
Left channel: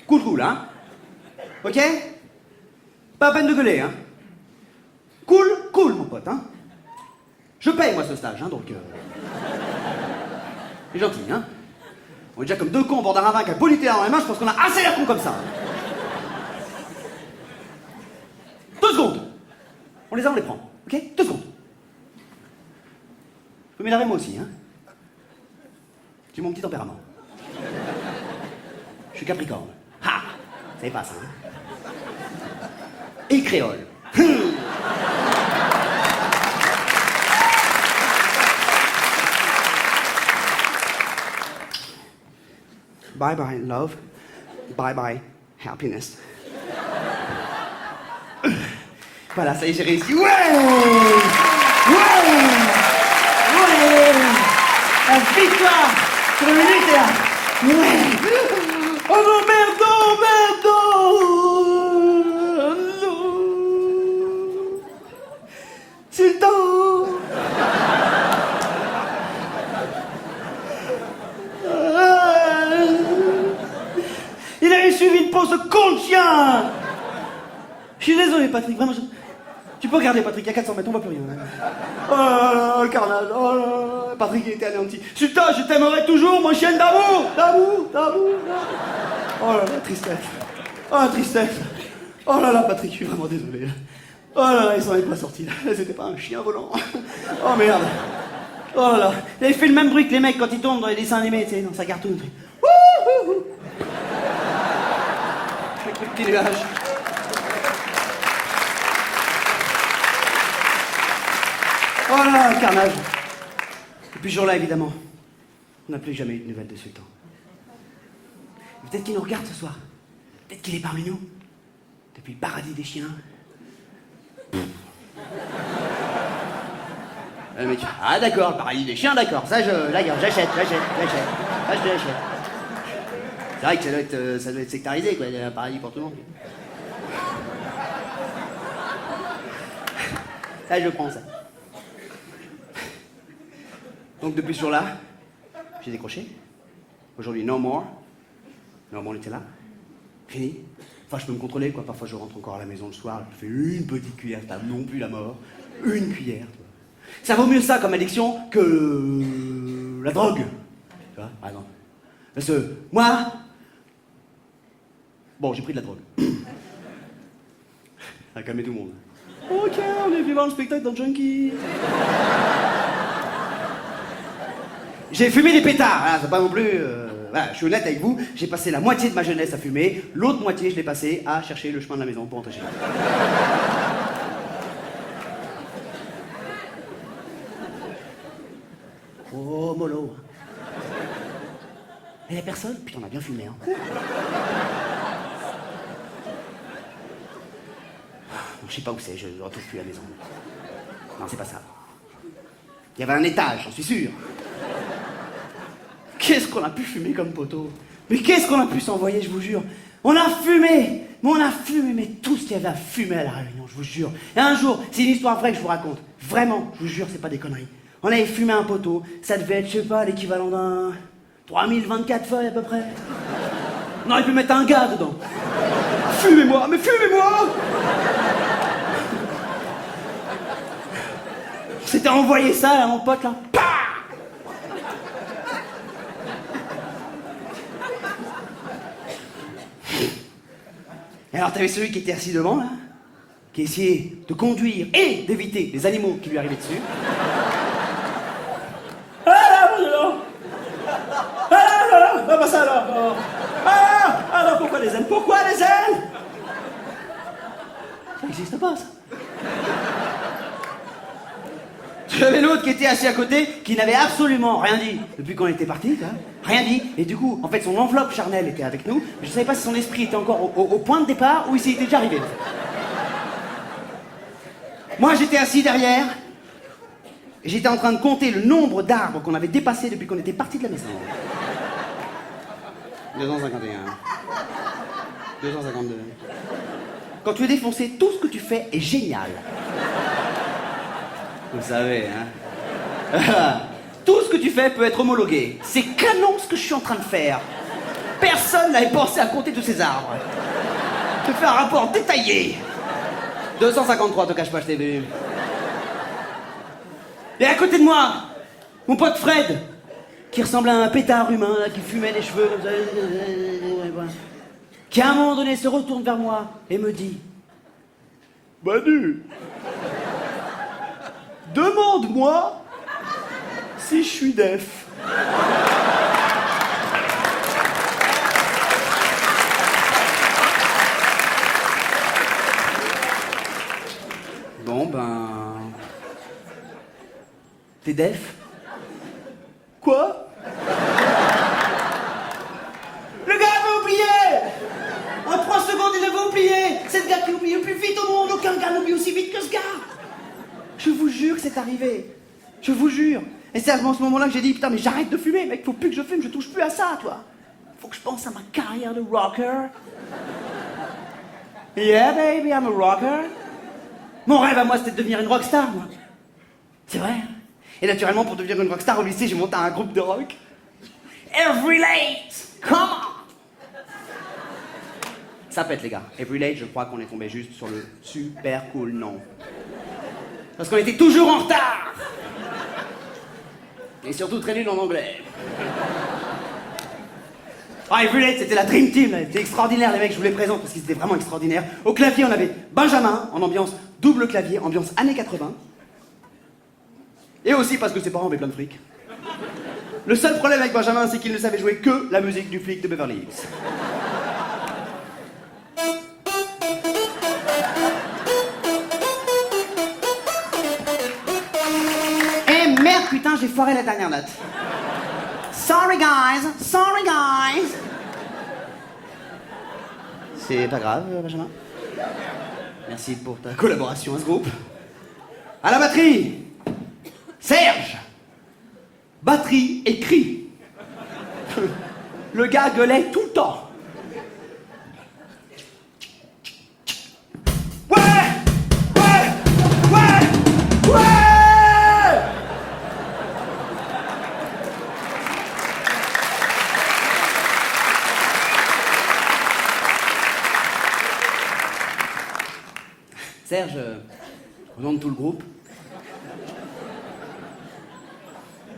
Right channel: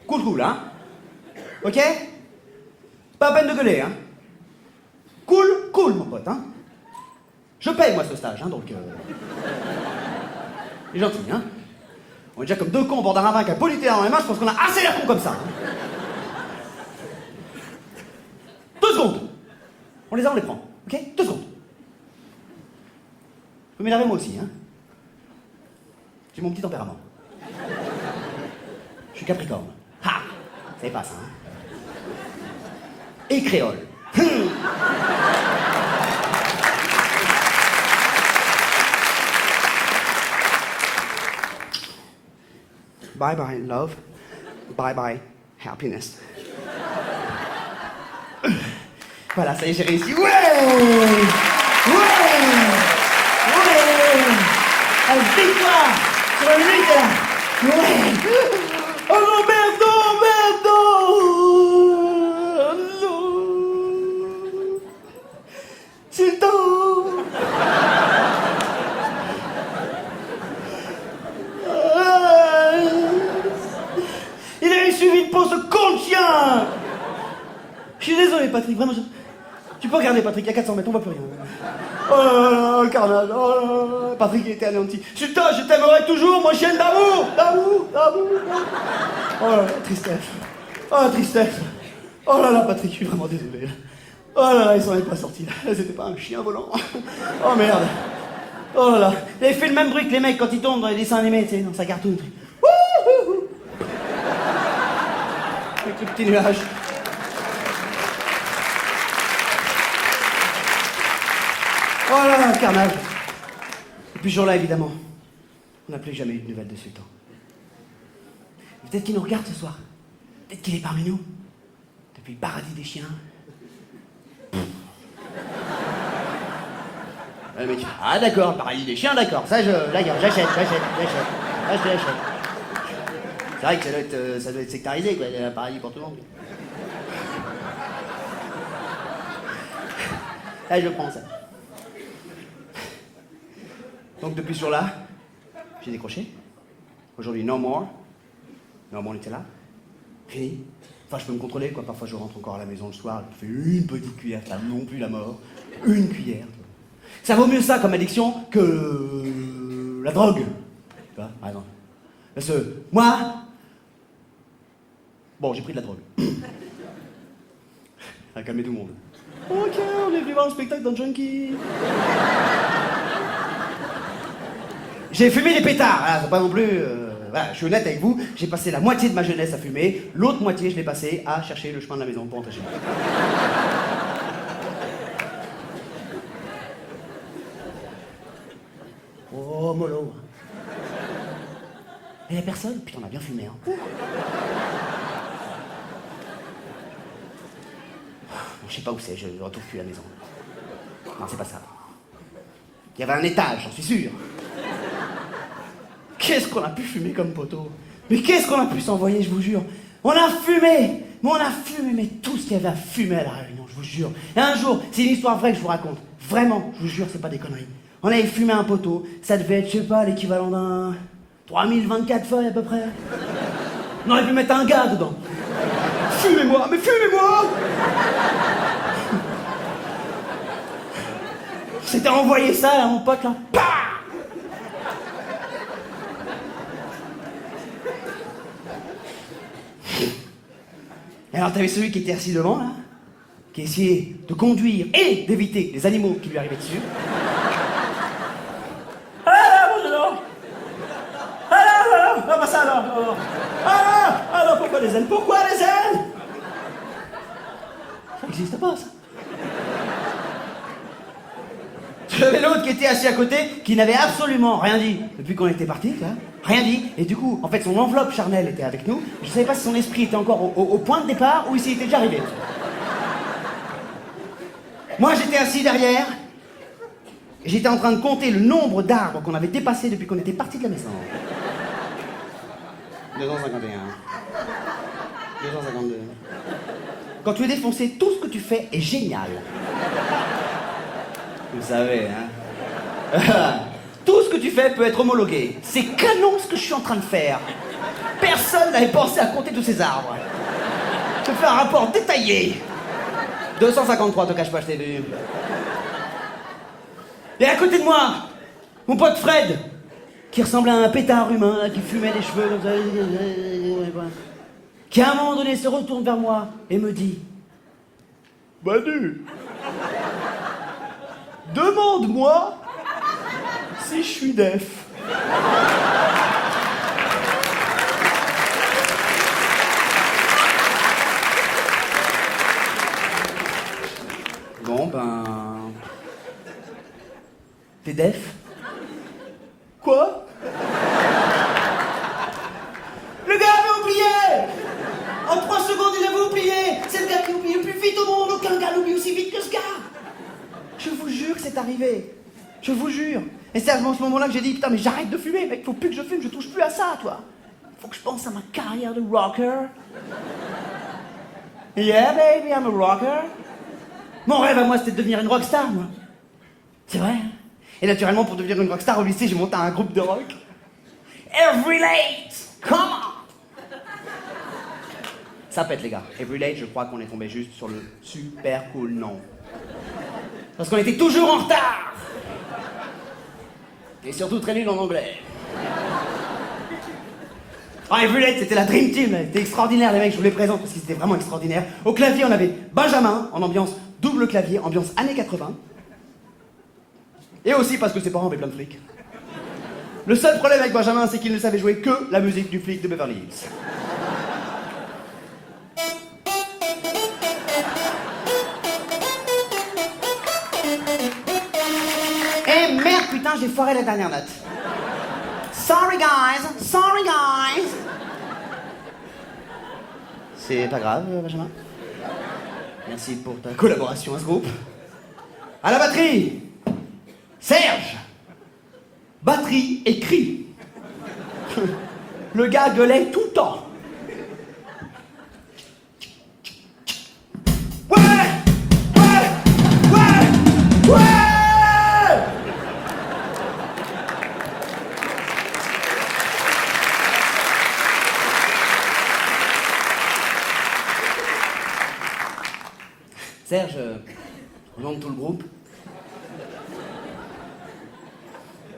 cool, hein? Ok? Pas à peine de gueuler, hein? Cool, mon pote, hein? Je paye, moi, ce stage, hein, donc... Il est gentil, hein? On est déjà comme 2 cons au bord d'un ravin qui a polité dans les mains, je pense qu'on a assez l'air cons comme ça. Hein. 2 secondes! On les a, on les prend, ok? 2 secondes. Je peux m'énerver moi aussi, hein? J'ai mon petit tempérament. Je suis Capricorne. Ha! Vous savez pas ça, hein? Et créole. Bye bye love, bye bye happiness. Voilà, ça y est, j'ai réussi. Ouais! La victoire sur le Nutella. Ouais. Oh non, merde, non. Sultan. Il avait suivi le pot, ce con de chien. Je suis désolé, Patrick, vraiment. Tu peux regarder, Patrick, il y a 400 mètres, on voit plus rien. Oh là là, le carnage. Oh là là, Patrick il était anéanti. Sultan, je t'aimerai toujours, mon chien d'amour. Oh là là, tristesse. Oh la tristesse. Oh là là, Patrick, je suis vraiment désolé. Oh là là, il s'en est pas sorti. C'était pas un chien volant. Oh merde. Oh là là. Il avait fait le même bruit que les mecs quand ils tombent dans les dessins animés, tu sais, dans sa cartoon. Wouhou. Avec le petit nuage. Voilà, carnage. Depuis ce jour-là, évidemment, on n'a plus jamais eu de nouvelles de Sultan. Peut-être qu'il nous regarde ce soir. Peut-être qu'il est parmi nous. Depuis le paradis des chiens. Le mec, ah d'accord, le paradis des chiens, d'accord. Ça, j'achète. Ça, je te l'achète. C'est vrai que ça doit être sectarisé, quoi. Il y a un paradis pour tout le monde. Là, je prends ça. Donc depuis ce jour-là, j'ai décroché. Aujourd'hui, no more. No more Nutella. Fini. Enfin, je peux me contrôler, quoi. Parfois, je rentre encore à la maison le soir, je fais une petite cuillère, ça non plus la mort. Une cuillère, tu vois. Ça vaut mieux ça comme addiction que la drogue. Tu vois, par exemple. Parce que moi, bon, j'ai pris de la drogue. Ça a calmé tout le monde. Ok, on est venu voir le spectacle d'un junkie. J'ai fumé des pétards, hein, c'est pas non plus... voilà, je suis honnête avec vous, j'ai passé la moitié de ma jeunesse à fumer, l'autre moitié je l'ai passé à chercher le chemin de la maison pour rentrer chez moi. Oh, mollo. Et y'a personne? Putain, on a bien fumé, hein. Bon, je sais pas où c'est, je retrouve plus la maison. Non, c'est pas ça. Il y avait un étage, j'en suis sûr. Qu'est-ce qu'on a pu fumer comme poteau? Mais qu'est-ce qu'on a pu s'envoyer, je vous jure? On a fumé! Mais on a fumé, mais tout ce qu'il y avait à fumer à La Réunion, je vous jure. Et un jour, c'est une histoire vraie que je vous raconte. Vraiment, je vous jure, c'est pas des conneries. On avait fumé un poteau, ça devait être, je sais pas, l'équivalent d'un 3024 feuilles à peu près. On aurait pu mettre un gars dedans. Fumez-moi, mais fumez-moi! On s'était envoyé ça, là, mon pote, là. Pah! Et alors, t'avais celui qui était assis devant, là, qui essayait de conduire et d'éviter les animaux qui lui arrivaient dessus. Ah là, mon dedans! Ah là, ah bah ça alors! Ah non, pourquoi les ailes? Pourquoi les ailes? Ça n'existe pas, ça. J'avais l'autre qui était assis à côté, qui n'avait absolument rien dit depuis qu'on était partis, tu vois. Rien dit. Et du coup, en fait, son enveloppe charnelle était avec nous. Je savais pas si son esprit était encore au point de départ ou s'il était déjà arrivé, en fait. Moi, j'étais assis derrière. Et j'étais en train de compter le nombre d'arbres qu'on avait dépassés depuis qu'on était partis de la maison. 251. 252. Quand tu es défoncé, tout ce que tu fais est génial. Vous savez, hein. Tout ce que tu fais peut être homologué. C'est canon ce que je suis en train de faire. Personne n'avait pensé à compter tous ces arbres. Je te fais un rapport détaillé. 253, te cache pas, je t'ai vu. Et à côté de moi, mon pote Fred, qui ressemblait à un pétard humain, là, qui fumait les cheveux comme ça, qui à un moment donné se retourne vers moi et me dit: Manu, demande-moi si je suis def. Bon ben... T'es def? Quoi? Le gars avait oublié! En 3 secondes, il avait oublié! C'est le gars qui oublie le plus vite au monde! Aucun gars n'oublie aussi vite que ce gars! Je vous jure que c'est arrivé. Je vous jure. Et c'est à ce moment-là que j'ai dit, putain, mais j'arrête de fumer, mec, faut plus que je fume, je touche plus à ça, toi. faut que je pense à ma carrière de rocker. Yeah, baby, I'm a rocker. Mon rêve à moi, c'était de devenir une rockstar, moi. C'est vrai. Hein? Et naturellement, pour devenir une rockstar au lycée, j'ai monté un groupe de rock. Every Late, come on. Ça pète, les gars. Every Late, je crois qu'on est tombé juste sur le super cool nom. Parce qu'on était toujours en retard. Et surtout très nul en anglais. Ah, Every Late, c'était la Dream Team, là. C'était extraordinaire, les mecs, je vous les présente parce qu'ils étaient vraiment extraordinaires. Au clavier, on avait Benjamin, en ambiance double clavier, ambiance années 80. Et aussi parce que ses parents avaient plein de fric. Le seul problème avec Benjamin, c'est qu'il ne savait jouer que la musique du flic de Beverly Hills. Eh merde, putain, j'ai foiré la dernière note. Sorry guys, sorry guys. C'est pas grave, Benjamin. Merci pour ta collaboration à ce groupe. À la batterie, Serge. Batterie et cri. Le gars gueulait tout le temps. Ouais, ouais, ouais, ouais. Serge, au nom de tout le groupe.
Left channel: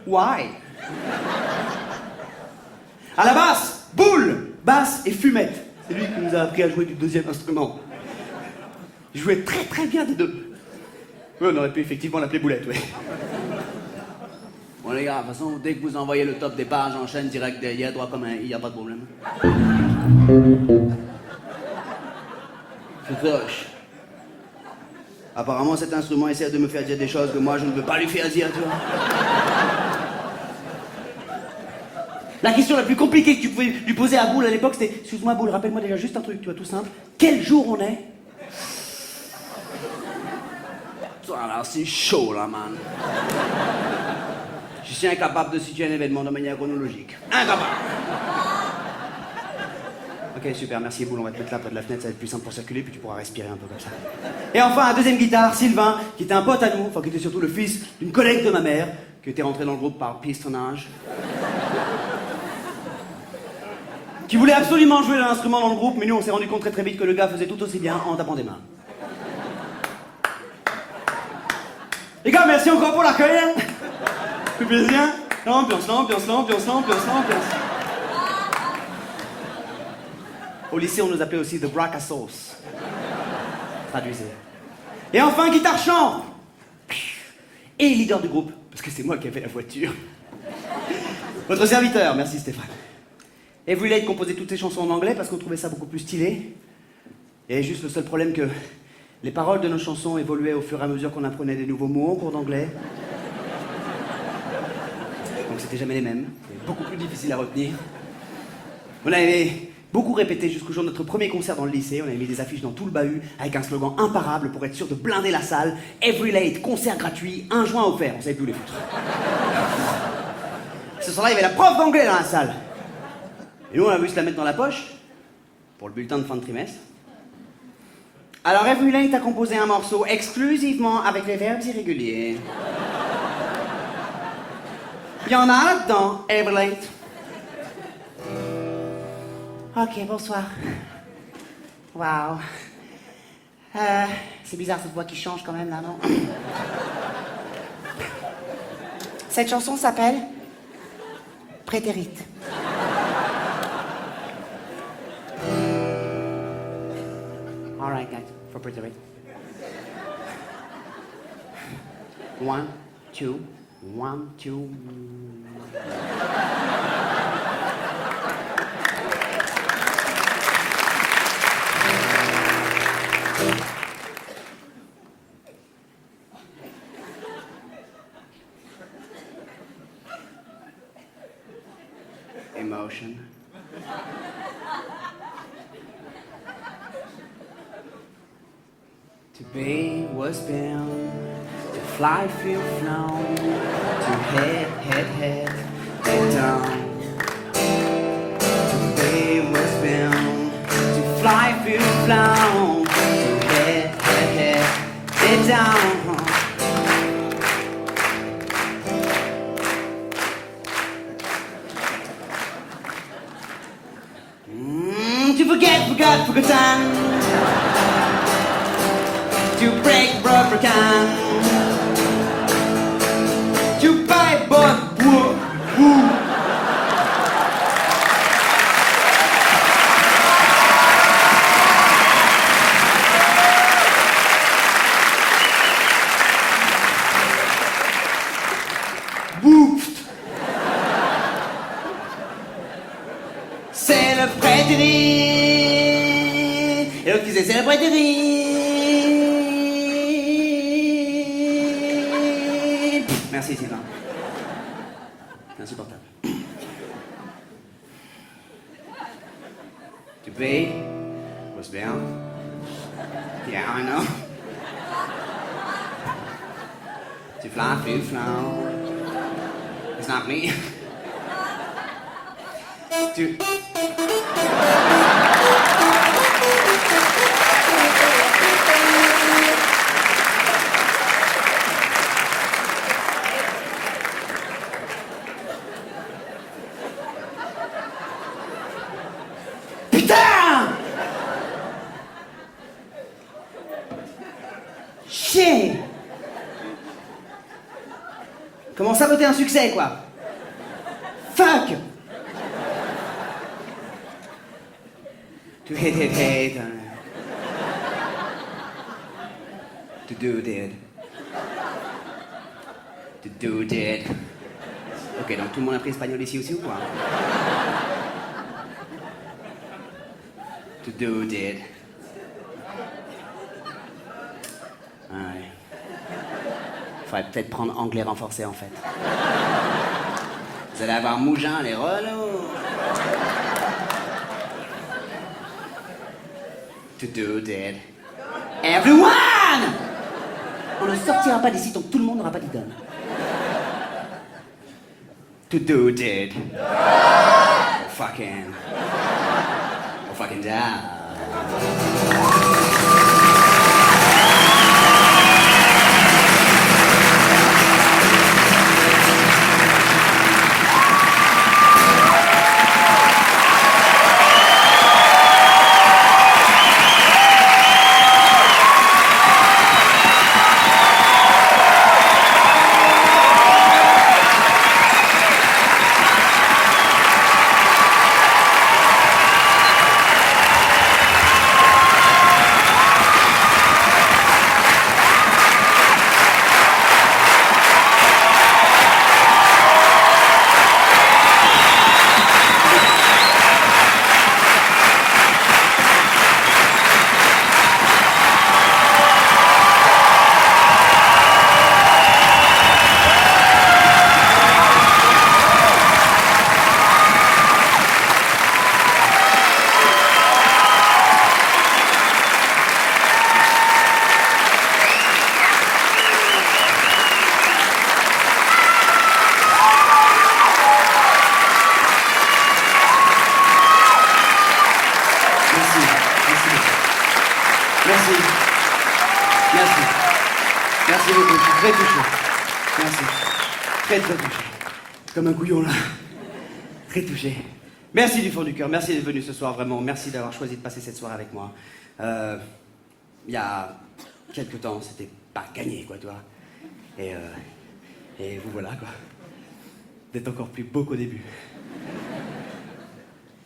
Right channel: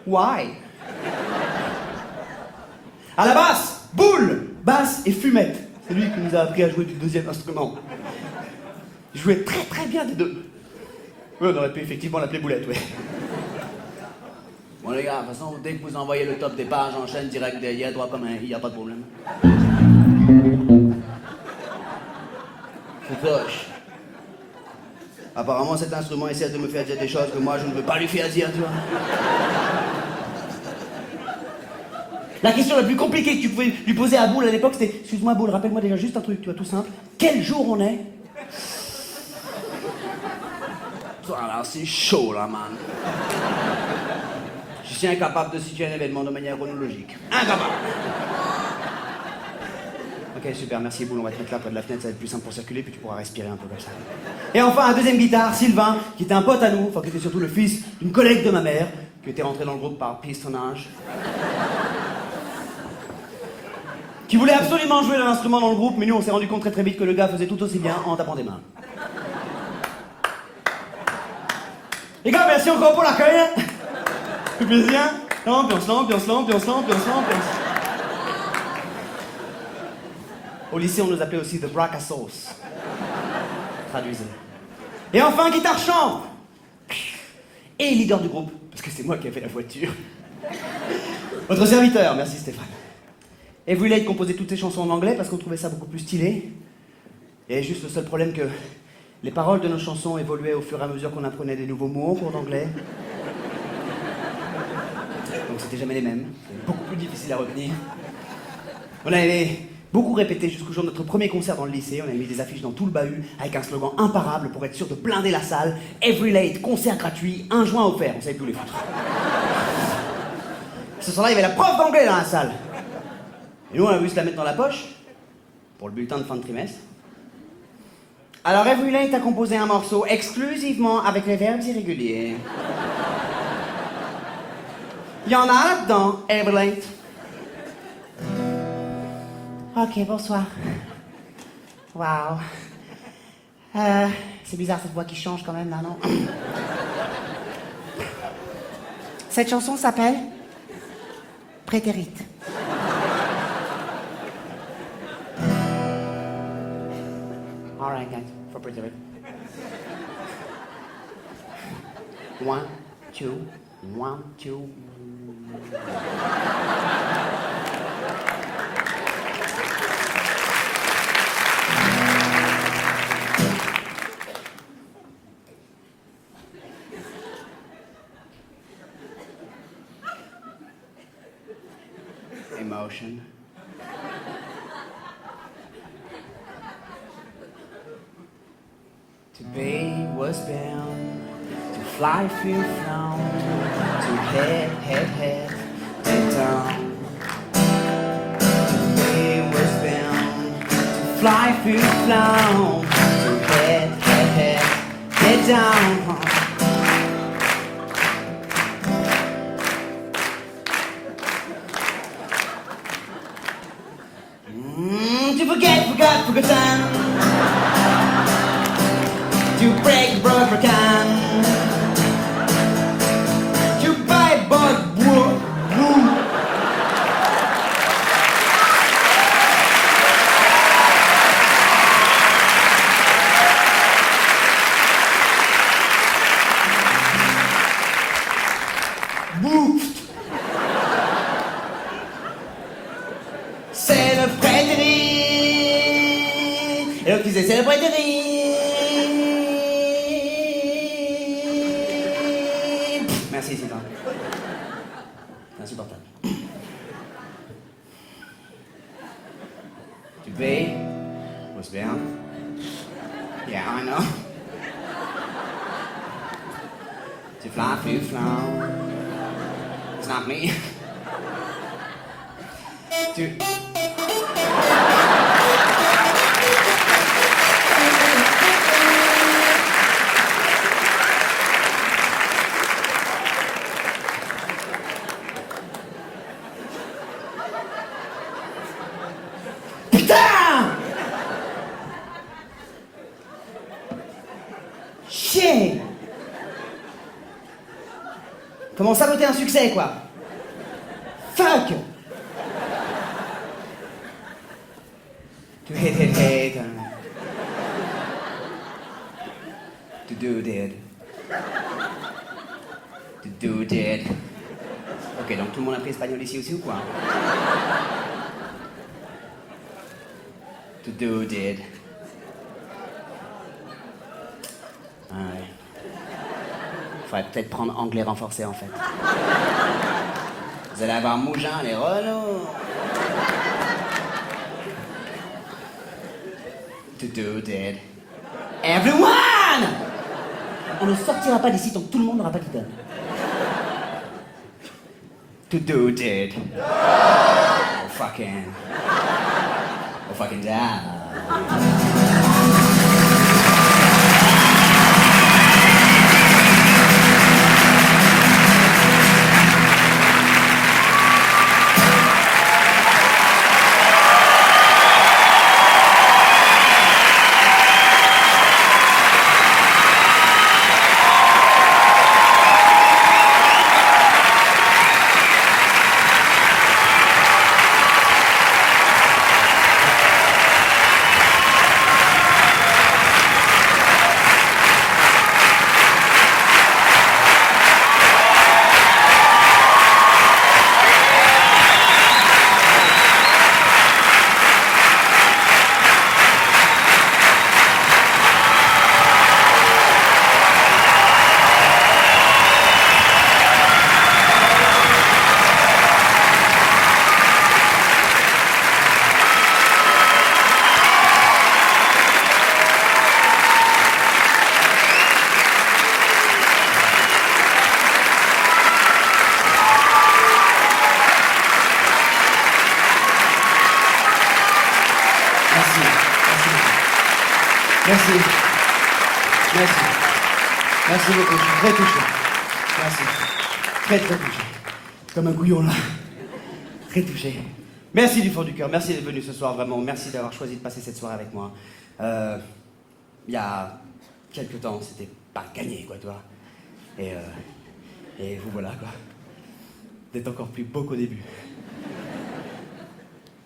Why? À la basse, Boule, basse et Fumette. C'est lui qui nous a appris à jouer du deuxième instrument. Il jouait très très bien des deux. Oui, on aurait pu effectivement l'appeler Boulette, oui. Bon les gars, de toute façon, dès que vous envoyez le top des pages, j'enchaîne direct derrière, droit comme un i, y a pas de problème. C'est proche. Apparemment, cet instrument essaie de me faire dire des choses que moi, je ne veux pas lui faire dire, tu vois. La question la plus compliquée que tu pouvais lui poser à Boule à l'époque, c'était « Excuse-moi, Boule, rappelle-moi déjà juste un truc, tu vois, tout simple. Quel jour on est ?» Là, c'est chaud, là, man. Je suis incapable de situer un événement de manière chronologique. Incapable. Ok, super, merci Boule, on va te mettre là près de la fenêtre, ça va être plus simple pour circuler, puis tu pourras respirer un peu comme ça. Et enfin, un deuxième guitare, Sylvain, qui était un pote à nous, enfin qui était surtout le fils d'une collègue de ma mère, qui était rentré dans le groupe par pistonnage. Qui voulait absolument jouer d'un instrument dans le groupe, mais nous on s'est rendu compte très très vite que le gars faisait tout aussi bien en tapant des mains. Les gars, merci encore pour l'accueil. Fait plaisir. L'ambiance, l'ambiance, l'ambiance, l'ambiance, l'ambiance. Au lycée, on nous appelait aussi The Brack à Sauce. Traduisez. Et enfin, guitare chant. Et leader du groupe, parce que c'est moi qui ai fait la voiture. Votre serviteur, merci Stéphane. Every Late composait toutes ses chansons en anglais parce qu'on trouvait ça beaucoup plus stylé. Et juste le seul problème que les paroles de nos chansons évoluaient au fur et à mesure qu'on apprenait des nouveaux mots en cours d'anglais. Donc c'était jamais les mêmes. C'était beaucoup plus difficile à retenir. On avait beaucoup répété jusqu'au jour de notre premier concert dans le lycée. On avait mis des affiches dans tout le bahut avec un slogan imparable pour être sûr de blinder la salle. Every Late, concert gratuit, 1 joint offert. On savait plus où les foutre. Ce soir-là, il y avait la prof d'anglais dans la salle. Et nous, on a voulu se la mettre dans la poche pour le bulletin de fin de trimestre. Alors, Every Late a composé un morceau exclusivement avec les verbes irréguliers. Il y en a là-dedans, Every Late. Ok, bonsoir. Waouh. C'est bizarre cette voix qui change quand même là, non? Cette chanson s'appelle Prétérite. All right, guys, for Prétérite. 1, 2, 1, 2. Emotion. To be was bound, to fly, feel flown, to head down. To fut flanc. Head, head, head, head down. To forgot, forgotten. To break, broken. To buy, bought, woo. Bouffe. C'est le prêterie. Et l'autre disait c'est le prêterie. Merci Sylvain. C'est insupportable. Tu payes? Bosse bien. Yeah, I know. Tu flancs, tu flancs. It's not me. Tu... Putain! Chier! Comment saboter un succès, quoi? Fuck! To hate. To do dead. To do dead. Ok, donc tout le monde a pris espagnol ici aussi ou quoi? To do dead. Ah ouais. Faudrait peut-être prendre anglais renforcé en fait. Vous allez avoir Mougin, les relous. To do dead. Everyone! On ne sortira pas d'ici tant que tout le monde n'aura pas d'idole. To do dead. Oh fucking down. Merci beaucoup, je suis très touché. Merci. Très touché. Comme un couillon là. Très touché. Merci du fond du cœur, merci d'être venu ce soir, vraiment. Merci d'avoir choisi de passer cette soirée avec moi. Il y a quelques temps, c'était pas gagné, quoi, toi. Et vous voilà, quoi. D'être encore plus beau qu'au début.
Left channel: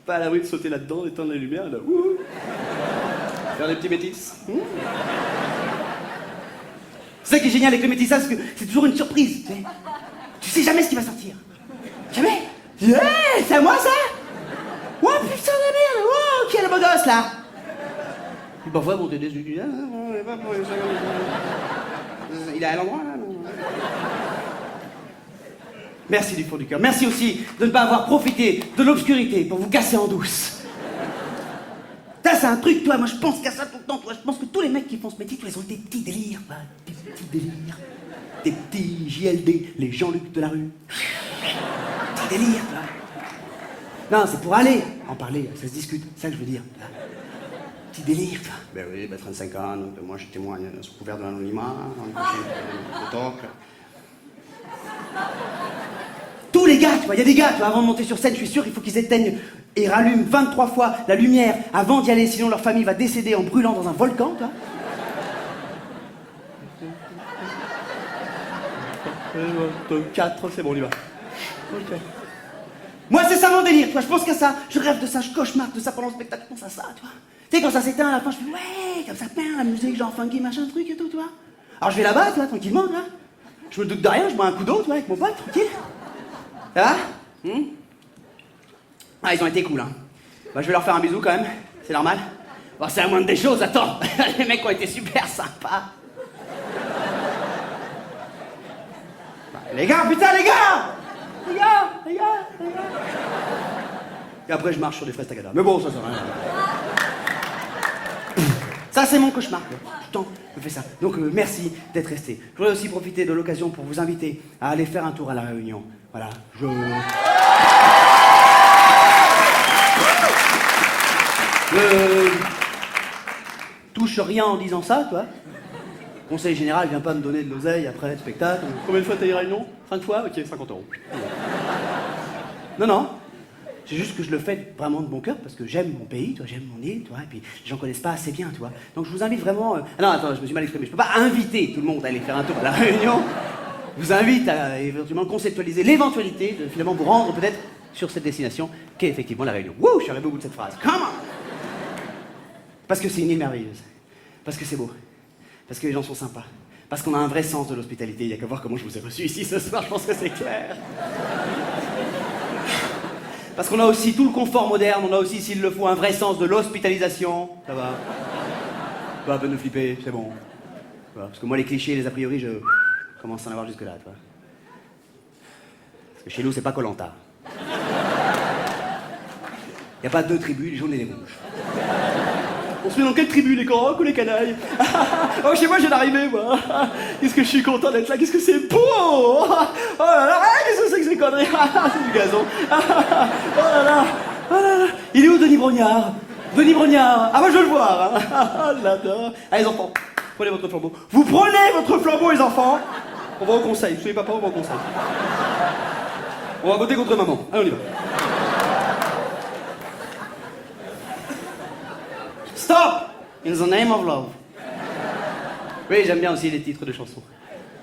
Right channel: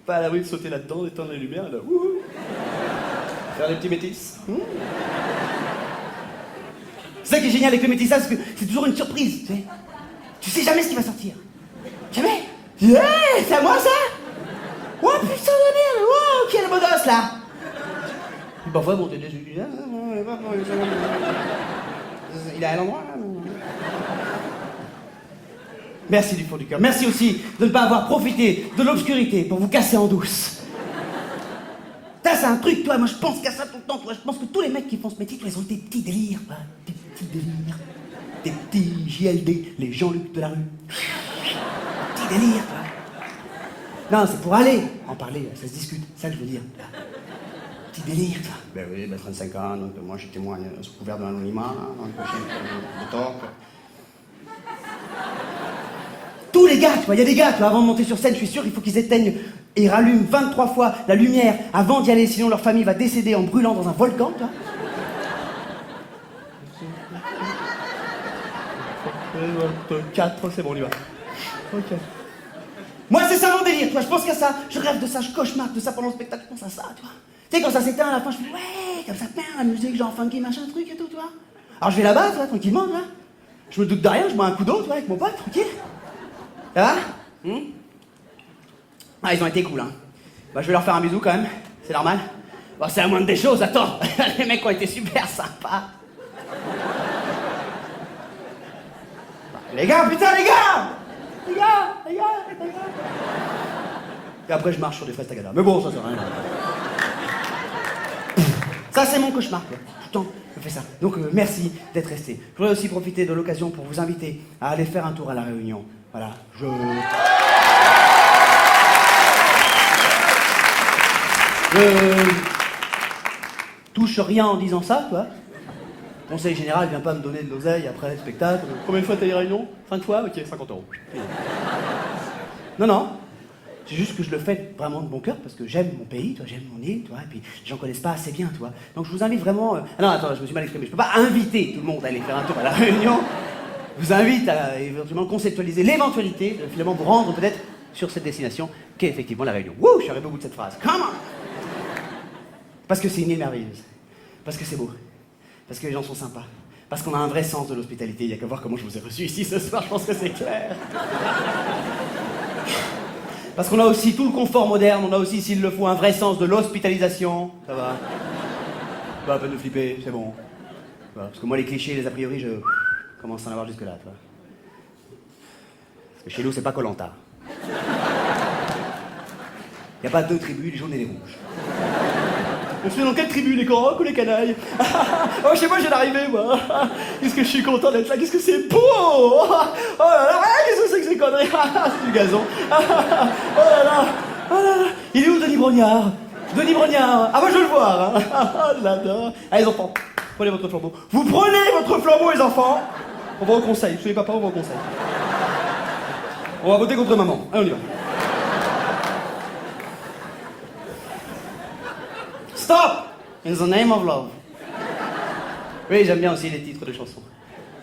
Pas à l'abri de sauter là-dedans, d'éteindre la lumière, là. Wouhou. Faire des petits métis. C'est ça qui est génial avec le métissage, c'est que c'est toujours une surprise, tu sais. Tu sais jamais ce qui va sortir. Jamais. Yeah, c'est à moi ça? Oh putain de merde, oh, qui est le beau gosse là? Puis parfois, bon, Dédé, je lui dis, il est à l'endroit là? Merci du fond du cœur. Merci aussi de ne pas avoir profité de l'obscurité pour vous casser en douce. Ça, c'est un truc, toi, moi je pense qu'à ça tout le temps, toi. Je pense que tous les mecs qui font ce métier, toi, ils ont des petits délires, quoi. Des petits délires. Des petits JLD, les Jean-Luc de la rue. Petits délires, toi. Non, c'est pour aller en parler, ça se discute, c'est ça que je veux dire. Petit délire, toi. Ben oui, 35 ans, donc moi je témoigne sous couvert de l'anonymat, dans une prochaine de talk. Tous les gars, tu vois, il y a des gars, tu vois, avant de monter sur scène, je suis sûr, il faut qu'ils éteignent et rallument 23 fois la lumière avant d'y aller, sinon leur famille va décéder en brûlant dans un volcan, tu vois. 4, c'est bon, on y va. Ok. Moi, c'est ça mon délire, toi, je pense qu'à ça, je rêve de ça, je cauchemarde de ça pendant le spectacle, je pense à ça, tu vois. Tu sais, quand ça s'éteint, à la fin, je fais, ouais, comme ça, la musique, genre funky, machin, truc et tout, tu vois. Alors je vais là-bas, tu vois, tranquillement, tu vois. Je me doute de rien, je bois un coup d'eau, tu vois, avec mon pote, tranquille. Ça va Ah, ils ont été cool, hein. Bah, je vais leur faire un bisou, quand même, c'est normal. Bon, c'est la moindre des choses, attends. Les mecs ont été super sympas. Bah, les gars, putain, les gars. Et après, je marche sur des fraises tagada. Mais bon, ça sert à rien. Ça, c'est mon cauchemar, quoi. Tout le temps, je fais ça. Donc, merci d'être resté. Je voudrais aussi profiter de l'occasion pour vous inviter à aller faire un tour à La Réunion. Voilà, je touche rien en disant ça, toi. Conseil général vient pas me donner de l'oseille après le spectacle. Combien de fois t'as eu Réunion 5 fois? Ok, 50 €. Non. C'est juste que je le fais vraiment de bon cœur parce que j'aime mon pays, toi, j'aime mon île, toi, et puis les gens connaissent pas assez bien, toi. Donc je vous invite vraiment. Ah non, attends, je me suis mal exprimé. Je peux pas inviter tout le monde à aller faire un tour à La Réunion. Je vous invite à éventuellement conceptualiser l'éventualité de finalement vous rendre peut-être sur cette destination qu'est effectivement La Réunion. Wouh, je suis arrivé au bout de cette phrase. Come on! Parce que c'est une île merveilleuse. Parce que c'est beau. Parce que les gens sont sympas. Parce qu'on a un vrai sens de l'hospitalité. Il n'y a qu'à voir comment je vous ai reçu ici ce soir, je pense que c'est clair. Parce qu'on a aussi tout le confort moderne, on a aussi, s'il le faut, un vrai sens de l'hospitalisation. Ça va. Pas à peine de flipper, c'est bon. Voilà, parce que moi, les clichés, les a priori, je commence à en avoir jusque-là, tu vois. Parce que chez nous, c'est pas Koh-Lanta. Il n'y a pas deux tribus, les jaunes et les rouges. On se met dans quelle tribu, les corocs ou les canailles? Oh, chez moi, je viens d'arriver, moi. Qu'est-ce que je suis content d'être là, qu'est-ce que c'est beau. Oh là là, qu'est-ce que c'est que ces conneries? C'est du gazon. Oh là là, oh là là. Il est où, Denis Brognard? Denis Brognard. Ah, moi, je veux le voir. Je l'adore. Allez, les enfants, prenez votre flambeau. Vous prenez votre flambeau, les enfants. On va au conseil. Soyez papa, on va au conseil. On va voter contre maman. Allez, on y va. Stop! In the name of love. Oui, j'aime bien aussi les titres de chansons.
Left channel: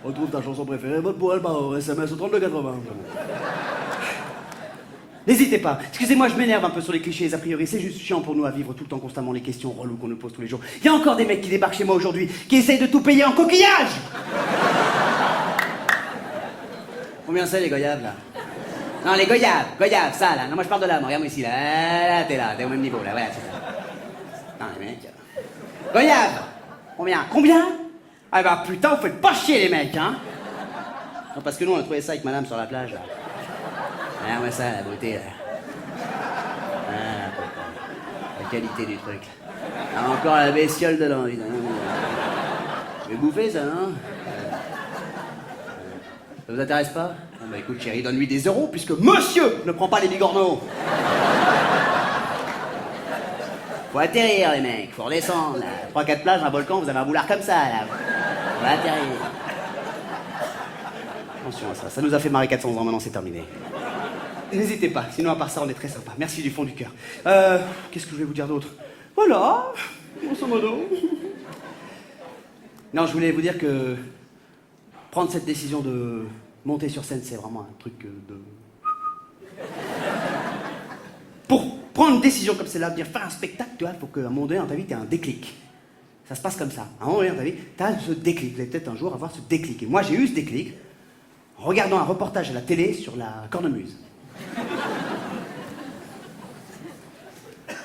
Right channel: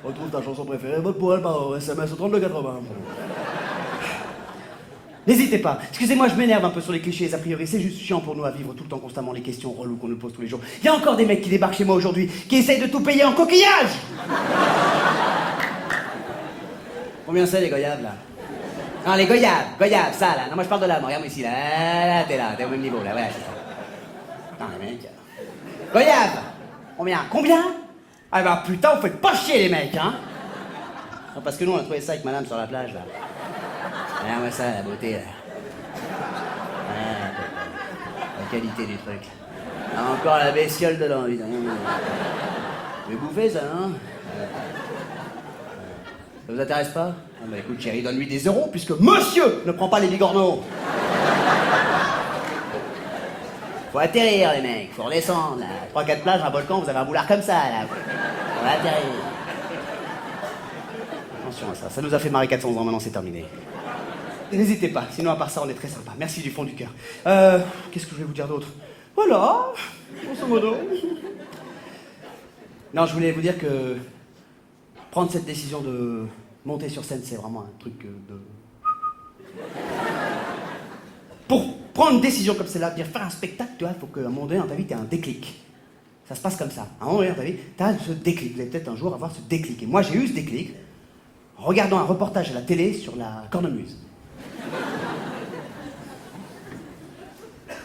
Retrouve ta chanson préférée, vote pour elle par SMS au 3280. N'hésitez pas. Excusez-moi, je m'énerve un peu sur les clichés et les a priori. C'est juste chiant pour nous à vivre tout le temps constamment les questions reloues qu'on nous pose tous les jours. Il y a encore des mecs qui débarquent chez moi aujourd'hui, qui essayent de tout payer en coquillage. Combien c'est les goyaves, là? Non, les goyaves, ça, là. Non, moi je parle de là, moi, regarde-moi ici, là. Là, t'es au même niveau, là, voilà, c'est ça. Non, les mecs. Goyave! Combien? Ah bah putain, vous faites pas chier, les mecs, hein? Non, parce que nous, on a trouvé ça avec madame sur la plage, là. Regarde-moi ça, la beauté, là. Ah, la qualité du truc. Ah, encore la bestiole dedans, putain. Je vais bouffer, ça, non? Ça vous intéresse pas? Bon, bah écoute, chérie, donne-lui des euros, puisque monsieur ne prend pas les bigorneaux. Faut atterrir, les mecs, faut redescendre, là. 3-4 plages, un volcan, vous avez un boulard comme ça, là. On va atterrir. Attention à ça, ça nous a fait marrer 400 ans, maintenant c'est terminé. N'hésitez pas, sinon à part ça, on est très sympa. Merci du fond du cœur. Qu'est-ce que je vais vous dire d'autre? Voilà, grosso modo. Non, je voulais vous dire que prendre cette décision de monter sur scène, c'est vraiment un truc de... Pour prendre une décision comme celle-là, de dire faire un spectacle, tu vois, il faut qu'à un moment donné dans ta vie, tu aies un déclic. Ça se passe comme ça. À un moment donné dans ta vie, tu as ce déclic. Vous allez peut-être un jour avoir ce déclic. Et moi, j'ai eu ce déclic en regardant un reportage à la télé sur la cornemuse.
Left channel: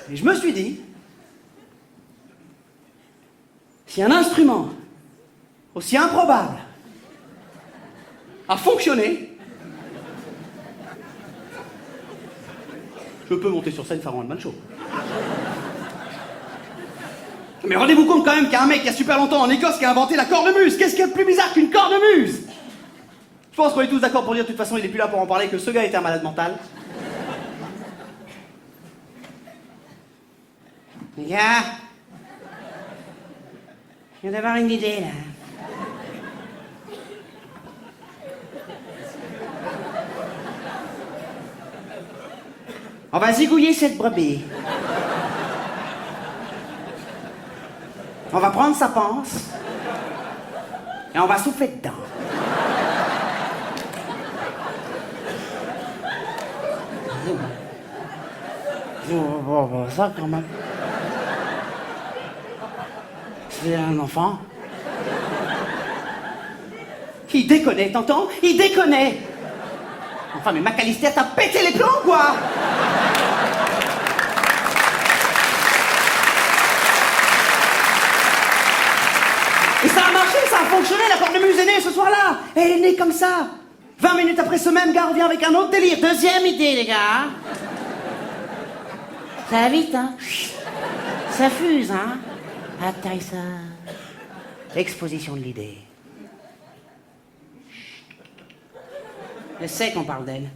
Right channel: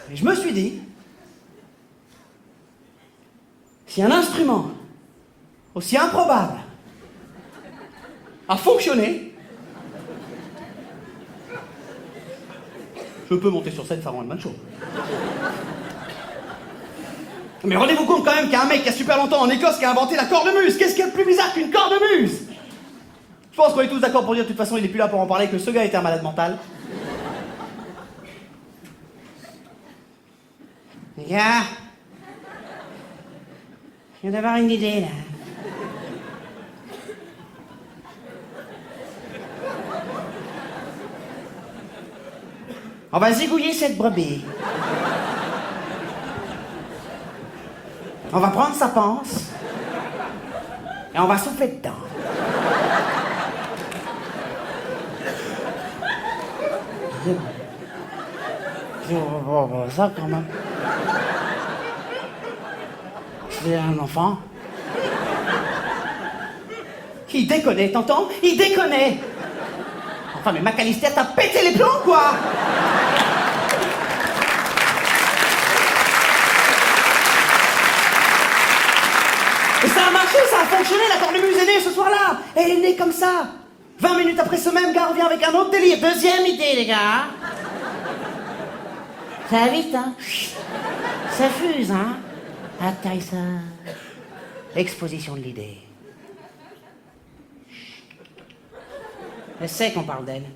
Et je me suis dit, si un instrument aussi improbable a fonctionné, je peux monter sur scène faire un one-man show. Mais rendez-vous compte quand même qu'il y a un mec qui a super longtemps en Écosse qui a inventé la cornemuse. Qu'est-ce qu'il y a de plus bizarre qu'une cornemuse? Je pense qu'on est tous d'accord pour dire de toute façon il est plus là pour en parler, que ce gars était un malade mental. Les gars, Je viens d'avoir une idée, là. On va zigouiller cette brebis. On va prendre sa panse et on va souffler dedans. Ça, quand même. C'est un enfant. Il déconne, t'entends? Il déconne. Enfin, mais McAllister, t'as pété les plombs, quoi! Et ça a marché, ça a fonctionné, la cornemuse est née ce soir-là. Et elle est née comme ça. 20 minutes après, ce même gars revient avec un autre délire. Deuxième idée, les gars. Ça va vite, hein? Ça fuse, hein? Atterrissage. Exposition de l'idée. Elle sait qu'on parle d'elle.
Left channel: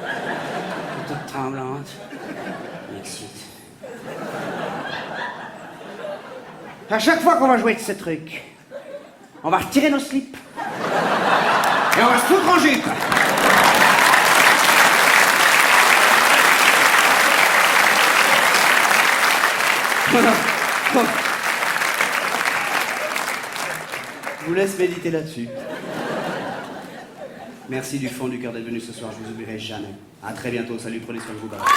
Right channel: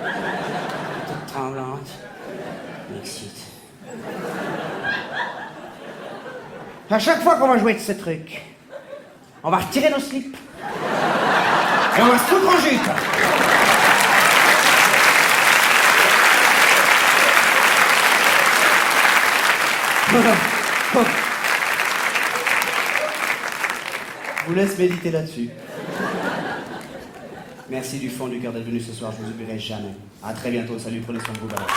Elle est toute tremblante. M'excite. À chaque fois qu'on va jouer de ce truc, on va retirer nos slips. Et on va se foutre en jupe. Je vous laisse méditer là-dessus. Merci du fond du cœur d'être venu ce soir, je vous oublierai jamais. À très bientôt, salut, prenez soin de vous, bye bye.